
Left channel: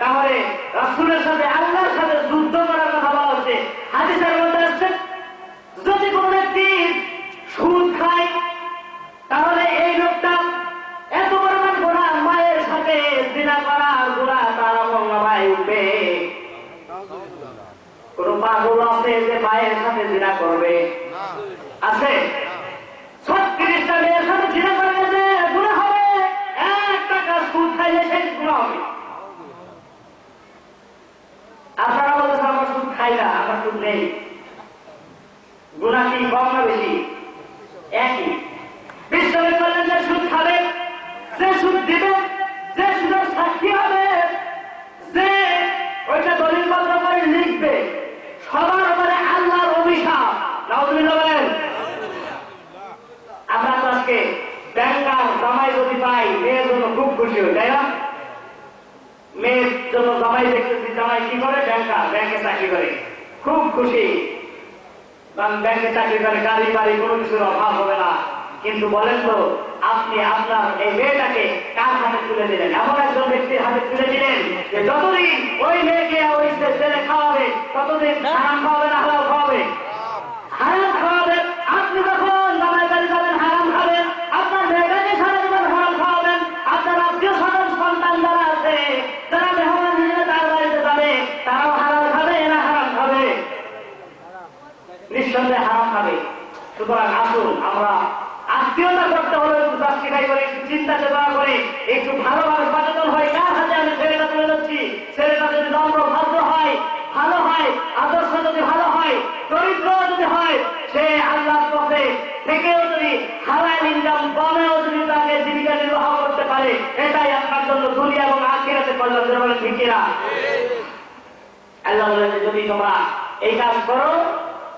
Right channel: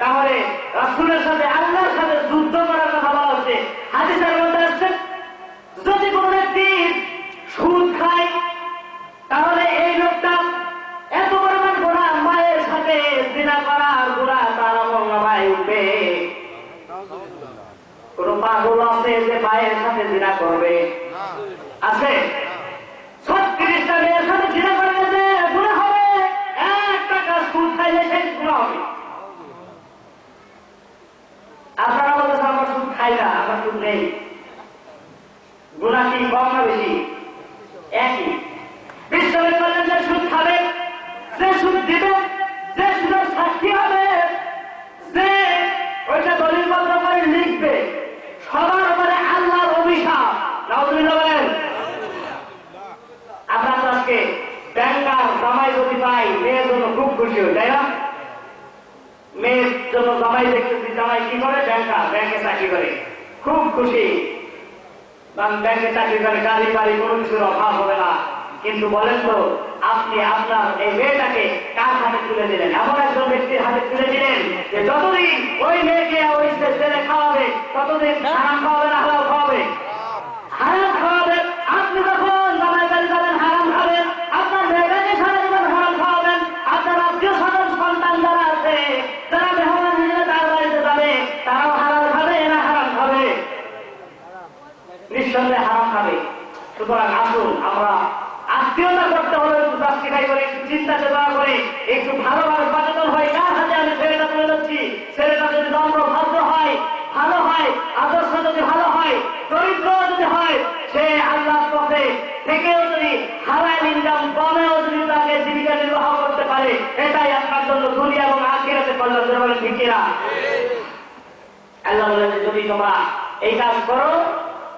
তাহলে রাসূলের সাথে আল্লাহর সাথে যুদ্ধ করার কথা বলা হচ্ছে। হাদিসের মধ্যে আসছে যদি কোন ব্যক্তি সুদ খায় তাহলে এই লোকটা এত পরিমাণ গুনাহ, মায়ের সাথে জিনা করার গুনাহ তার আমলনামায় উঠবে। কোন পাগল আছে যে মায়ের সাথে জিনা করবে? আছে? 36টা মেয়ের সাথে জিনা করে গেছে, গুনাহ হবে। 1 টাকা সুদ খাইলে সেই গুনাহ হবে। আপনারা বলতেছেন আমরা সুদ খাই না, আমরা সুদ নেই। গুনাহ কি কম না বেশি? একই। বিশ্বনবী বললেন যে সুদ খাবে, যে সুদ দিবে, যে সুদের সাক্ষী হবে, যে ওইটা দলিলপত্র করে লিখবে, সবার উপরে আল্লাহর অভিশাপ। নাউজুবিল্লাহ বলেন। আমরা তো আজকে ব্যাংকার জামাই যদি পাই মেয়ের জন্য খুব খুশি হই, তাই না? মেয়ের জন্য জামাই দেখতেছি, জামাই কি করে? ব্যাংকার, ব্যাংকে চাকরি করে, খুব খুশি। ব্যাংকে চাকরি করে, গাড়ি বাড়ি কোনো কিছুর অভাব হবে না। কিন্তু বলেন তো আপনি আপনার এই মেয়েটাকে কার হাতে তুলে দিলেন? এমন একজন ব্যক্তির হাতে তুলে দিলেন যে যতদিন ওই মেয়েকে ওই ছেলে খাওয়াবে ততদিন হারাম খাওয়াবে না হালাল খাওয়াবে? হারাম খাওয়াবে। আপনি যখন জামাই বাড়ি যাবেন হারাম খাবেন, আপনার মেয়েটাকে সারা জীবন হারাম খাওয়াবেন। আপনার আত্মীয় স্বজন সন্তান যারা আছে, যারা মেহমান হিসেবে তার বাড়িতে যাবে, তারাও হারাম খাবে না হারাম খাবে? নিঃসন্দেহে হারাম খাবে। সুতরাং আসুন আমরা আত্মীয়তা করতে হলে একটু জাস্টিফাই করে, একটু চিন্তা চেতনা করে, একটু ভালোভাবে সচেতন হয় কার হাতে আমি ছেলেটা তুলে যাচ্ছি। ছেলেটা যদি নম্র ভদ্র হয়, ভালো হয়, আদর্শ যদি ভালো হয়, চরিত্র যদি হয়, সে আল্লাহর পথে থেকেও যদি হালাল ইনকাম কমেও যদি তাকে জীবিকা নির্বাহ করতে পারে, এটাই আপনার জন্য দুনিয়া এবং আখিরাতে কল্যাণ। বলেন ঠিক কিনা? আল্লাহ বলেন যদি তোমরা এই কাজ করো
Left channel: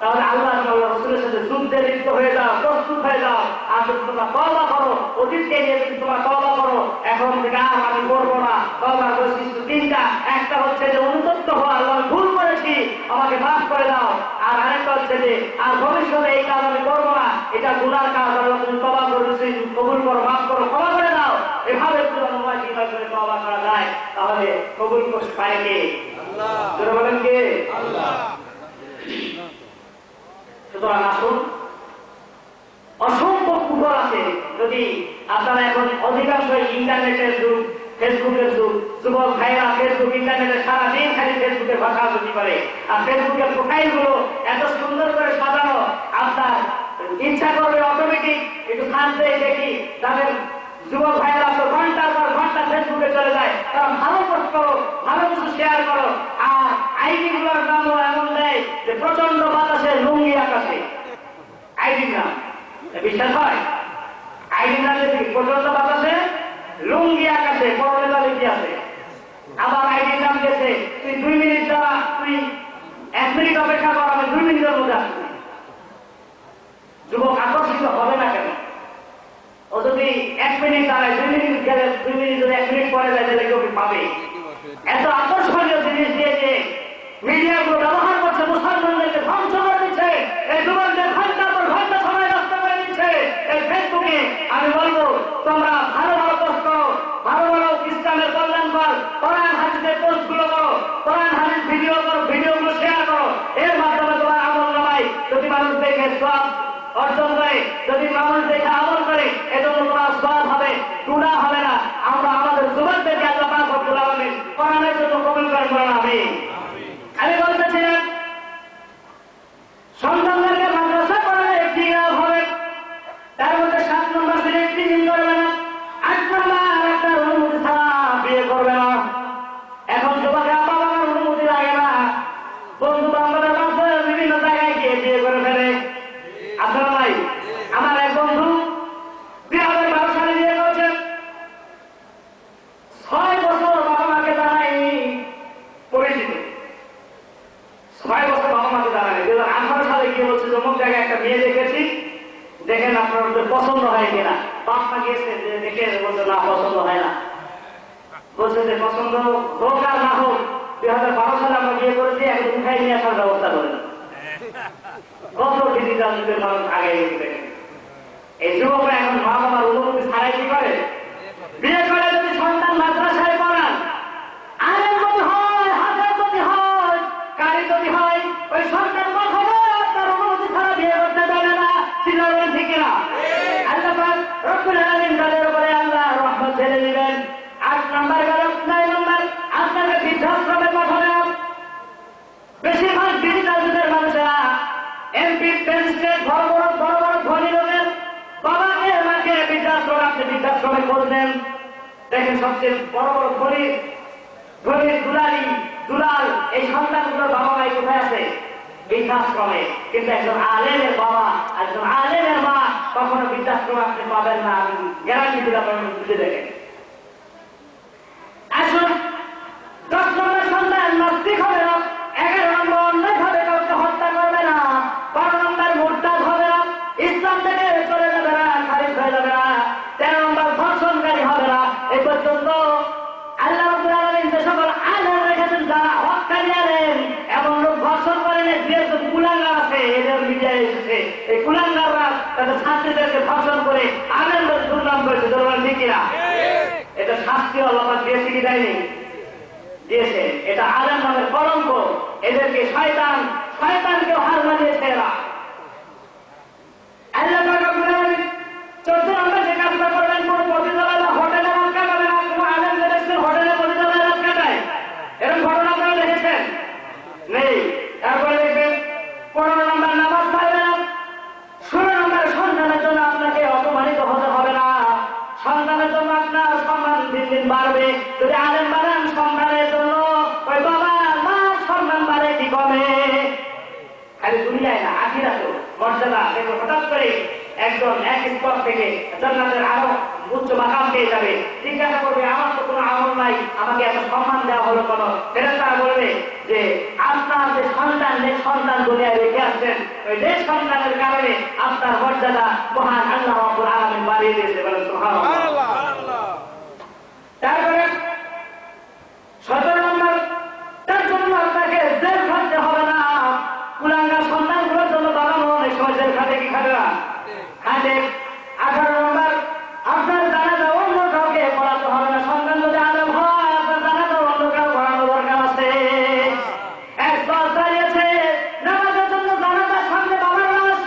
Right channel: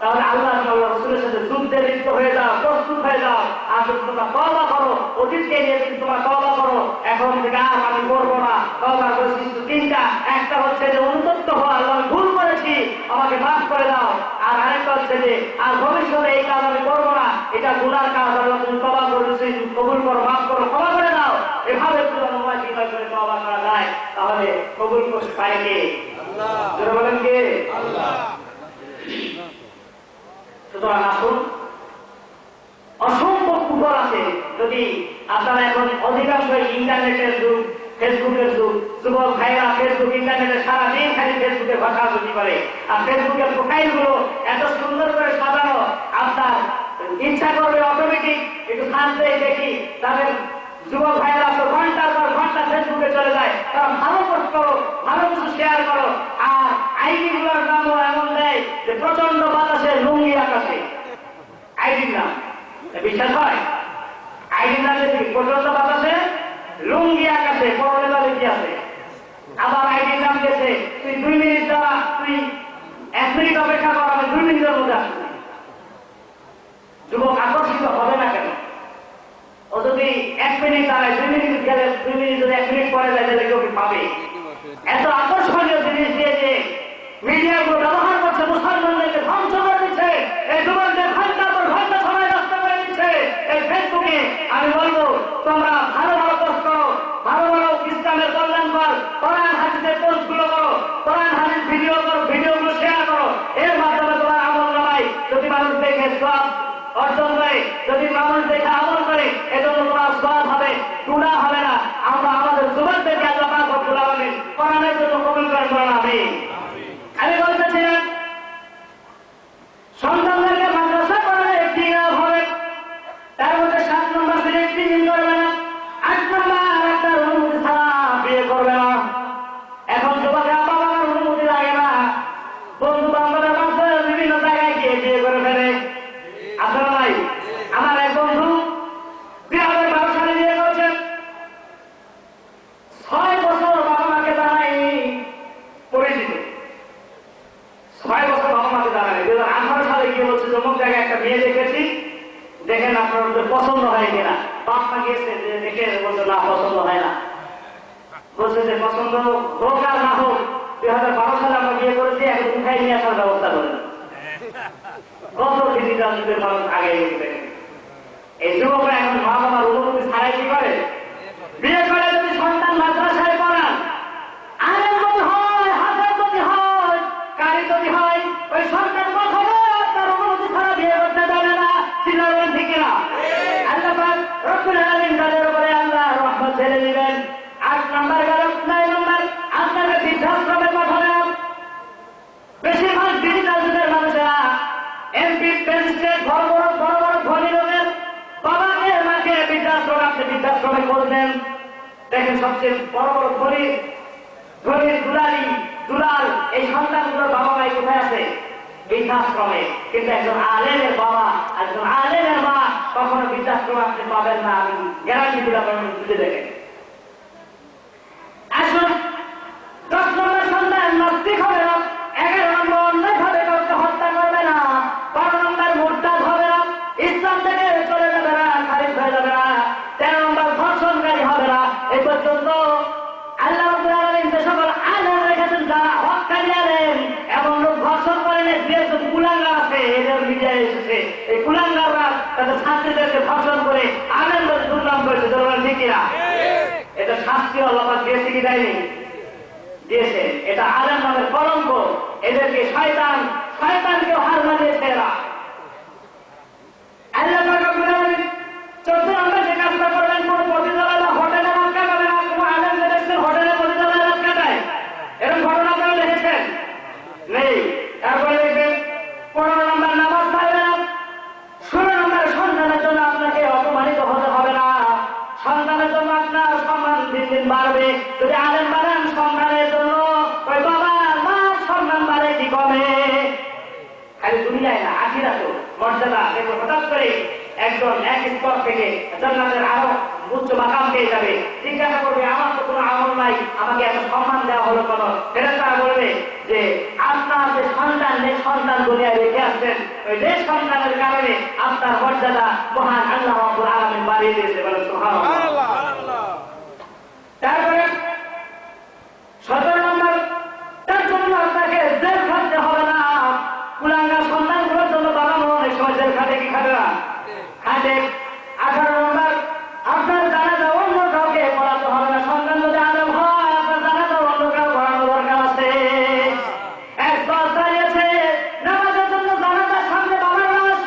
তাহলে আল্লাহ রাসূলের সাথে যুদ্ধে লিপ্ত হয়ে যাও, প্রস্তুত হয়ে যাও। আর যদি তোমরা তওবা করো, অতীতকে নিয়ে যদি তোমরা তওবা করো, এখন থেকে আর আমি করবো না। তওবার বৈশিষ্ট্য 3টা। একটা হচ্ছে যে অনুতপ্ত হওয়া, আল্লাহ আমি ভুল করেছি, আমাকে মাফ করে দাও। আর আরেকটা হচ্ছে যে আর ভবিষ্যতে এই কাজ আমি করবো না, এটা গুনার কাজ, আল্লাহ তুমি তওবা করেছি, কবুল করো, মাফ করো, ক্ষমা করে দাও। এভাবে যদি তওবা করা যায় তাহলে কবুল করতে পারে কে? আল্লাহ। বলেন কে? আল্লাহ। সুতরাং আসুন, অসংখ্য কুফর আছে। যদি আপনারা এখন অধিকাংশ ইন্টারনেটের যুগ, ফেসবুকের যুগ, যুবক ভাইরা ফেসবুক ইন্টারনেটে সারাদিন খালি ফেসবুকে ভাষাভাষি করে। আর ফেসবুকের প্রোফাইল গুলো এত সুন্দর করে সাজানো, আপনার ইচ্ছা করবে অটোমেটিক একটু শান্তি দেখি। তাদের যুবক ভাইরা তো ঘন্টার পর ঘন্টা ফেসবুকে চলে যায়। তারা ভালো পোস্ট করো, ভালো কিছু শেয়ার করো। আর আইডি গুলোর নামও এমন দেয় যে প্রচন্ড বাতাসে লুঙ্গি আকাশে। আইডির নাম বিশ্বাস হয়? আইডির নাম যদি প্রচন্ড বাতাসে লুঙ্গি আকাশে, পরনে দলে কি আছে? আবার আইডির নাম গেছে তুই 2 মিনিট দ্বারা, তুই 1 মিনিট অপেক্ষা কর, আমি 2 মিনিটের মধ্যে আসছি। যুবক আকর্ষিত হবে না কেন? ও যদি 1 মিনিট দাঁড়ায়, 2 মিনিট গেলে 2 মিনিট যদি 1 মিনিট পরে যায় তাহলে কেউ পাবে? এত আকর্ষণীয় জিনিস দিয়ে যে মিডিয়াগুলো ব্যবহার করছে, মুসলমানদেরকে ধ্বংস করে দিচ্ছে। এই যুবকদের ঘন্টার পর ঘন্টা সময় নষ্ট করে দিচ্ছে এই ফেসবুকে। আমি বলবো তোমরা ভালো ভালো পোস্ট করো, ভালো ভালো ইসলামের কল্যাণ কর, কোরআন হাদিসের পোস্ট গুলো করো, কোরআন হাদিস ভিডিও করো, ভিডিওগুলো শেয়ার করো। এর মাধ্যমে তোমার আমল নামায় যদি মানুষ দেখে সওয়াব অর্জন করে, যদি মানুষ দেখে আমল করে, এজন্য তোমার সওয়াব হবে, গুনাহ হবে না। আমরা আমাদের যুবকদেরকে আল্লাহ পাক রব্বুল আলামিন কোরআনের জন্য কবুল করেন। আমিন। আমি বলতেছিলাম সন্তানদেরকে মাদ্রাসা পড়ালে একটি হবে, তার মধ্যে 7 নম্বর শ্রেণী একটি করবে না, 8 নম্বর একটা অনুমতি ছাড়া বিয়ে করবে না। এখন যুবকেরা বাবা মার অনুমতি লাগে না, বন্ধু বান্ধবের মাধ্যমে বিভিন্ন জায়গায় গিয়ে বিয়ে করে ফেলে। আপনারা ভাই, আমার এক বন্ধু 2012 সালে বিয়ে করেছেন। 6 বছর বাবা মাকে জানায়নি, পরিচিত 6 বছর বাবা মাকে জানায়নি। 2018 সালে গিয়ে বলছে অমুক জায়গায় একটা মেয়ে দেখেছি, দেখেন আপনার পছন্দ হয় কিনা। বাপ মা গিয়েছে, দেখে বলছে না পছন্দ হয় না। বলছে যে পছন্দ হোক আর না হোক, 2012 সালে আমরা বিয়ে করেছি, এখন উঠাই নিয়ে আসার ব্যবস্থা করেন। কত ডিজিটাল যুগের মানুষ আগে গেছে। এই যুবকরা এখন মা বাবার অনুমতি ছাড়াই কি করে? বিয়ে করে যদি সন্তান মাদ্রাসায় পড়ান, আলেম যদি হয়, হাজার যদি হয়, কারি যদি হয়, ওই সন্তান কখনো তার অনুমতি ছাড়া বিয়ে করতে দেবে না। চিন্তা ঠিক না? আল্লাহ পাক রব্বুল আলামিন তাদের উপরে আল্লাহ রহমত ছেড়ে দিবেন। 8 নম্বর গেল। 9 নম্বর, আপনাকে বৃদ্ধাশ্রমে পাঠাবেন। বেশিরভাগ ডিজিটাল যুগের মানুষেরা এমপি, প্রেসিডেন্ট, বড় বড় ধনী লোকের বাবাকে মাকে বৃদ্ধাশ্রমে, আপনি বৃদ্ধাশ্রমে করবেন। দেখেন সবচেয়ে বড় ধনীর দুলাল এই সন্তানগুলোর বাবা মাই কোথায় আছে? বৃদ্ধাশ্রমে। কিন্তু একজন আলেমের বাবা, একজন আলেমের মা কখনো বৃদ্ধাশ্রমে আপনি পাবেন না। আমি গ্যারান্টি দিলাম, বুঝে দেখেন। আসুন, 10 নম্বর সন্তান নাস্তিক হবে না। 11 নম্বর অন্যায় ভাবে কাউকে হত্যা করবে না। 12 নম্বর মুরতাদ হবে না, ইসলাম থেকে চলে যাবে না, খারিজ হয়ে যাবে না। 13 নম্বর ধর্ষণকারী হবে না। এই পর্যন্ত আল্লাহ রাব্বুল আলামিন যে সকল আলেম রেখেছেন, যারা হক্কানি আলেম, এমন লোক ধর্ষণ করেন, যে কুলাঙ্গার আছে, এদের মিডিয়ায় এসেছে, এই কুলাঙ্গাররা তাদের ছাত্রীদেরকে ধর্ষণ করে আলেম বলে দুর্নাম করেছে। ঠিক কিনা? এটা শাস্তি আল্লাহ পাক দিয়েছে কি দেয়নি? দিয়েছে। এটা আলেম নামের কলঙ্ক। এদেরকে শয়তানকেও হার মানিয়েছে এরা। আল্লাহ পাক রব্বুল আলামিন 14 নম্বর যে কাজটা করবেন, কোন পতিতালয় হোটেলে রাত কাটাবে না। কোন আলেম দেখছেন হোটেলে পতিতালয় রাত কাটায়? এরকম ঘটনা আপনারা দেখেছেন? নেই। তারপরে দেখবেন 15 নম্বর নামাজ পাইবে না। 16 নম্বর সন্তানের জন্য আপনাকে অপমানিত হতে হবে না। সন্তানের জন্য আপনার সম্মান দিন দিন বাড়বে। যদি আলেম বাড়েন সন্তানের জন্য, ওই বাবা মা সম্মান বাড়ে কি কমে? খালি দুনিয়ায় না, আখিরাতেও মর্যাদা। দেখো হঠাৎ করে একজন এক স্তর থেকে জান্নাতের আরো উচ্চ মাকাম পেয়ে যাবে। জিজ্ঞাসা করবে, আমার তো কোনো আমল নাই, আমাকে এত সম্মান দেওয়া হলো কেন? ফেরেশতারা বলবে যে আপনার যে সন্তান দুনিয়ায় রেখে আসছেন, ওই যে সন্তানের কারণে আপনার মর্যাদা মহান আল্লাহ রাব্বুল আলামিন বাড়িয়ে দিয়েছে। বলেন সুবহানাল্লাহ। তারপরে 17 নম্বর, তার জন্য আপনাকে জেল খাটতে হবে না। কুলাঙ্গার সন্তানগুলোর জন্য বাবা মা অনেক সময় জেল খাটে, কি খাটে না? খাটে। 18 নম্বর, আপনার জানাজা অন্য কাউকে পড়াতে হবে না। সন্তান যদি আলেম হয়, আপনার জানাজা অন্য কাউ পড়ানো দরকার আছে। এক দল দাঁড়িয়েছে নামাজের জন্য, জানাজার সামনে বাবার লাশ।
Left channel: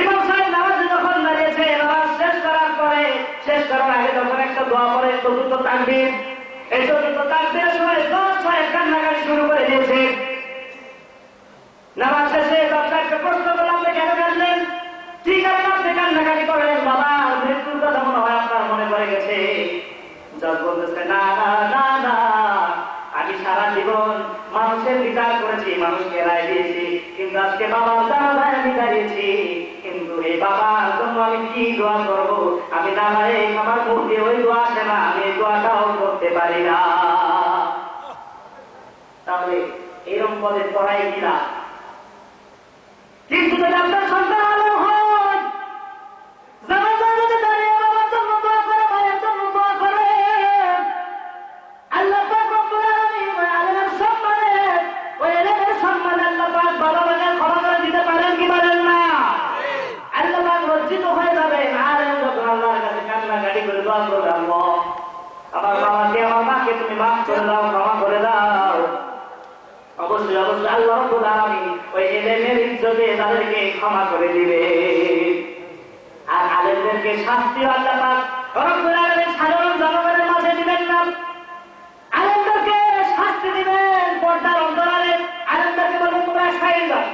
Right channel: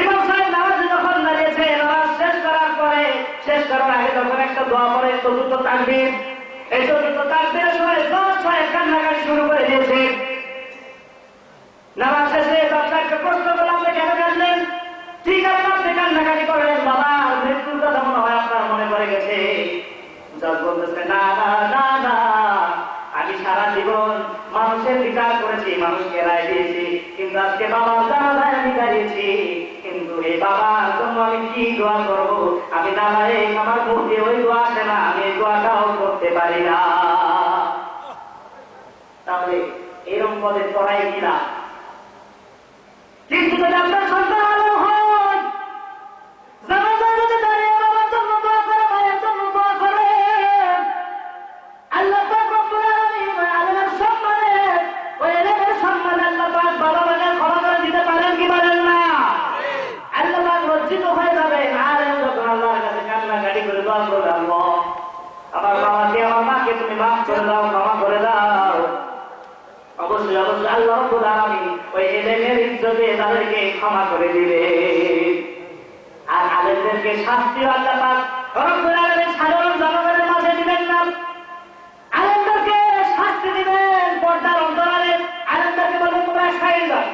ইমাম সাহেব নামাজে যখন দাঁড়িয়েছে, নামাজ শেষ করার আগে যখন একটা দোয়া পড়ে, চতুর্থ তাকবীর, এই চতুর্থ তাকবীরের সময় 10 সাহেব কান্নাকাটি শুরু করে দিয়েছে। নামাজ শেষে দর্শককে প্রশ্ন করলাম, আপনি কেন কাঁদলেন? ঠিক আছে, আপনি কান্নাকাটি করেন, বাবা মৃত্যুর কথা মনে হয় আপনার মনে পড়ে গেছে। জজ বলতেছে, না না না না, আমি সারা জীবন মানুষের বিচার করেছি, মানুষকে রায় দিয়েছি, কিন্তু আজকে বাবার জানাজায় আমি দাঁড়িয়েছি। কিন্তু এই বাবার জন্য আমি কি দোয়া করবো? আমি দাঁড়াই, আমার মুখে ওই দোয়া আসে না, আমি এই দোয়াটাও করতে পারি না। তাহলে এরকম পদে পড়াই কিনা? কিন্তু যদি আপনার সন্তান আলো হয়, জানাজায় যদি দাঁড়িয়ে বাবার জন্য দোয়া করে, মায়ের জন্য দোয়া করে, আল্লাহ পাক রব্বুল আলামিন ওই আলেমের সম্মানে, ওই এলেমের সম্মানে আল্লাহ পাক বাবা মাকে ক্ষমা করে দিতে পারেন কি পারেন না? আল্লাহ পাক লজ্জিত হয়ে যাবেন। আলেম যখন আল্লাহর কাছে কান্নাকাটি করে দোয়া করবে, আল্লাহ আমার বাবাকে, আমার মাকে তুমি মাফ করে দাও, ক্ষমা করে দাও, অবশ্যই অবশ্যই আল্লাহ রাব্বুল আলামিন ওই এলেমের ইজ্জতে তাদেরকে ক্ষমা করে দিবে। আর আলেমদেরকে শাস্তি আল্লাহ পাক রব্বুল আলামিন সাধারণ জনগণের মাঝে দিবেন না। আলেমদেরকে শাস্তি দিবেন পর্দার অন্তরালে। আলেমদেরকে বলবেন, তোমরা খাই যাও,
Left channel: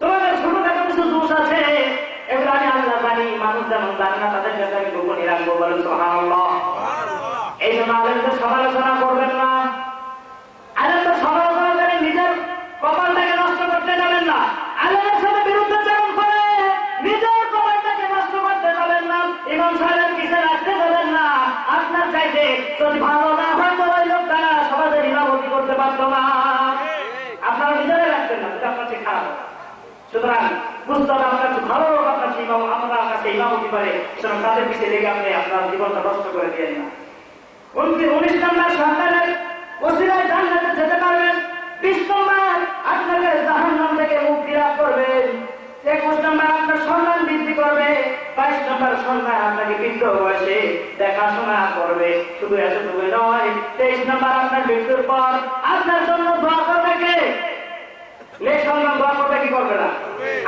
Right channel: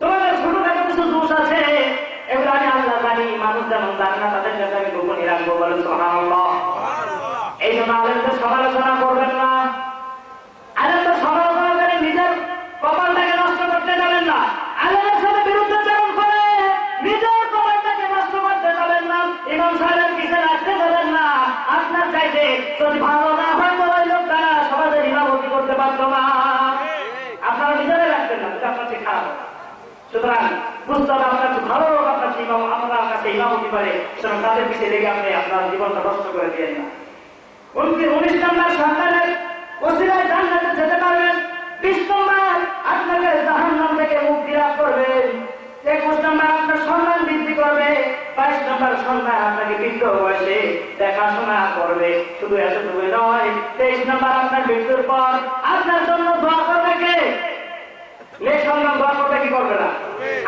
তোমাদের ছোটখাটো কিছু দোষ আছে, এগুলো আমি আল্লাহ জানি, মানুষ যেমন জানে না, তাদের কাছে আমি গোপনই রাখবো। বলেন সুবহানাল্লাহ। এই জন্য আলেমদের সমালোচনা করবেন না। আলেমদের সমালোচনা করে নিজের কপালটাকে নষ্ট করতে যাবেন না। আলেমের সাথে বিরুদ্ধাচরণ করে নিজের কপালটাকে নষ্ট করতে যাবেন না। ইমাম সাহেবের পিছনে রাখতে যাবেন না। আপনার চাইতে যদি ভালো না হয়, তো ওই লোক তারা সমাজের ইমামতি করতে পারতো না। আপনারা নিজেরাই রাখবেন না, যদি আপনার চেয়ে খারাপ। সুতরাং বুঝতে হবে, আপনার ভালো লোক আপনার ইমাম, আপনার কাছে ইমামতি করে, সুতরাং তাদের পিছিয়ে লেগে আপনি আপনার জীবনটা নষ্ট করে দিয়ে না। 19 নম্বর সন্তানের ওসিলায় জান্নাতে যেতে পারবেন। 20 নম্বর আপনাকে জাহান্নাম থেকে মুক্তি লাভ করবেন। 21 নম্বর আপনার সম্মান বৃদ্ধি করবে, 22 নম্বর সম্মান আপনাকে বৃদ্ধ বয়সে দেখাশোনা করবে। শুধু এতটুকু নয়, 23 নম্বর আপনার মৃত্যুর পর আপনার জন্য দোয়া করবে কে? সন্তান দোয়া করবে কি করবে না?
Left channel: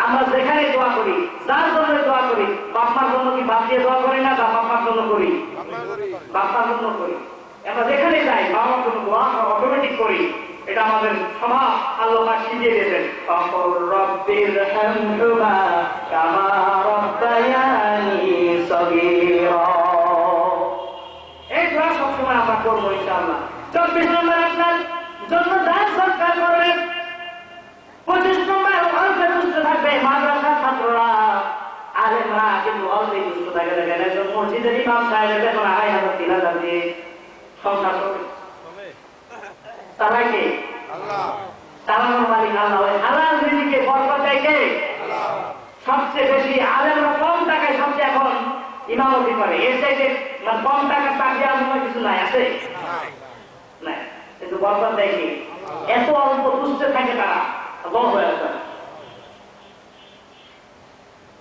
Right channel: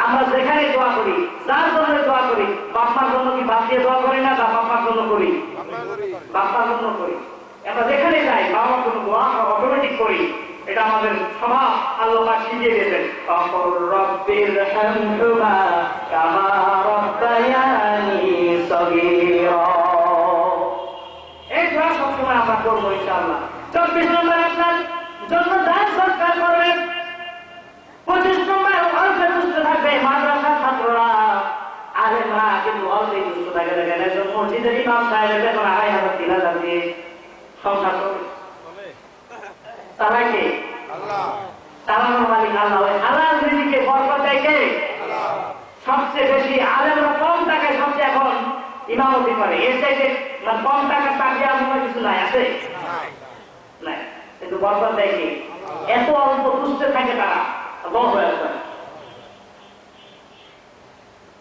আমরা যেখানে দোয়া করি, যার জন্য দোয়া করি, বাপমার জন্য কি বাপ দিয়ে দোয়া করি না, বাপমার জন্য করি? বাপমার জন্য করি। আমরা যেখানে যাই বাবার জন্য দোয়া অটোমেটিক করি, এটা আমাদের স্বভাব। আল্লাহ শিখিয়ে দিয়েছেন, রব্বির হামহুমা কামা রাব্বায়ানি সগীরা। এই দোয়া সবসময় আমরা করবো ইনশাআল্লাহ। 24 নম্বর আপনার জন্য দান সৎকার করবেন। 25 নম্বর অল্পে দুষ্ট থাকবে মাদ্রাসার ছাত্ররা, আলেমরা কিন্তু অল্পেই দুষ্ট থাকে। দেখেন একজন মসজিদের ইমাম সাহেবের বেতন 2,500 3,000 দিয়ে সংসার করে। তারাই কে? চালানোর মালিক আল্লাহ। ওই হালাল রিজিকে বরকত দেয় কে? সবচেয়ে বেশি আলেমরা কম টাকায় সবচেয়ে এখন ইমামতি করে। এর চাইতে কম টাকা চাকরি আপনার কিছু নাই, আছে নাই, কিন্তু বরকত দেয় কে? এত অল্প দুষ্টে থাকে তারা।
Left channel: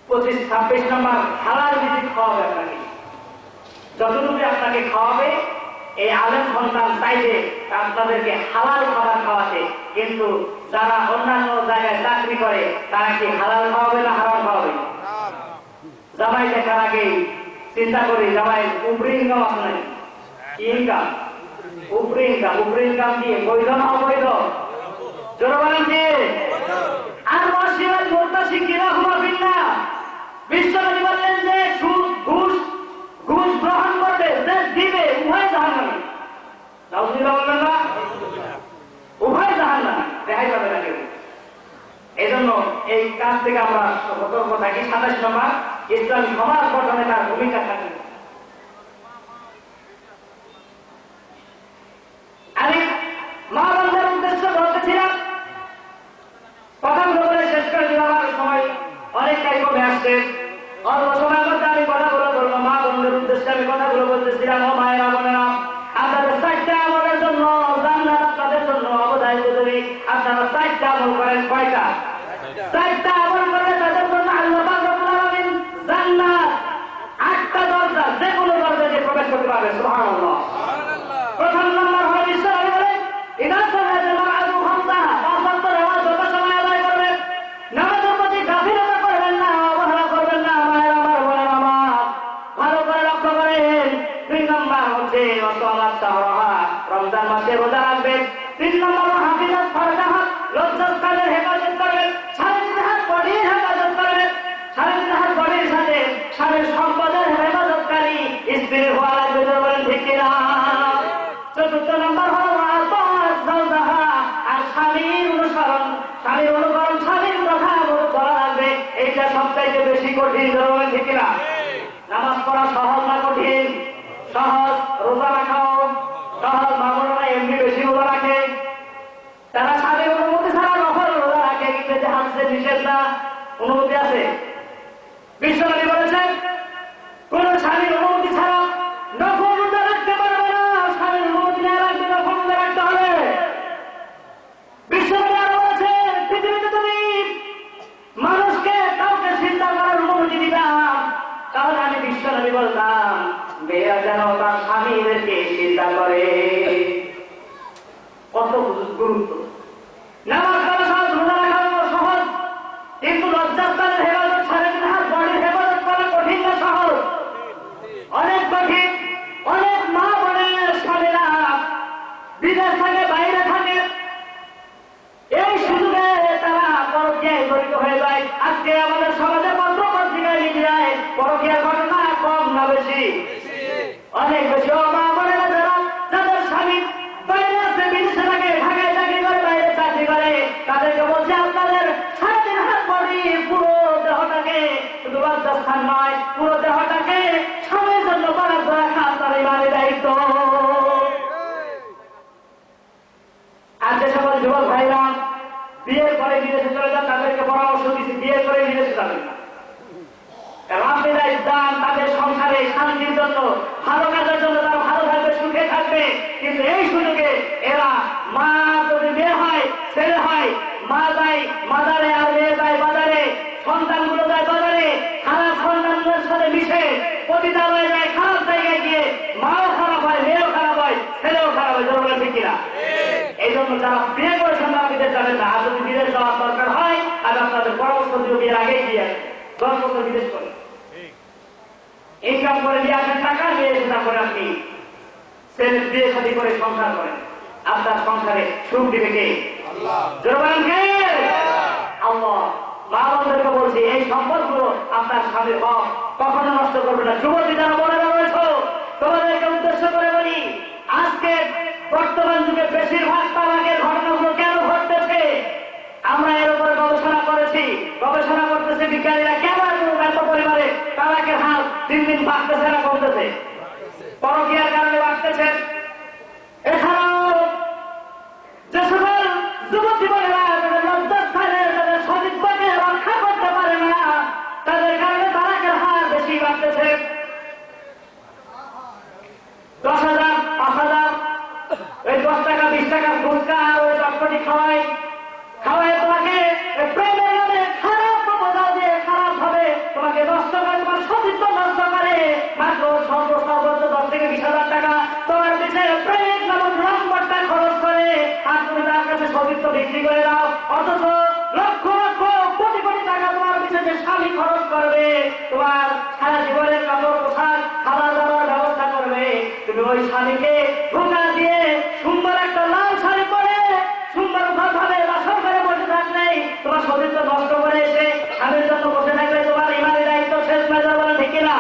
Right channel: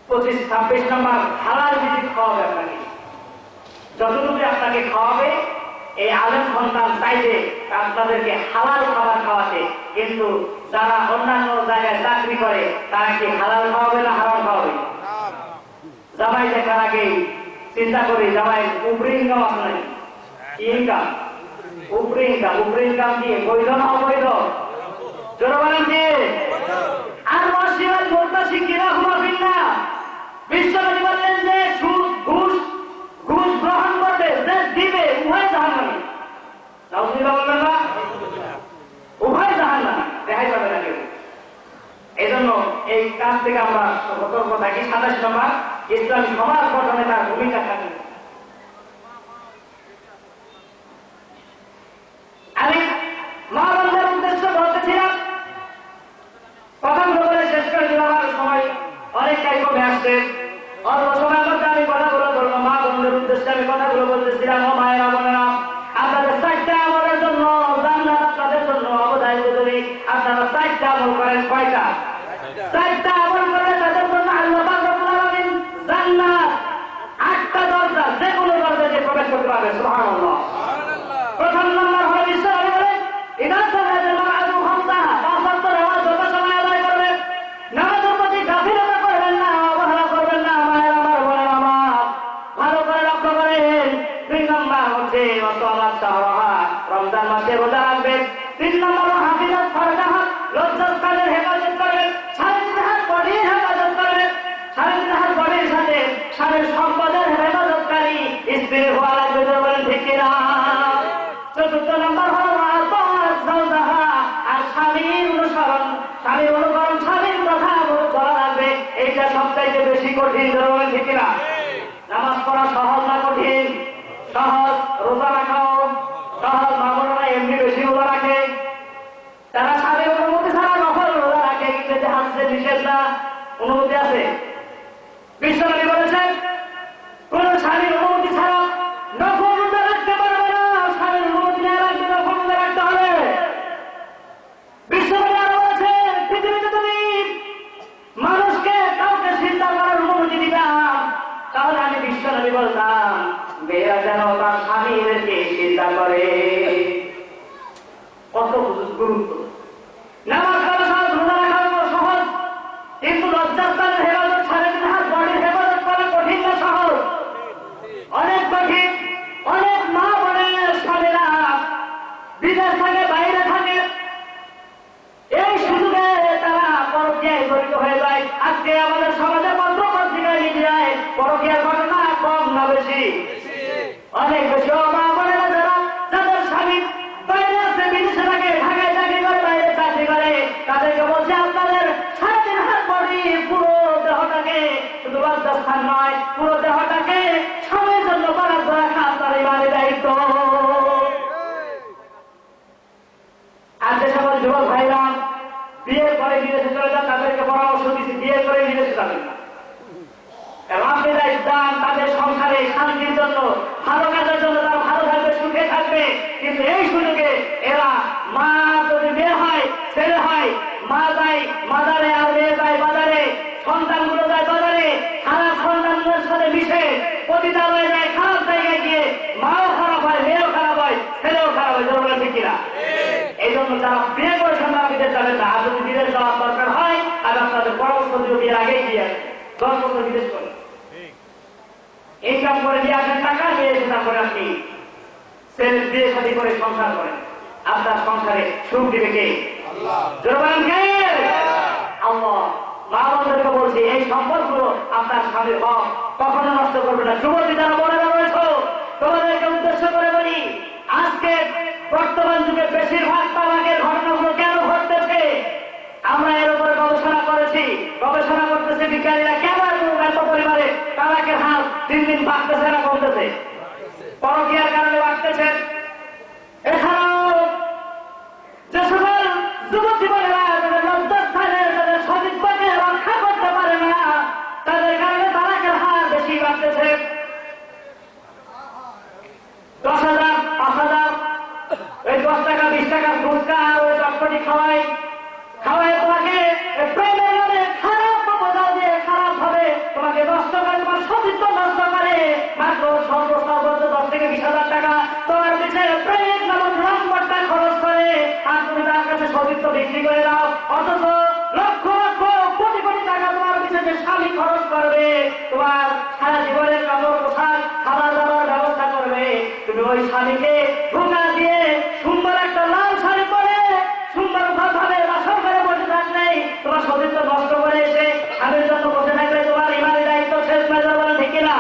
25-26 নম্বর হালাল রিজিক খাওয়াবে আপনাকে। যতটুকু আপনাকে খাওয়াবে এই আলেম সন্তান চাইবে আপনাদেরকে হালাল খাবার খাওয়াতে, কিন্তু যারা অন্যান্য জায়গায় চাকরি করে তারা কি হালাল খাওয়াবে না হারাম খাওয়াবে? জামাই দেখার আগে চিন্তা করি জামাই উপরি ইনকাম আপনার ইনকাম, উপরি ইনকাম, উপরি ইনকাম দিয়ে বৈধ না অবৈধ? জোর বলেন কি? আর মসজিদ বলতে শিখিরা হুমাবিল্লা বিশ্বনবী বললেন যে সুদ ঘুষ গ্রহণ করবে, যে দিবে উভয় জাহান্নামী। নাউজুবিল্লাহ বলবেন না? উভয় জাহান্নামী, দেখাই পাবে না কেউ। এই জন্য এই কাজ থেকে আমরা সতর্ক থাকি। 27 নম্বর ইসলামী সমাজ গঠনে তার ভূমিকা থাকে। আমি মা বন্ধের উদ্দেশ্য বলতেছিলাম, কথাগুলো বলে শেষ করে দেওয়ার সময় অনেকটাই কমে আসছে। অল্প সময়ের মধ্যে আমি কথাগুলো বলবো। মা বন্ধের উদ্দেশ্যে আমি কথাগুলো বলতেছিলাম। ও মায়েরা বোনেরা, আপনাদের 4টা আমলের জন্য জান্নাত আপনাদের জন্য অবদায়িত। যদি আপনারা 4টা আমল করেন, কয়টা? 4টা আমল করলে তাদের জন্য আল্লাহ পাক রব্বুল আলামিন জান্নাত 8টা দরজা, যে কোনো দরজা দিয়ে প্রবেশ করতে পারবে। সুবহানাল্লাহ। প্রথম নম্বর হলো ইসলাম বলেন ইদা সালাতা মা'আহু খামসাহা, 5 ওয়াক্ত নামাজ যত সময় আদায় করবেন, নামাজের প্রতি গাফিলতা করবেন না, অবহেলা করবেন না। মায়ের আমার বোনের আমার ভালো করে লক্ষ্য করেন। 2 নম্বর হচ্ছে ওয়াসালাত শাহরাহা, রমজান মাসে রোজা রাখবেন। 3 নম্বর হাফিজাত ফারজাহা, লজ্জাস্থানের হেফাজত করবেন। শারীরিক হাত বডির হেফাজত করবেন। শারীরিক হাত বডির সাথে স্বামীর সম্পদের হেফাজতকারী স্ত্রী হওয়া লাগবে। বলেন ঠিক কিনা? 4 নম্বর হল আর স্বামীর অনুসরণ, স্বামীর অনুকরণ, স্বামীর কথা বলা লাগবে। এইটা সবচাইতে বেশি কঠিন। বলেন ঠিক কিনা? নামাজ পড়া সহজ না কঠিন? সহজ। রোজা রাখাও সহজ। মামুনরা এমনি বেশি রোজা রাখে, তারা স্বামীর অনুমতি ছাড়া নফল রোজা রাখে, কিন্তু যে হাদিসে নিষেধ না, অনুমতি আছে। বিশ্বনবী বলেছেন কোন স্বামীর অনুমতি ছাড়া নফল রোজা রাখতে পারবে না। স্বামীর অনুমতি না রাখতে নফল রোজা রাখতে হবে। বিশ্বনবী আরো বলেছেন পৃথিবীতে তুমি মানুষকে কাউকে চিন্তা করার অনুমতি দিতাম, তাহলে আমি বিশ্বনবী বলতাম মেয়েরা যেন তার স্বামীদেরকে চিন্তা করে। কত গুরুত্ব! নামাজ পড়া সহজ, রোজা রাখা সহজ, কিন্তু লজ্জাস্থানের হেফাজত, শারীরিক হাত বডির হেফাজত করা কঠিন না সহজ? অনেক কঠিন। অনেক মা বোনের স্বামীরা বিদেশ থাকে, বাইরে থাকে, এই সুযোগে তারা পরকীয়ায় জড়িত হয়ে যায়। আজকে আমাদের সমাজে পত্র পত্রিকায় মিডিয়ায় পরকীয়ার ঘটনা কম না বেশি? অনেক বেশি। ও মা বোনেরা, যাদের স্বামী বাইরে আছে, বিদেশে থাকে, ঢাকায় চাকরি করে, বাইরে চাকরি করে, তাদেরকে বলছে আপনাদের সারাদিন হাত বডি পুরো দেহটাকে, শুধু লজ্জাস্থান নয়, পুরো দেহটাকে স্বামীর জন্য বরাদ্দ রাখা আপনার ইমানের দায়িত্ব। আর যে সকল যুবক ভাইরা বিয়ের পরে বিদেশে চলে যান, তাদেরকে পরামর্শ দিচ্ছি বিয়ের পরে বিদেশে যাবেন না। কারণ আপনারা ইসলাম তাদের সংসারে শান্তির জন্য, ভালো কাজের জন্য, তারা ভালো থাকবে, সুখে থাকবে। কিন্তু এই সুযোগে এরা মা যদি মেয়ে হয়, ছেলে হয়, মা যায় মাজারে আর মেয়ে যায় বাজারে, সন্তানগুলো যায় বাজারে, খারাপ সন্তানদের সাথে মিশে পতিতালয়ে যায়, খারাপ জায়গায় গিয়ে মাও খারাপ হয়, মেয়েও খারাপ হয়, ছেলেও খারাপ হয়। জোর বলে ঠিক কিনা? এই জন্য যারা বিয়ে করেছেন তারা বিদেশ যাবেন না। আর যদি বিদেশ যাওয়ার দরকার হয়, আর আপনাদের পরামর্শ দিও বিয়ের আগেই দিয়ে 10 বছর বিদেশ করে ইনকাম করে দিয়ে আসেন টাকা, বিয়ে তারপরে আপনি ছেলে বিয়ে শাদী করে সংসার করেন। আপনার সংসারে সুখ দিবে কে? জোর বলেন কে? আল্লাহ। মা বোনদেরকে বলছি, এই সম্পদগুলো আপনার স্বামীর হক, কখনো নষ্ট করবে না। যুবতী যারা বোনেরা রয়েছে, তোমাদেরকে উদ্দেশ্য করে বলি, আজকে বর্তমান যুগে বেশিরভাগ তালাকের ঘটনাগুলো কেন ঘটতেছে? আমরা এর উপরে গবেষণা করেছি, গবেষণা করতেছে বিজ্ঞানীরা, কেন এত পরিমাণে তালাকের হার দিন দিন বাড়তেছে না কমতেছে? পরকীয়ার কারণে বাড়তেছে। এছাড়াও যে সকল যুবতী বোনেরা তাদের লজ্জাস্থানে তাদের সতীত্বকে রক্ষা করতে পারে না, তাদের কারণে তালাকের হার বেশি বাড়তেছে। 10,000, 5,000, ওই 10 টাকা 20 টাকা ফুচকা আর ওই চটপটি খাওয়ায় তোমাকে প্রেমের নামে খারাপ প্রপোজাল দিয়ে খারাপ ভাবে তোমাকে নষ্ট করে, তোমার সতীত্ব নষ্ট করে। মাত্র সর্বোচ্চ 10 থেকে 20,000 টাকা তোমার পিছনে প্রেম নামক নম্বরটা খরচ করে, আর তুমি তার কাছে সতীত্ব বিক্রি করে দাও। অথচ লক্ষ লক্ষ কোটি কোটি টাকা তোমার পিছনে স্বামী খরচ করবে, তোমার সারা জীবনের কাপড় পোশাক খাবার দাবার ব্যবস্থা করবে। তুমি ওই স্বামীকে ধোঁকা দিয়ে সুন্দর একটা লাল শাড়ি পরে সুন্দর ভাবে বাসর করে বসে থাকলে, তোমার সতীত্ব নষ্ট করে এসে স্বামীর জন্য বসে থাকলে তোমার ইমানের দায়িত্ব শেষ মেজার বলে ঠিক কিনা?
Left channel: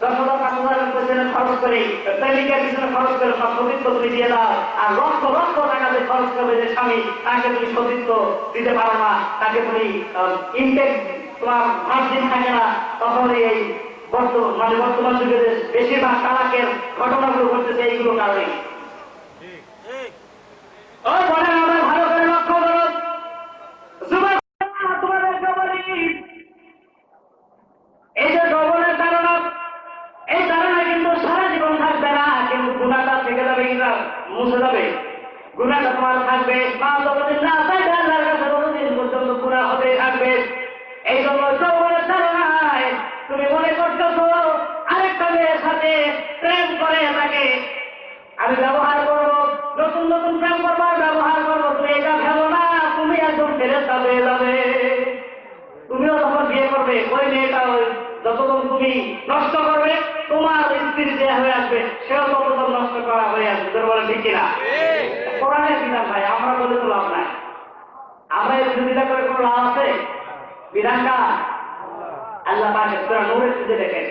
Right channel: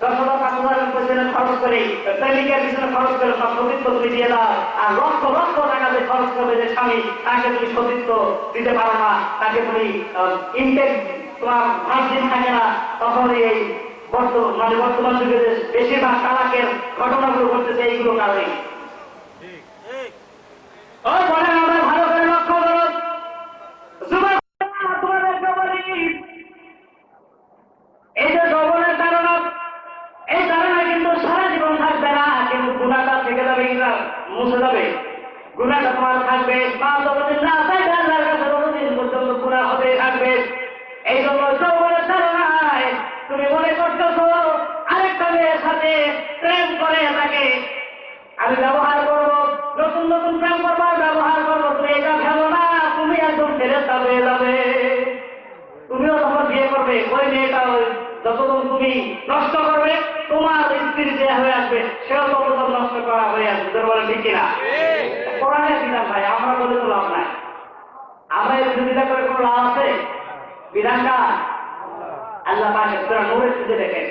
10,000, 5,000 পেছনে খরচ করে, প্রেমিকার পিছনে খরচ করে সব সতীত্ব তুমি দিয়ে দাও। আর লক্ষ লক্ষ টাকা দিয়ে খরচ করবে যে স্বামী, তাকে তুমি সতীত্ব দিতে পারো না, তাকে তুমি ইনটেক তোমার ভার্জিন থাকে না। তখন এই বর্তমান যুগে বেশিরভাগ তালাকের ঘটনাগুলো ঘটতেছে এইগুলো কারণে। বলেন, আমরা ভালো করে লক্ষ্য করো, তোমাদেরকে বলি, এই যে যৌবনের ধারণা, এই ধারণা কিন্তু সারা জীবন থাকবে না, কিন্তু গুণাটা থেকে যাবে, কিনা মুছে যাবে। গুণাটা তোমার থাকবে, মা যতদিন না চাইবে আল্লাহর কাছে ততদিন পর্যন্ত গুণা হতে থাকবে। এই জন্য যৌবনের ধারণায় তুমি মনে করতেছো আরেকটা মেয়ের সাথে প্রেম করে তাকে আমি ব্যবহার করবো, নতুন নতুন প্রেম করবার ব্যবহার করবো। তুমি এটা ভেবো না তুমি একদম ফেরেশতা হয়ে যাবে। তুমিও যখন বিয়ে করবে, ওই মেয়েটা যতক্ষণ তুমি নষ্ট করবে, তোমার স্ত্রী যে হয়ে আসবে সেও ততক্ষণ নষ্ট করা হয়ে আসবে। তোর বলে ঠিক কিনা? কোরআনের বিধান ভাই, আমরা বলে তো লাভ নাই। আমরা এই বিরোধিতা করে কোনো লাভ আছে? বিধানটা আল্লাহ পাকের সূরা নূরের মধ্যে দেখেন,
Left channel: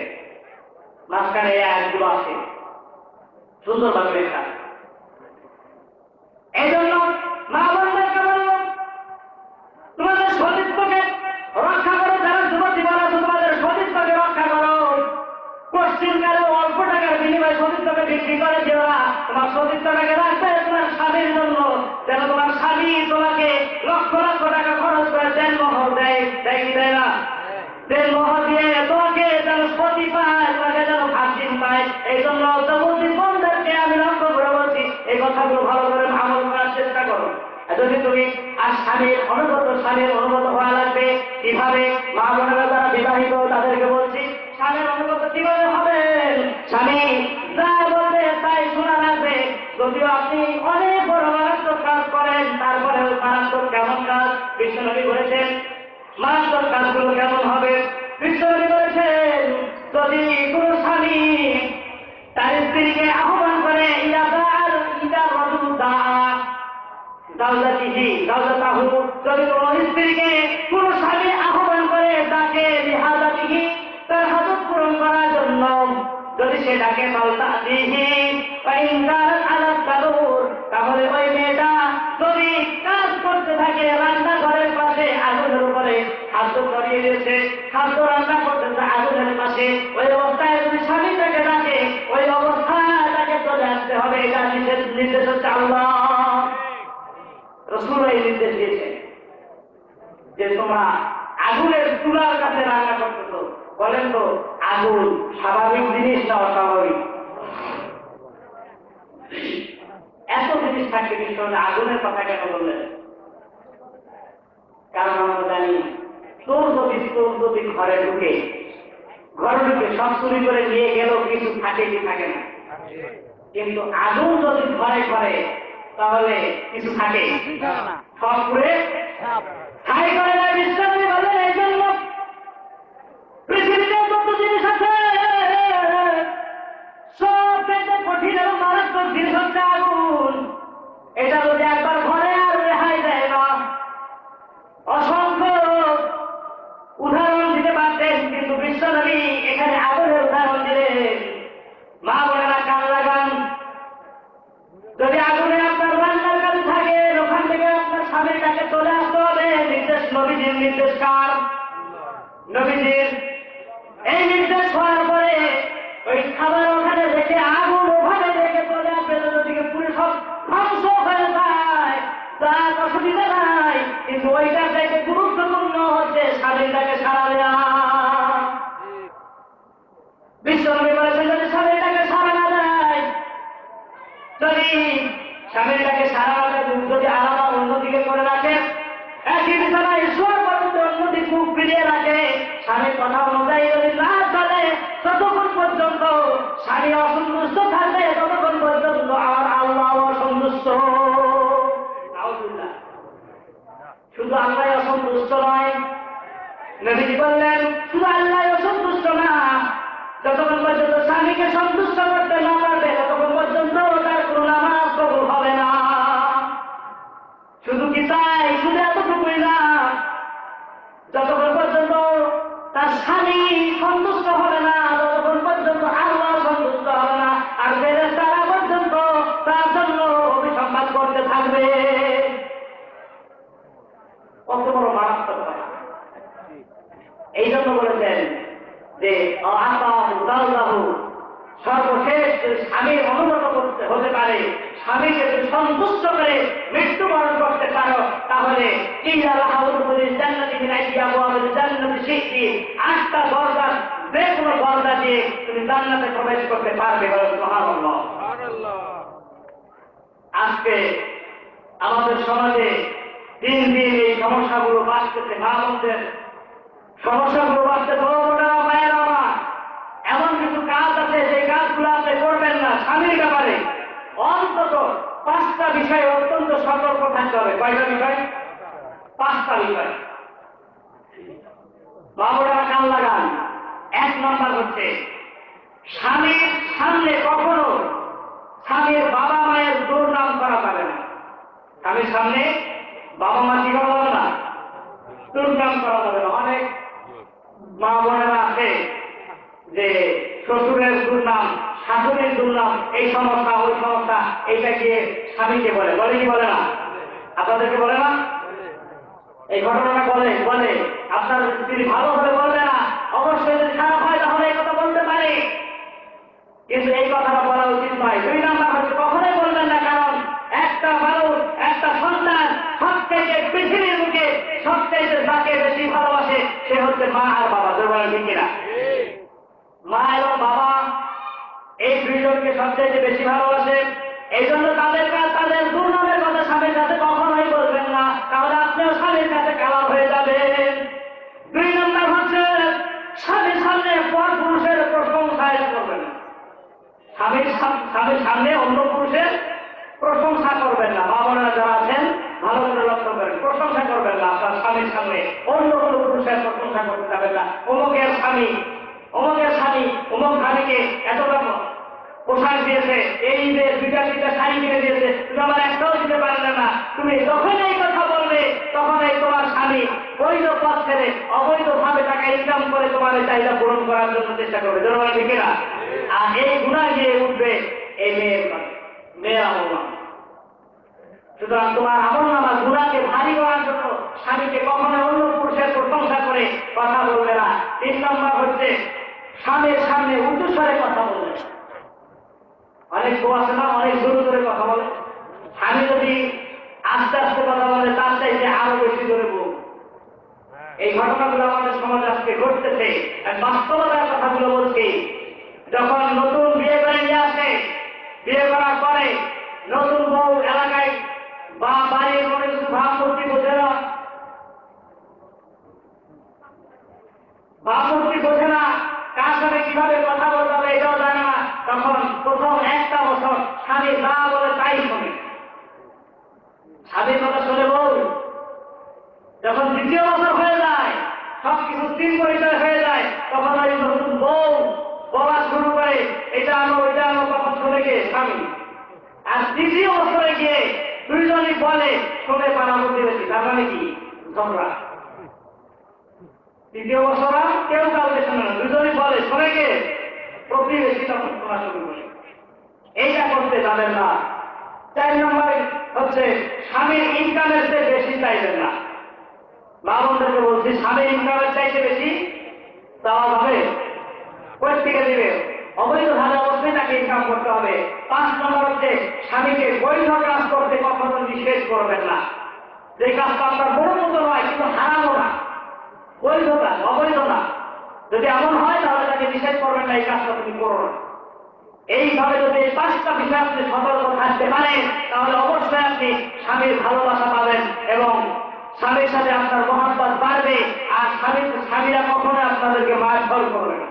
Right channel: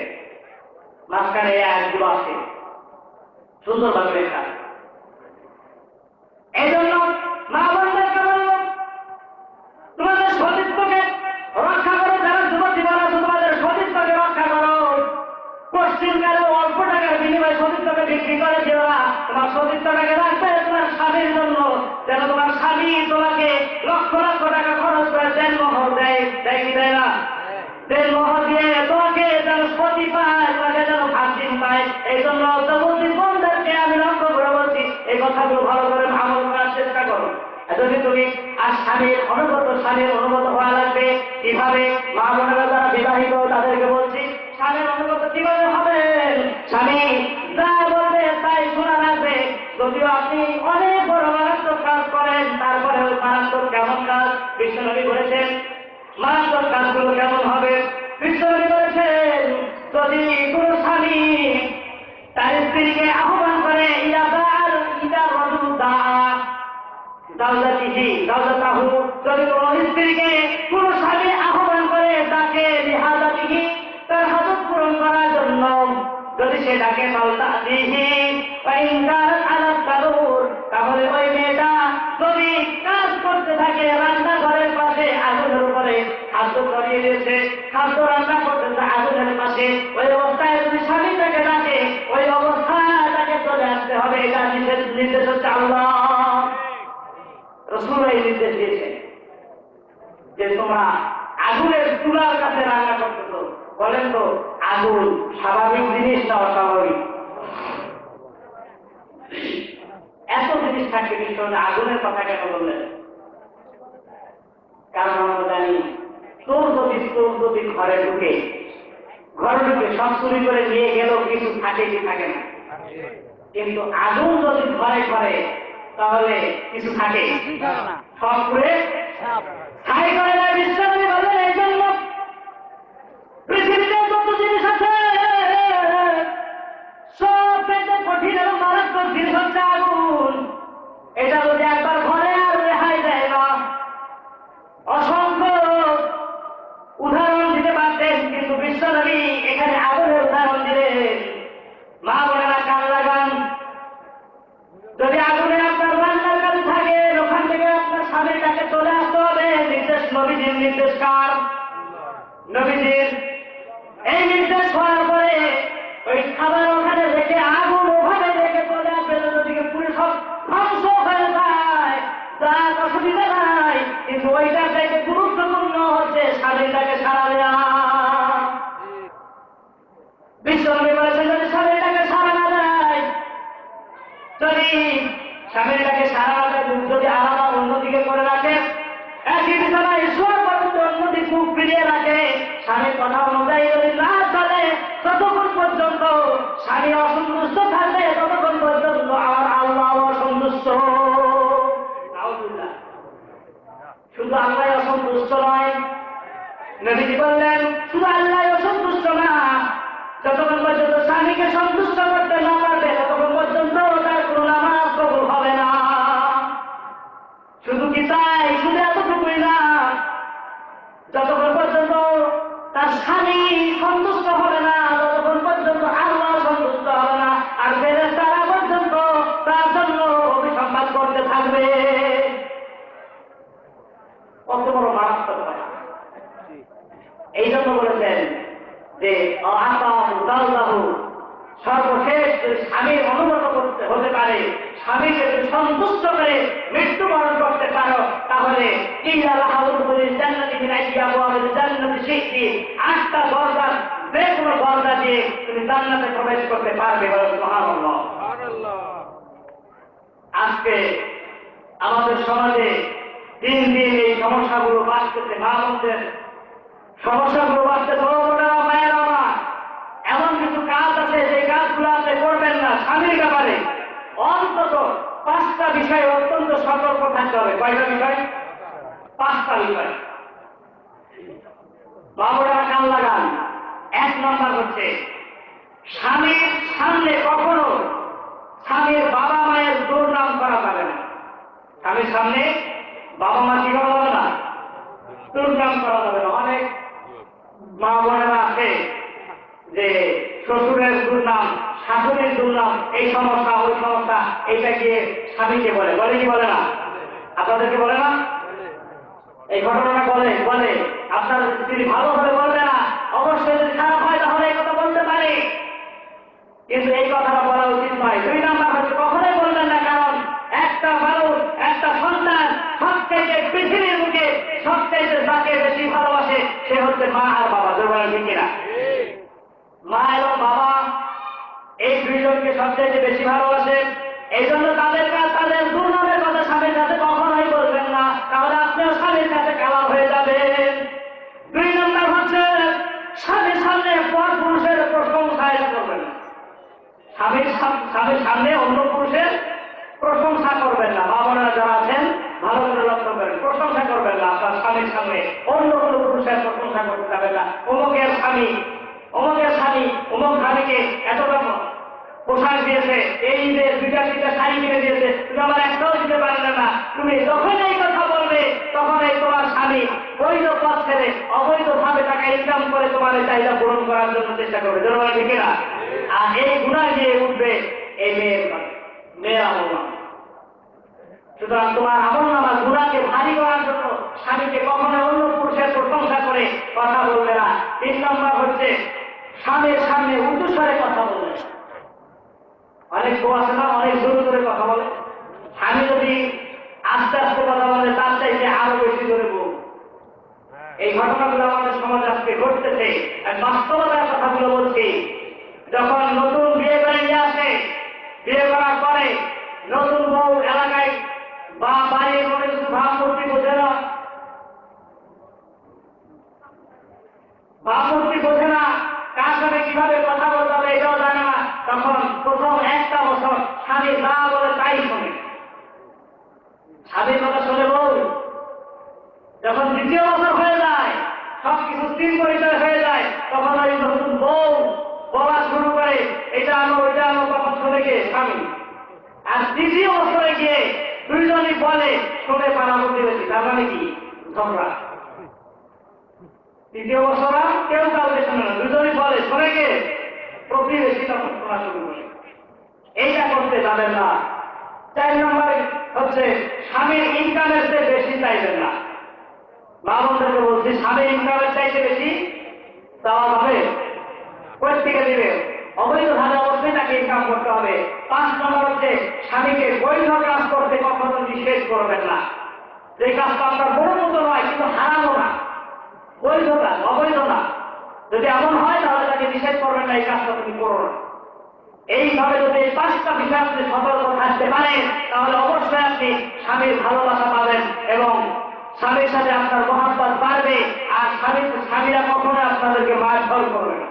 মাঝখানে এই আয়াতগুলো আছে সুন্দরভাবে লেখা। এই জন্য মা বোনদেরকে বলল, তোমাদের সতীত্বকে রক্ষা করো। যারা যুবতী বলা আছে, তোমাদের সতীত্বকে রক্ষা করো। পশ্চিমকালে অল্প টাকার বিনিময়ে সতীত্বকে বিক্রি করে দেওয়া, তোমার সতীত্বটাকে রাখবে তোমার স্বামীর জন্য, যেন তোমার স্বামী তোমাকে লক্ষ লক্ষ টাকা খরচ করে দেন মোহর দেয়, দেয় কি দেয় না? দেন মোহর দিয়ে তোমাকে যেন সতী পায়, তোমাকে যেন ভার্জিন পায়। এই জন্য যুবতী বোনদেরকে আমি লক্ষ্য করে বলছি, এই কথাগুলো ভালো করে আমল করার চেষ্টা করো। যদি তুমি আর স্বামীর অনুগত হওয়া লাগবে। কিভাবে? মা বোনেরা যারা বিবাহিত তাদেরকে বলছি, স্বামীর অনুগত কিভাবে হবেন? স্বামী যা বলবে তাই শোনা লাগবে। যদিও আপনি অনেক বড় মারাত্মক কাজ করেন, তারপরে ওই মারাত্মক কেমন কাজ বিশ্বনবী বলেছেন? মারাত্মক কাজগুলো কেমন হবে? বিশ্বনবী বলেছেন, যদি কোন স্বামী তার স্ত্রীকে আহ্বান করে, যদি কোন স্ত্রীকে কোন স্বামী আহ্বান করে তাকে লিহাজাতিহি, তার হাজত পূরণ করার জন্য, যদি সেটাকে তাহলে ওই মেয়েটা যদি কাজ করতে থাকে রান্নাঘরের পাশে আগুনের উপরে খাদ্য করিয়ে দিয়েছে, খাদ্য রান্না করতেছে আগুনের পাশে, ওই অবস্থায় যদি স্বামী তাকে ডাকে, ওই অবস্থায় তাকে চলে আসতে হবে। এটা নির্দেশ হচ্ছে আল্লাহ, রাসূল এই নির্দেশ দিয়েছেন যে তোমরা আগুনের চুলার কাছে রান্না করতেছো। বলেন তো, আগুন স্বাভাবিক জিনিস না অস্বাভাবিক? এত জিনিস থাকে, বিষয় আগুনের কথা কেন বললেন? কারণ আমরা জানি চোর যদি ঘরে ঢুকে সব চুরি করে নিয়ে গেলেও কিছু থাকে কি থাকে না, কিন্তু আগুন যদি ঘরে ঘরে তাহলে কিছু থাকে সব করে ছাই করে না। বিশ্রামী বলেন এই জন্য পৃথিবীতে যত জিনিস আছে সব পেতে কঠিন এবং মারাত্মক জিনিস হচ্ছে আগুন। এটা যদি একবার ঘরে আর রেহাই দেয় না। অসংখ্য উদাহরণ দিতে পারতেন, কিন্তু বিশ্বনবী এখানে আগুনের উদাহরণ দিলেন। মা বোনেরা কান লাগান, যদি আগুনে আপনার রান্নার কাজ থাকে ওখান থেকে আপনার স্বামীর কাছে চলে আসতে হবে। নির্দেশ নবীজির, নির্দেশ কার? নবীজির। এই নির্দেশ হওয়ার পরে ওই খাবার ওখানে রেখে আগুন ওভাবে রেখে চলে আসবে নদীকে পুরো সব ধ্বংস হয়ে যায়, তার অসুবিধা নাই। কিন্তু ওইটার চাইতে গুরুত্বপূর্ণ হচ্ছে স্বামীটাকে সারা দেওয়া। বিশ্বনবী বলেছেন যদি স্বামীটাকে সারা না দেয়, যদি স্বামীটাকে সারা না দেয়, যদি আলাদা অন্যদিকে করে রাখে, একই বিছানায় শোয়ার পর্যন্ত অন্যদিক মুখ ফিরিয়ে রাখে, স্বামীর কথা অনুযায়ী যদি না চলে, ততক্ষণ পর্যন্ত স্বামী অসন্তুষ্ট থাকবে, ততক্ষণ পর্যন্ত আমার আল্লাহ অসন্তুষ্ট। শুধু আল্লাহ অসন্তুষ্ট নয়, নবীজি বললেন শুধু আল্লাহ অসন্তুষ্ট না, যতক্ষণ পর্যন্ত স্বামীকে সন্তুষ্ট করতে না পারবে ততক্ষণ পর্যন্ত তার কোনো নামাজ কবুল হবে না। শুধু কি তাই? শুধু এতটুকুই না, যতক্ষণ পর্যন্ত তার স্বামী সন্তুষ্ট হবে না ততক্ষণ পর্যন্ত আল্লাহ সন্তুষ্ট হবে না, আর ফেরেশতারা পর্যন্ত তার জন্য অভিসম্পাদ করতে থাকবে। কত বড় মারাত্মক কথা! এই জন্য বলেছেন যে সর্বশেষ স্বামীর অনুমত করতে হতে পারে, স্বামীকে যদি সন্তুষ্ট করে মৃত্যুবরণ করতে পারো, তাহলে 8টা দরজা, যে কোনো দরজা দিয়ে তুমি জান্নাতে প্রবেশ করতে পারবে। সুবহানাল্লাহ। আজকে আমাদের সমাজে দিন দিন এই সমস্যাগুলো বাড়তেছে, ভাবছেন সমস্যাগুলো বাড়তেছে। মায়ের আমার এমন কিছু কাজ আছে যে কাজগুলো আপনি করবেন না। স্বামীর ব্যাপারে অন্তত 5টা বিষয়ে অত্যন্ত সতর্ক থাকতে হবে। কয়টা বিষয়? 5টা বিষয়। বাবুরা কান লাগান। 1 নম্বর হচ্ছে স্বামীর সামনে কখনো স্বামীর বাবা মায়ের দুর্নাম করা যাবে না। স্বামীর সামনে বাবা মা কি করা যাবে না? দুর্নাম করা যাবে না। অনেক মা বোনেরা আছে যে শ্বশুরের দুর্নাম, শাশুড়ির দুর্নাম, এই সমস্যা ওই সমস্যা, এইটা গিয়ে স্বামীকে বলে কি বলে না? আপনাদেরকে বলে না? এই ঘটনাটা বলে আপনার স্ত্রী ভালো হলে বলবে না, অবশ্যই যদি খারাপ হয় তাহলে এই কথা বলতে পারে, কিন্তু এই কথাটা বলা উচিত নয়। 2 নাম্বার হচ্ছে কখনোই বলবেন না, কারণ একটা মানুষ, একটা সন্তান সবচাইতে পৃথিবীর মুখে সবচাইতে যাকে বেশি ভালোবাসে সে হচ্ছে মা আর বাবা। দুর্বল ঠিক কিনা? মা এবং বাবা এই 2 জনকে সবচাইতে বেশি ভালোবাসে। এই জন্য তাদের দুর্নামের কথা স্বামীর কাছে কখনোই বলবেন না, তাহলে আপনিও স্বামীর কাছে কালা হয়ে যাবেন। 2 নম্বর হচ্ছে স্বামীর সামনে পর পুরুষের প্রশংসা করবেন না। স্বামীর সামনে অন্য পুরুষের প্রশংসা করবেন না। বাবারা যারা আছেন ভালো করে লক্ষ্য করেন, প্রশংসা করবেন না। আপনার স্বামীর সামনে অন্য কোনো পুরুষের প্রশংসা করতে যাবেন না। অমুকের স্বামী অমুক স্বামীকে এতটা পোশাক দিয়েছে, এই যে 2টা শাড়ি কিনে দিয়েছে, তুমি আমার একটাও দিতে পারলে না। তুমি যখন এই কথা বলবে তখন এই তোমার স্বামী বৈধ পথ ছেড়ে অবৈধভাবে টাকা ইনকাম করে তোমার এই চাহিদা পূরণ করার জন্য চেষ্টা করবে। জনগণ ঠিক না? আর এই গুনাহ গিয়ে উঠবে এই মেয়ের আমলনামা। সুতরাং তোমার আমলনামা গুনাহকে ভারী করার জন্য স্বামীকে কখনো অন্য পুরুষের প্রশংসা করে কথা বলবে না। 3 নম্বর হচ্ছে স্বামীর সামনে উঁচু স্বরে কথা বলবে। অনেক বউ আছে না, অনেক জোরে জোরে কথা বলে। স্বামী যদি আস্তে আস্তে কথা বলে তার চাইতে আরো বেশি জোরে বউ। এই ঘটনাগুলো আমাদের সমাজে আজকে ঘটতেছে। বাস্তবতার কথাগুলো বলছি। যখন নতুন বিয়ে করে নিয়ে আসে, বিয়ে করার পরে নতুন বউ এলাকায় বা বাড়ির মনে কিছু ভাবমূর্তি বোঝে না, বামুর্তি বোঝে না, কার সাথে কিভাবে কথা বলতে হবে এটাও জানে না, তখন প্রথম একটা বছর স্বামী না বলে তাই শোনে, স্বামীর কথা শুনে বউ। যখন দ্বিতীয় বছর হয়ে যায়, সবকিছু তিন পরিচয় হয়ে যায়, তখন ওই নতুন বউ বলা শুরু করে, এটা আনো ওইটা আনো, তখন শুনে গিয়ে স্বামী। আর তৃতীয় বছরে গিয়ে দুইজনই বলে শুনে পাড়া প্রতিবেশী, তার মানে কি ঝগড়া। তৃতীয় বছর কেউ কাউকে শুনে না, দুজনই বলে শুনে গিয়ে প্রতিবেশী, তখন শোনা শুরু করে। এইটা করতে যাবেন না। 4 নম্বর হচ্ছে স্বামীর ইনকামের চেয়ে বেশি চাইবেন না। মা বোনদেরকে বলছি, স্বামীর ইনকামের চাইতে বেশি চাওয়া যাবে, কোথা থেকে দিবে? অবৈধভাবে অবশ্যই তাকে ইনকাম করতে হবে। 5 নম্বর হচ্ছে স্বামীকে বৈধ কাজ করতে কখনো নিষেধ করবেন না। যে কাজটা আপনার বড় মতো নয় কিন্তু হারামও না, বৈধ কাজ, অবৈধ না। যদি এমন হয় তাহলে তাকে নিষেধ করবেন না, এই কাজটা তুমি করো না। এইভাবে যদি এই 5টা বিষয় আপনি সতর্ক থাকতে পারেন, তাহলে অবশ্যই আপনি স্বামীর ভালোবাসা পাবেন এবং স্বামীর সাথে আপনার মহাব্বত বাড়বে। আর স্বামীরা কখনো আপনাদেরকে মারধর করবে না।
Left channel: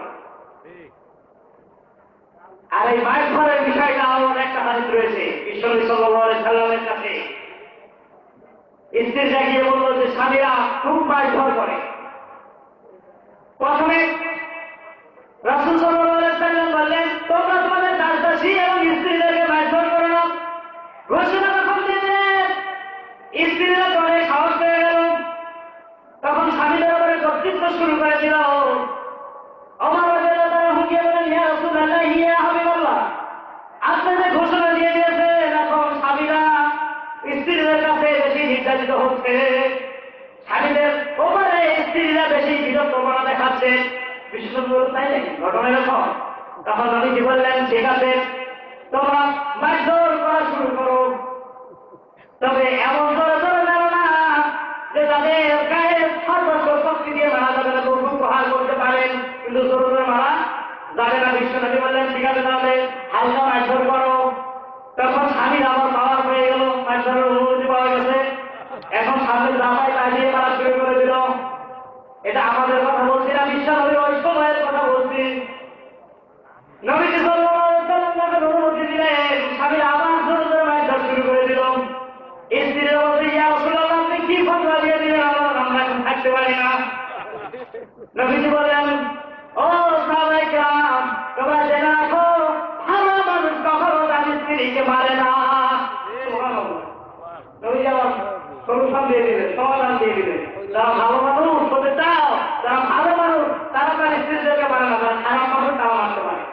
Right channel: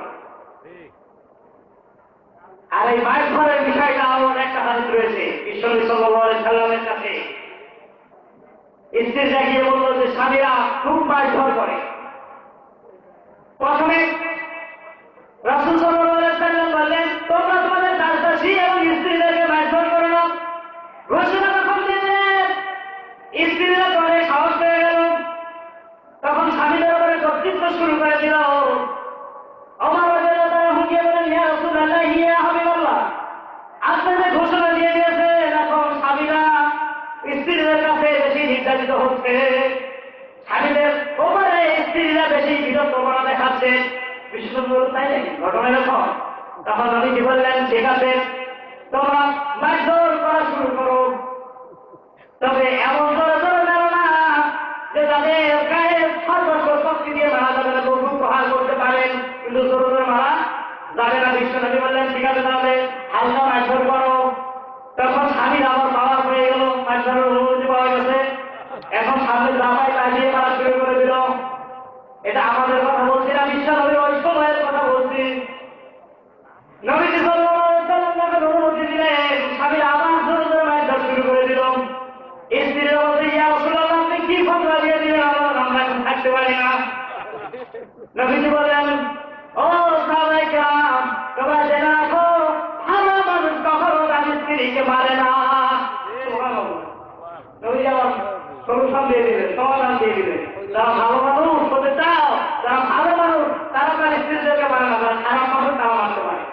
আর এই মারধরের বিষয়টা এমন একটা হাদিস রয়েছে, বিশ্বনবী সাল্লাল্লাহু আলাইহি সাল্লামের কাছে স্ত্রীরা গিয়ে বলল যে স্বামীরা খুব মারধর করে। প্রথমে রাসূল সাল্লাল্লাহু আলাইহি সাল্লাম বললেন, তোমরা তোমাদের দাসদাসী এবং স্ত্রীদেরকে মারধর করো না। ঘোষণা যখন দিলেন, স্ত্রীরা করে সাহস পেয়ে গেল, তখন স্বামীদের উপরে কর্তৃত্ব শুরু করে দিল। ওমর রাদিয়াল্লাহু তাআলা হুঁকিয়ে বলেন, ইয়া রাসূলুল্লাহ, ইয়া হাবিবাল্লাহ, আপনি যে ঘোষণা দিয়ে দিয়েছেন, এখন স্বামীরা স্ত্রীদের কাছে বেশি নির্যাতিত হচ্ছে, স্বামীদের ওপরে স্ত্রীরা বেশি বিরক্তপনা দেখাচ্ছে। বিশেষজ্ঞ তাই নাকি ঘটনা এরকম? তখন নবীজি বললেন, ঠিক আছে, তোমরা মারধর করা শুরু করো, তবে এমন জোরে জোরে মেরো না যে তাদের গায়ে সর্বস্ব শক্তি দিয়ে মারা যাবে না, তবু প্রহার করতে পারেন, কিন্তু জোরে জোরে মারা যাবে না। বিশ্বনবী বললেন, ঠিক আছে, তাহলে হালকা মারধর করো। তখন স্বামীর আবার পাওয়ার হয়ে গেল, মারধরের অনুমতি পাওয়া গেছে, এখন সামনে জামাই তা দিয়ে মারা শুরু করে দিল। এটা আমাদের কথা বলছি না, বিশ্বনবীর ওই সময়ের কথা বলছি। নবীজি সাল্লাল্লাহু আলাইহি ওয়াসাল্লাম যখন অনুমতি দিলেন, স্বামীর আবার জোরে জোরে মারধর শুরু করে দিল। স্ত্রীরা বলছে, ইয়া রাসূলুল্লাহ, আপনি কি ফতোয়া দিয়ে দিলেন, আমরা এখন থাকতে পারি না। নবীজি বললেন, ও সাহাবায়ে কেরাম, তোমরা জেনে রাখো, ভালো মানুষ কখনো তার স্ত্রীকে মারে না। সুবহানাল্লাহ। নবীজি আবার সলিউশন দিয়ে দিলেন, সমাধান দিয়ে দিলেন। যারা ভালো মানুষ হতে চাও, যারা ভালো মানুষ, তারা তার স্ত্রীদেরকে মারে না, যারা খারাপ মানুষ তারা মারতে পারে।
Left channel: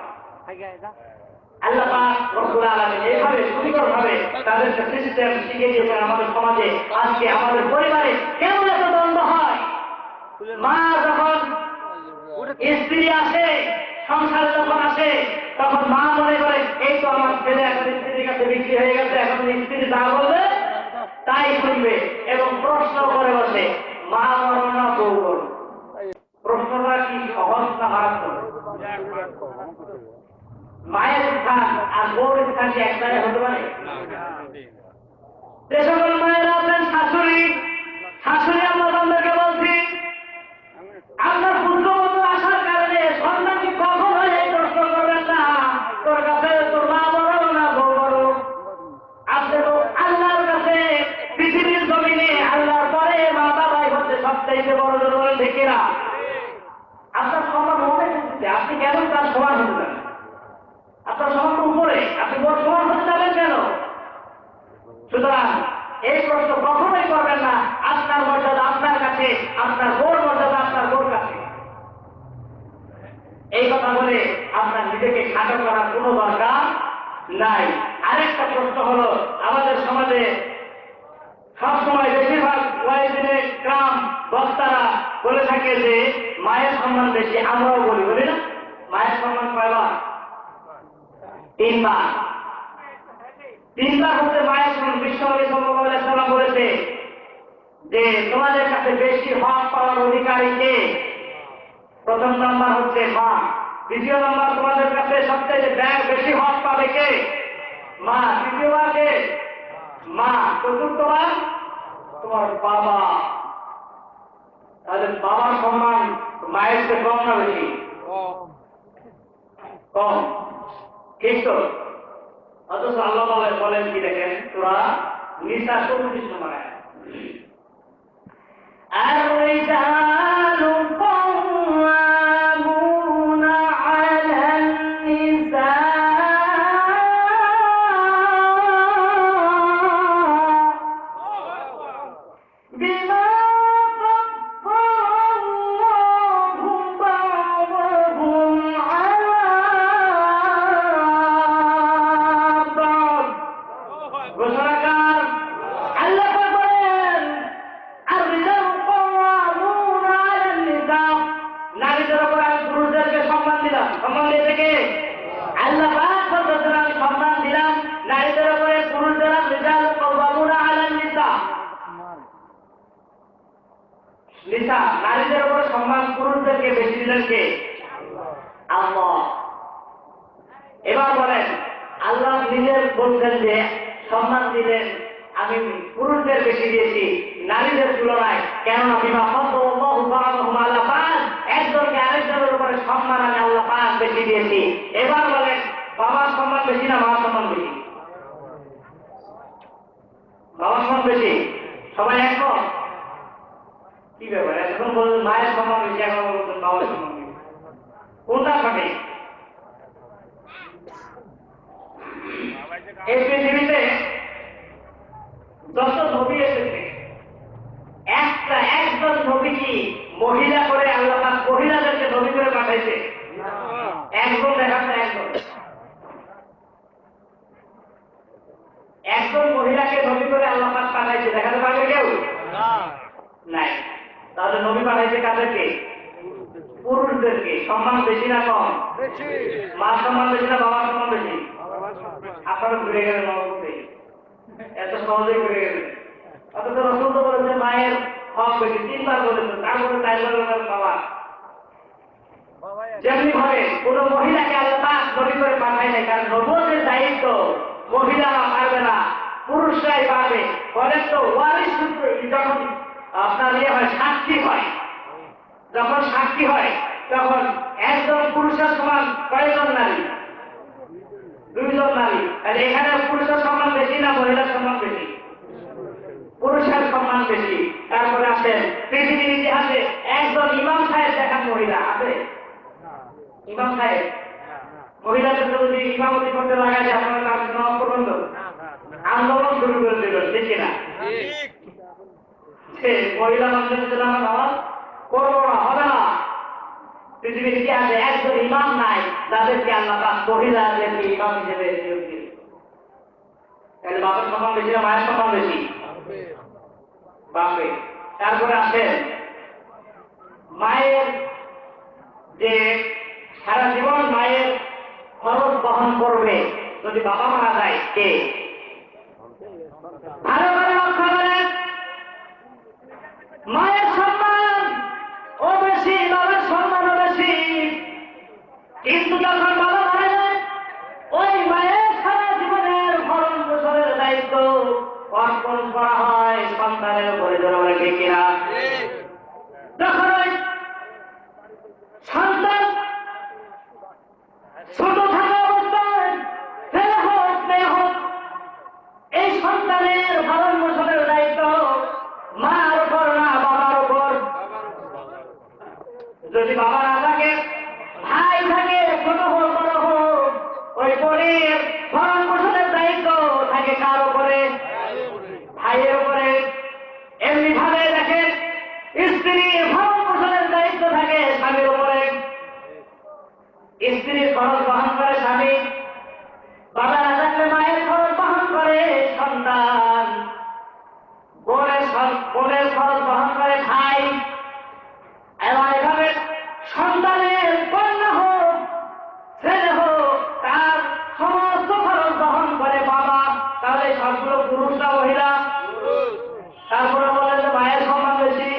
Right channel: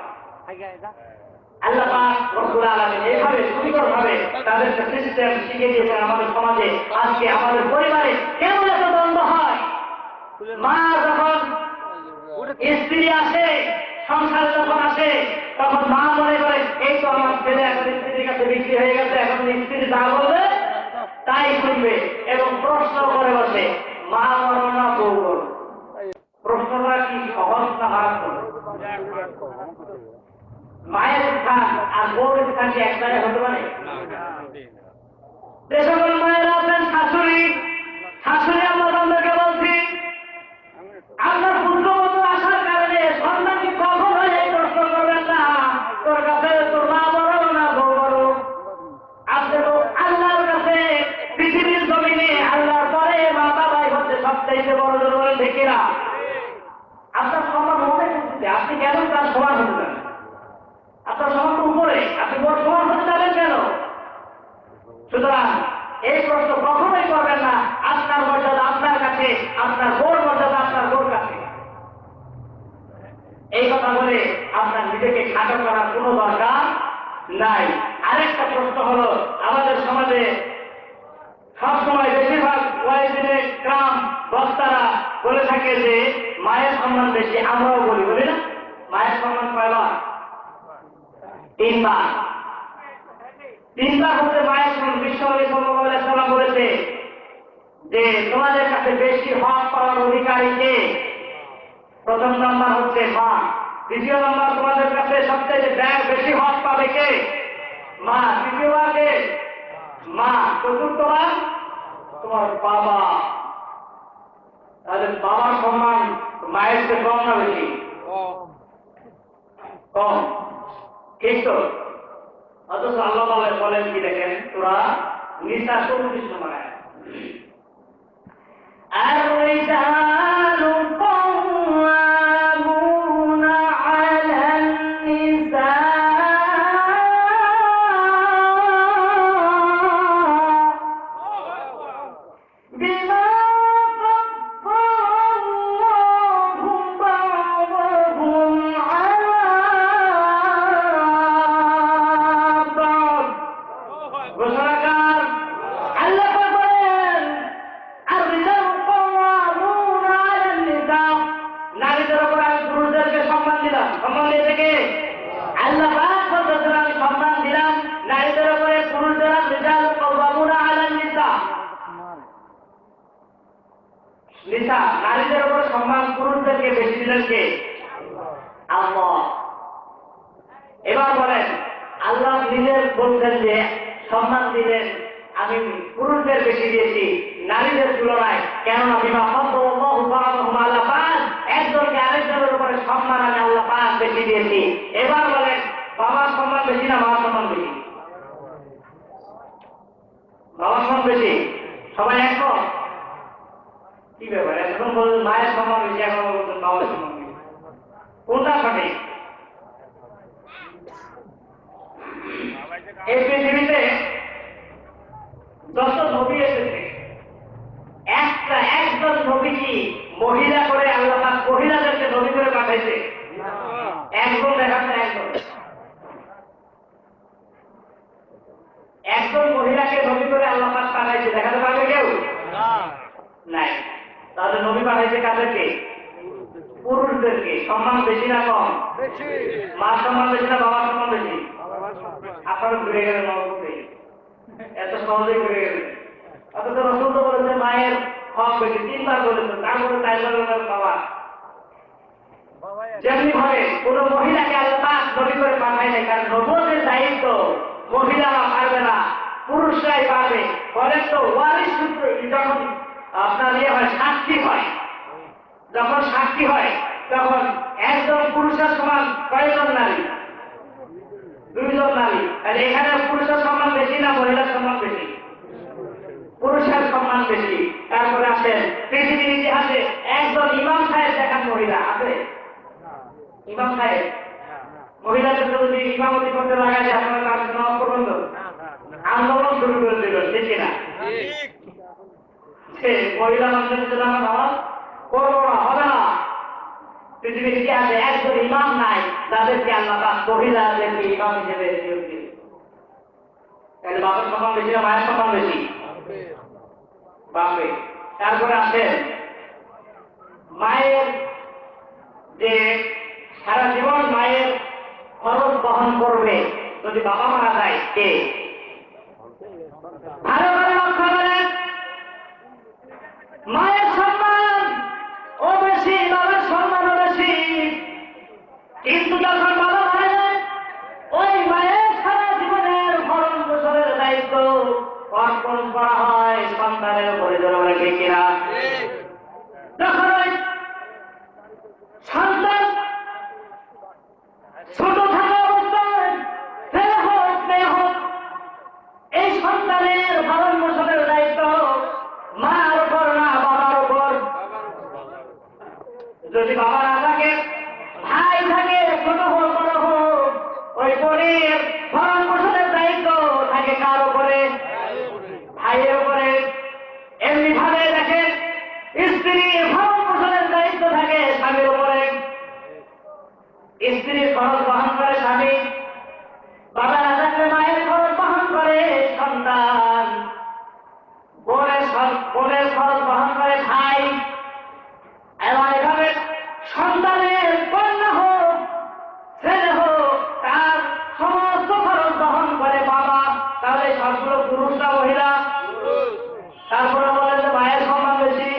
আল্লাহ পাক রব্বুল আলামিন এইভাবে সুন্দরভাবে তাদেরকে সিস্টেম শিখিয়ে দিয়েছেন আমাদের সমাজে। আজকে আমাদের পরিবারে কেমন এত দ্বন্দ্ব হয়, মা যখন স্ত্রী আসে, সংসারে যখন আসে, তখন মা মনে করে এই তো আমার ছেলে এখন স্ত্রীর কাছে বিক্রি হয়ে গেছে, এখন স্ত্রী যা বলবে তাই শুনবে এবং প্রশ্ন করে বসে, মা বলো না বউ বলো। প্রশ্নটা কি সহজ না মারাত্মক? মায়ের স্থান আর বউয়ের স্থান কি এক জায়গায় হতে পারে? যে সকল মায়েরা আছেন শাশুড়ি, শাশুড়ি আমরা তাদেরকে বলছি, আপনার পুত্রবধূ আসার কারণে সন্তানকে কখনোই এই প্রশ্ন করবেন না, তোর কাছে তোর মা বড় না বউ বড়। আপনি তো আল্লাহর কাছে পৃথিবীর জমিনে আল্লাহর পরে মা বাবাই হচ্ছে সবচাইতে বড় জোর, ঠিক না? আপনার সমান মনে করতে আপনি কেন তার সমান হতে পারেন? আপনার সমান উপরে, আপনি বড় সমান হতে যাবেন কেন? সুতরাং এই প্রশ্ন কখনোই করবেন না। আপনার মর্যাদা আপনার কাছে, আপনার বোর মর্যাদা আপনার বোর কাছে। এই কথা বলে আপনার নিজেকে খাটো করার কোনো দরকার নাই। আরেকটা প্রশ্ন হলো, আমাদের সমাজে সবসময় বেশিরভাগ ওয়াইফিনে গ্রাম বক্তারা বলে থাকে যে মায়ের সম্মান বেশি, আমরাও বলি, বলি না? মায়ের সম্মান কয়বার? 3 বার। 3 বার হচ্ছে মায়ের সম্মান। বিশ্বনবী সাল্লাল্লাহু আলাইহি সাল্লাম বলেছে যে তোমাদের কাছে বেশি হক পাওয়ার অধিকারী কে? প্রথম নাম্বার হচ্ছে মা, দ্বিতীয় নাম্বার তোমাদের কাছে সবচেয়ে বেশি হক পাবে কে? মা। তৃতীয়বার কে? মা। চতুর্থবার তোমার বাবা। তাহলে বাবার সম্মান মায়ের চেয়ে কম না বেশি? কম, ঠিক তো? অথচ আল্লাহ বলেন কি দেখেন, সূরা নিসা 34 নম্বর আয়াত, আর-রিজালু কওয়ামুনা আলান নিসা বিমা সম্মান দিয়ে থেকে আল্লাহ পাক বলতেছেন আমি সম্মান দিলাম নারীদের উপরে পুরুষদের রিজাল কাওয়ামুনা আলান নিসা। নিসা নারীদের উপরে সম্মান পুরুষদেরকে বেশি দিলেন কে? আল্লাহ। এবার বলেন আল্লাহ নিজের বলছেন যে সম্মান দিলেন আমি পুরুষদের বেশি দিয়েছি নারীদের তুলনায়, কেননা বিমা ফাদ্দালাল্লাহু বা'দাহুম আলা বা'দ, একজনকে আরেকজনের উপরে সম্মান আমি আল্লাহ পাক বেশি দিয়েছি। এবার বলেন বাবার সম্মান বেশি না মার সম্মান বেশি? বাবার সম্মান বেশি, সবাই একমত? কি ব্যাপার, এখন বলছেন মায়ের সম্মান বেশি, এখন বলছেন বাবার সম্মান বেশি, কোনটা সঠিক? এই পৃথিবীতে যত নবী এসেছে একজন নবী কি মহিলা করে আল্লাহ পাক মহিলাদেরকে নবী করে পাঠাইছে? একজন দেখাচ্ছে, একজন মহিলাকে নবী করে আল্লাহ পাক পাঠাইছে, দেখাতে পারবে কেউ? নাই। তাহলে নবী পাঠাইছে কাদেরকে? পুরুষদেরকে। সম্মান বেশি না কম? মার সম্মান বেশি না বাবার সম্মান বেশি? আপনারা ঘুরে গেলেন নবতে, এত সহজে ঘুরে গেলেন। অথচ রাসূল তো বলেছেন মায়ের হক বেশি, 3 বার বলেছেন, তারপরে তাই বলেন বাবা। যেমনি ভাবে কোন মহিলাকে আল্লাহ পাক নবী করে পাঠায় নাই, কারণ নবুয়তের দায়িত্ব মহিলারা পারবে না, পুরুষরাই পারবে। বলেন তো ওয়ারিস সূত্র যখন আপনার হয় সাক্ষী হয়, যখন সাক্ষী হয় তখন একজন পুরুষের সমান কয়জন নারী? 2 জন নারী। আর এখানে পুরুষের সম্মান বেশি না মহিলার সম্মান বেশি? পুরুষের সম্মান বেশি। তারপরে আসেন পৃথিবীর ইতিহাসে একজন ইমাম সাহেব দেখান মহিলা আছে? ইমাম সাহেব মহিলাদের যদি ইমামতি করতে লাগাই আপনারা কাজ নেওয়া পর্যন্ত আন্দোলন শুরু করে দিল, ঠিক না? সে মহিলা মানুষের জন্য আমরা নামাজ করবো না, হবে না। পৃথিবীর ইতিহাসে একজন ইমাম নাই যাদেরকে আল্লাহ পাক মহিলাদেরকে ইমাম হিসেবে নিয়োগ দিলেন। তাহলে বাবার সম্মান বেশি না মায়ের সম্মান বেশি? বাপে। তারপরে আসেন মায়ের যে সারা জীবন মায়ের খরচ বহন করবে যদি বাবা মারা যায়, কে? ভালো করে লক্ষ্য করেন, মায়ের সম্মান ও বেশি, বাবার সম্মানও বেশি। কিন্তু যখন বাবা মারা যায় ওই মায়ের সারা জীবনের ভরণ পোষণের দায়িত্ব অর্পণ করা হয় সন্তানের উপরে, জনগণের ঠিক কিনা? যখন ওই সন্তান ছোট থাকা অবস্থায় ছেলে হোক মেয়ে হোক, এই সন্তানের ভরণ পোষণের দায়িত্ব মার উপর না বাবার উপর। যদি বাবা না থাকে, ভাই থাকে, ছোট হোক বড় হোক, ওই বোনের ভরণ পোষণের দায়িত্ব থাকে কার উপরে? ভাইয়ের উপরে। এমনি ভাবে দেখেন স্ত্রীর ভরণ পোষণের দায়িত্ব থাকে স্বামীর উপরে। স্ত্রীর খরচ বহন করে স্বামী, বাবা না থাকলে মায়ের খরচ বহন করে সন্তান, বোনের খরচ বহন করে ভাই। এবং এভাবে সন্তানের কন্যা হোক ছেলে হোক তার সমস্ত খরচ বহন করে বাবা। তাহলে সবগুলো পুরুষ না মহিলা? তারপরে বলে যে মায়ের সম্মান বেশি।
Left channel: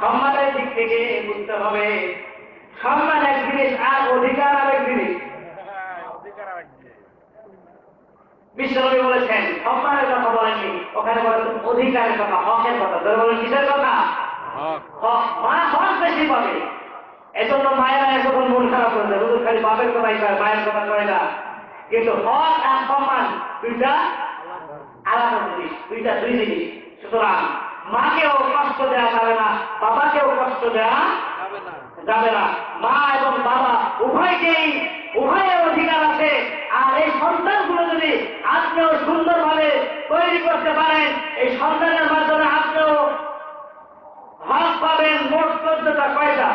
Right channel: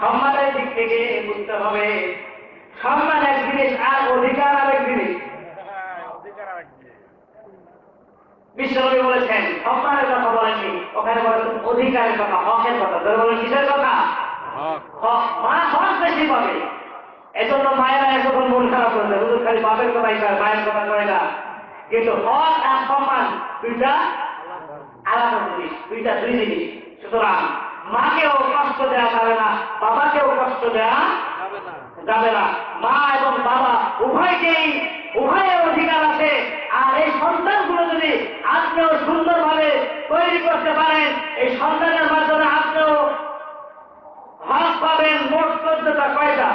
সম্মানের দিক থেকে বুঝতে হবে সম্মান এক জিনিস আর অধিকার আরেক জিনিস। বিশ্বনবী বলেছেন সম্মানের কথা বলেননি, ওখানে বলেছেন অধিকারের কথা, হকের কথা। ধরে বলেন কিসের কথা? মা হক বেশি পাবে। এজন্য মায়েরা এখন মন খারাপ করছে, হুজুর খালি বাপের কথাই কয়, মায়ের কথা কয় না। কিন্তু হক আর সম্মান দুইটা আলাদা জিনিস, দুই জিনিস। সুতরাং মাকেও কষ্ট দেওয়া যাবে না, বাবাকেও কষ্ট দেওয়া যাবে না। মা এবং বাবা উভয়ের অধিকার আছে। আর এই সন্তানগুলো যদি আপনিও সুন্দরভাবে তৈরি করতে পারেন, এই সন্তানের মাধ্যমে আপনিও হক পাবেন। মোট 14টা। কয়টা?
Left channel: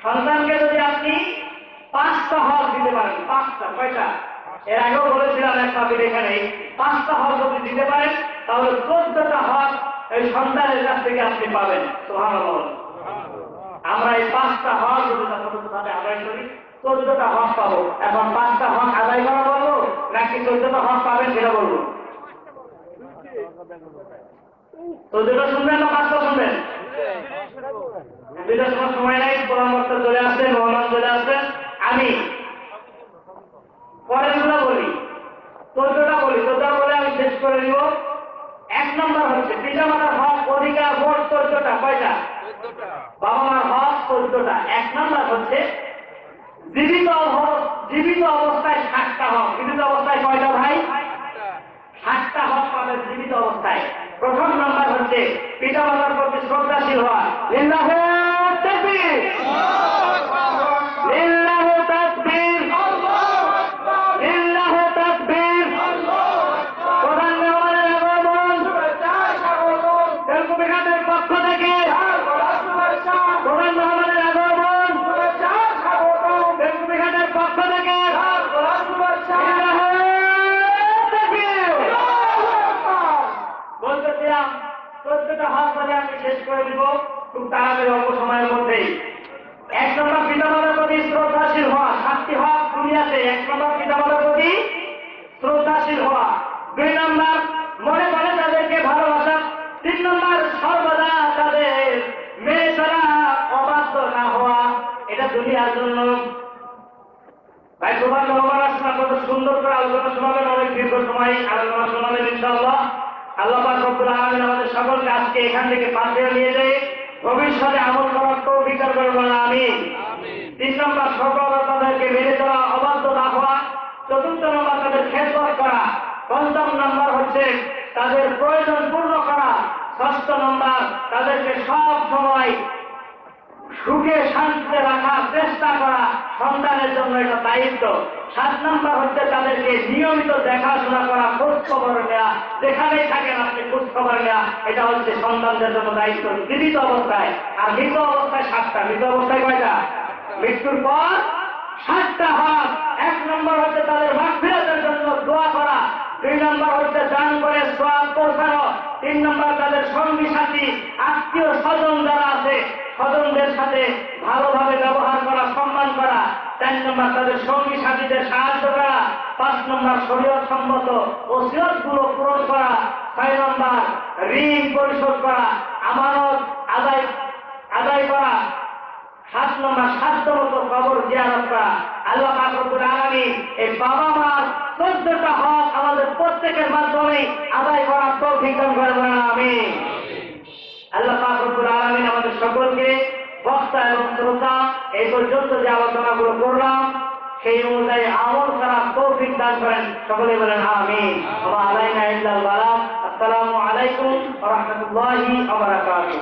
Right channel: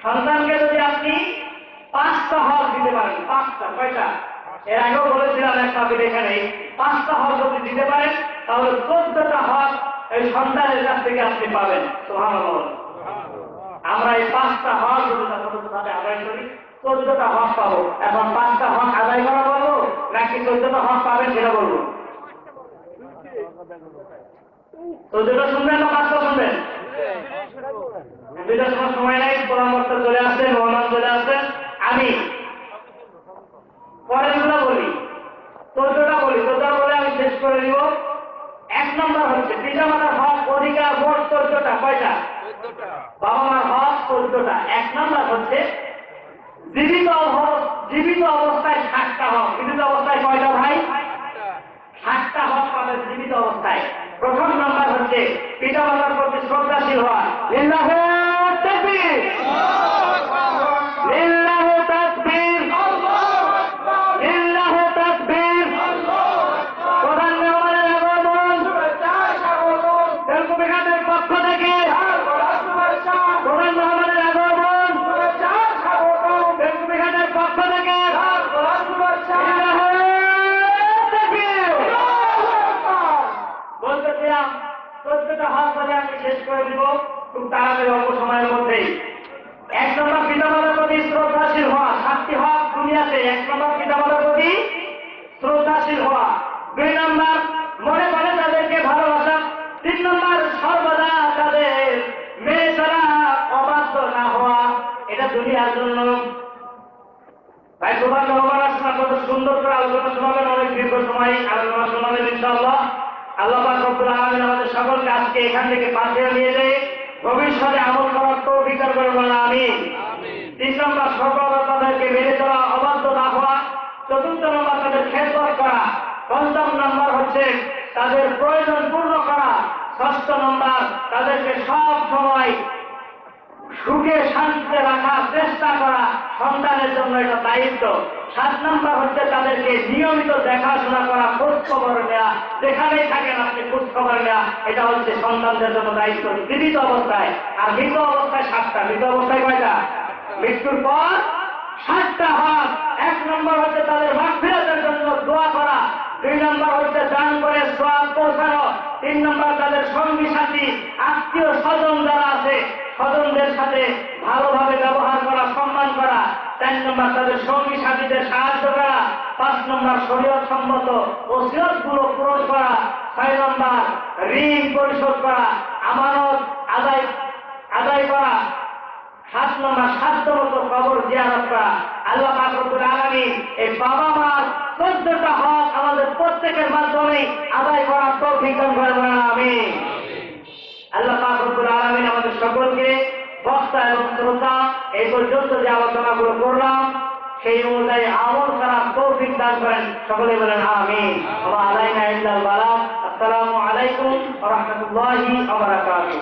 সন্তানকে যদি আপনি 5টা হক দিতে পারেন, 5টা। কয়টা? এর আগেও বলেছিলাম এক টপিক এখানে, 5টা হক যদি দিতে পারেন তাহলে 14টা হক এই সন্তানের কাছ থেকে আপনি পাবেন। সুবহানাল্লাহ। আমরা এই 5টা হক যদি যথাযথভাবে আদায় করি 14টা হক পাবো। এখন 5টা হক আদায় করা বলবো নাকি 14টা হক পাবেন সেটা বলবো? 14টা শুনবেন না 5টা শুনবেন? দুইটার সময় নাই, পরামর্শ চলে আসছেন, মেহমান চলে আসছেন। আমি পরেরগুলো বলি, 14টা বলি, 14টা বলে আমি শেষ করে দিব। 1 নম্বর হচ্ছে পিতামাতার হক অধিকার, মোট 14টা। কয়টা? বাবা মার হক 14টা। 1 নম্বর হচ্ছে জীবিত অবস্থায় 60টা হক। জীবিত অবস্থায় কয়টা ভাই? 60টা হক পাবেন জীবিত অবস্থায়। প্রথম নম্বর হচ্ছে পিতামাতার প্রতি শ্রদ্ধাশীল হওয়া। লিল্লাহি তাকবীর, লিল্লাহি তাকবীর, লিল্লাহি তাকবীর। প্রধান মেহমানের আগমন তেলকুপিঘাটের পক্ষ থেকে প্রধান মেহমানের আগমন তেলকুপিঘাটের পক্ষ থেকে বলতেছিলাম 14টা হক বলে আমি শেষ করে দিব খুব তাড়াতাড়ি, অল্প সময়ের মধ্যেই। 1 নম্বর পিতামাতার প্রতি শ্রদ্ধাশীল হওয়া। 7টি হক দুনিয়াতে। 1 নম্বর পিতামাতার প্রতি শ্রদ্ধাশীল হওয়া। 2 নম্বর মনে মনে তাদেরকে ভালোবাসা। 3 নম্বর সর্বদা তাদের মেনে চলা, অবাধ্য না হওয়া। এটা দুনিয়ার জন্য। ভাই তোমার মেহমান আসলে কত সুন্দর করে আলোচনা শোনাবেন, অনেক দীর্ঘ সময় আলোচনা শোনাবেন ইনশাআল্লাহ। আল্লাহ পাক রব্বুল আলামিন আমাদের সকলকে আজকে এখান থেকে পাশে নিয়ে যায়, ভবিষ্যতে আমল করার তৌফিক দান করুন, আমিন। 3 নম্বর সর্বদা তাদেরকে মেনে চলা, অবাধ্য না হওয়া। 4র্থ নম্বর তাদের খেদমত করা। 5ম নম্বর হচ্ছে তাদের প্রয়োজন পূর্ণ করা। 6ষ্ঠ নম্বর তাদেরকে সব সময় সুখে শান্তিতে রাখার চেষ্টা করা। সন্তানের জন্য এটা দায়িত্ব। 7 নম্বর হচ্ছে তাদেরকে নিয়মিত দেখাশোনা করা, খোঁজ খবর নেওয়া। যেখানেই থাকেন আপনি খোঁজ খবর নেওয়া, এটা হচ্ছে সন্তানদের জন্য দায়িত্ব জীবিত অবস্থায়। আর মৃত অবস্থায় 7টা। মৃত অবস্থায় কয়টা? মৃত্যুর পর 7টা হক। 1 নম্বর হচ্ছে তাদের মাগফিরাতের জন্য দোয়া করা। 2 নম্বর হচ্ছে দান করে সওয়াব পৌঁছানো। 3 নম্বর তাদের সঙ্গী সাথী, আত্মীয় স্বজন যারা আছে স্বজনদের সাথে ভালোভাবে ব্যবহার করা, সম্মান করা। 4 নম্বর তাদের সঙ্গী সাথীদের সাহায্য করা। 5 নম্বর শরীয়ত সম্মত ওসিয়তগুলো পূরণ করা। 6 নম্বর ঋণ পরিশোধ করা, আমানত আদায় করা। 7 নম্বর সাধ্যমতো কবর জিয়ারত করা। আল্লাহ পাক রব্বুল আলামিন এই বাবা মার 14টা হক আমাদের প্রত্যেকের মাধ্যমে আদায় করার তৌফিক দান করুন, আমিন। আল্লাহ পাক রব্বুল আলামিন আমাদের সকলকে বক্তা এবং শ্রোতা এই পর্যন্ত যে আলোচনাগুলো করলাম সেই অনুযায়ী আমল করার তৌফিক দান করেন। সকলে বলেন আমিন। ওয়া আলাইনা ইল্লাল বালাগ। আসসালামু আলাইকুম ওয়া রাহমাতুল্লাহি ওয়া বারাকাতুহু।